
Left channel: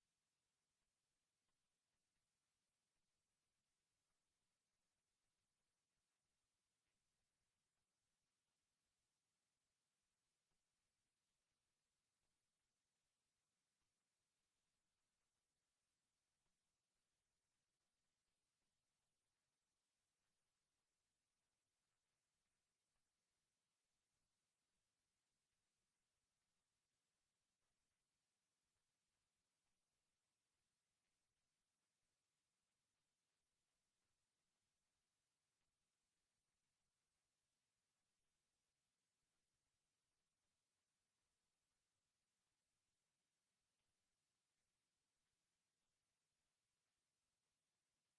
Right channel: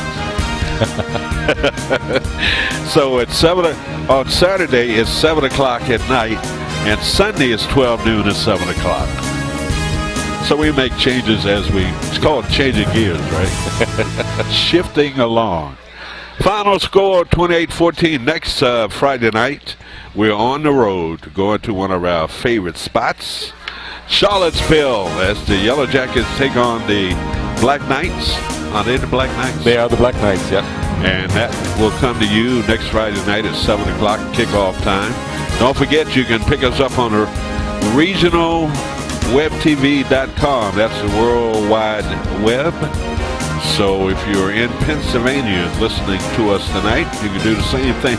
So at 7 on Saturday it's 7 o'clock at night, and Sunday is 12 noon and 7 o'clock. So we make changes it's called changing gears, right? Shifting along. Final score 28-14. Next Friday night, we're on the road going to one of our favorite spots, Charlottesville, as the Yellow Jackets take on the Black Knights. Are they the Black Knights? They are the Black Knights, yeah. And that will come to you next Friday night at 7 o'clock, kickoff time. Don't forget, you can pick us up on our regionalwebtv.com. That's the World Wide Web. So if you're in Pennsylvania listening to us tonight, you can do the same thing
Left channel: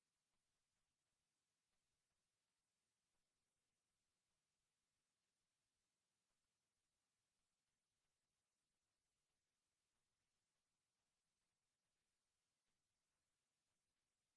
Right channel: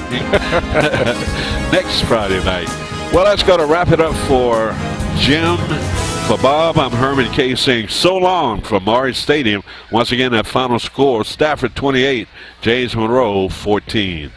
next Friday night. Well, that's going to wrap it up for Jim. For Bob, I'm Herman K. saying so long from Maury Stadium. Once again, that final score, Stafford 28, James Monroe 14.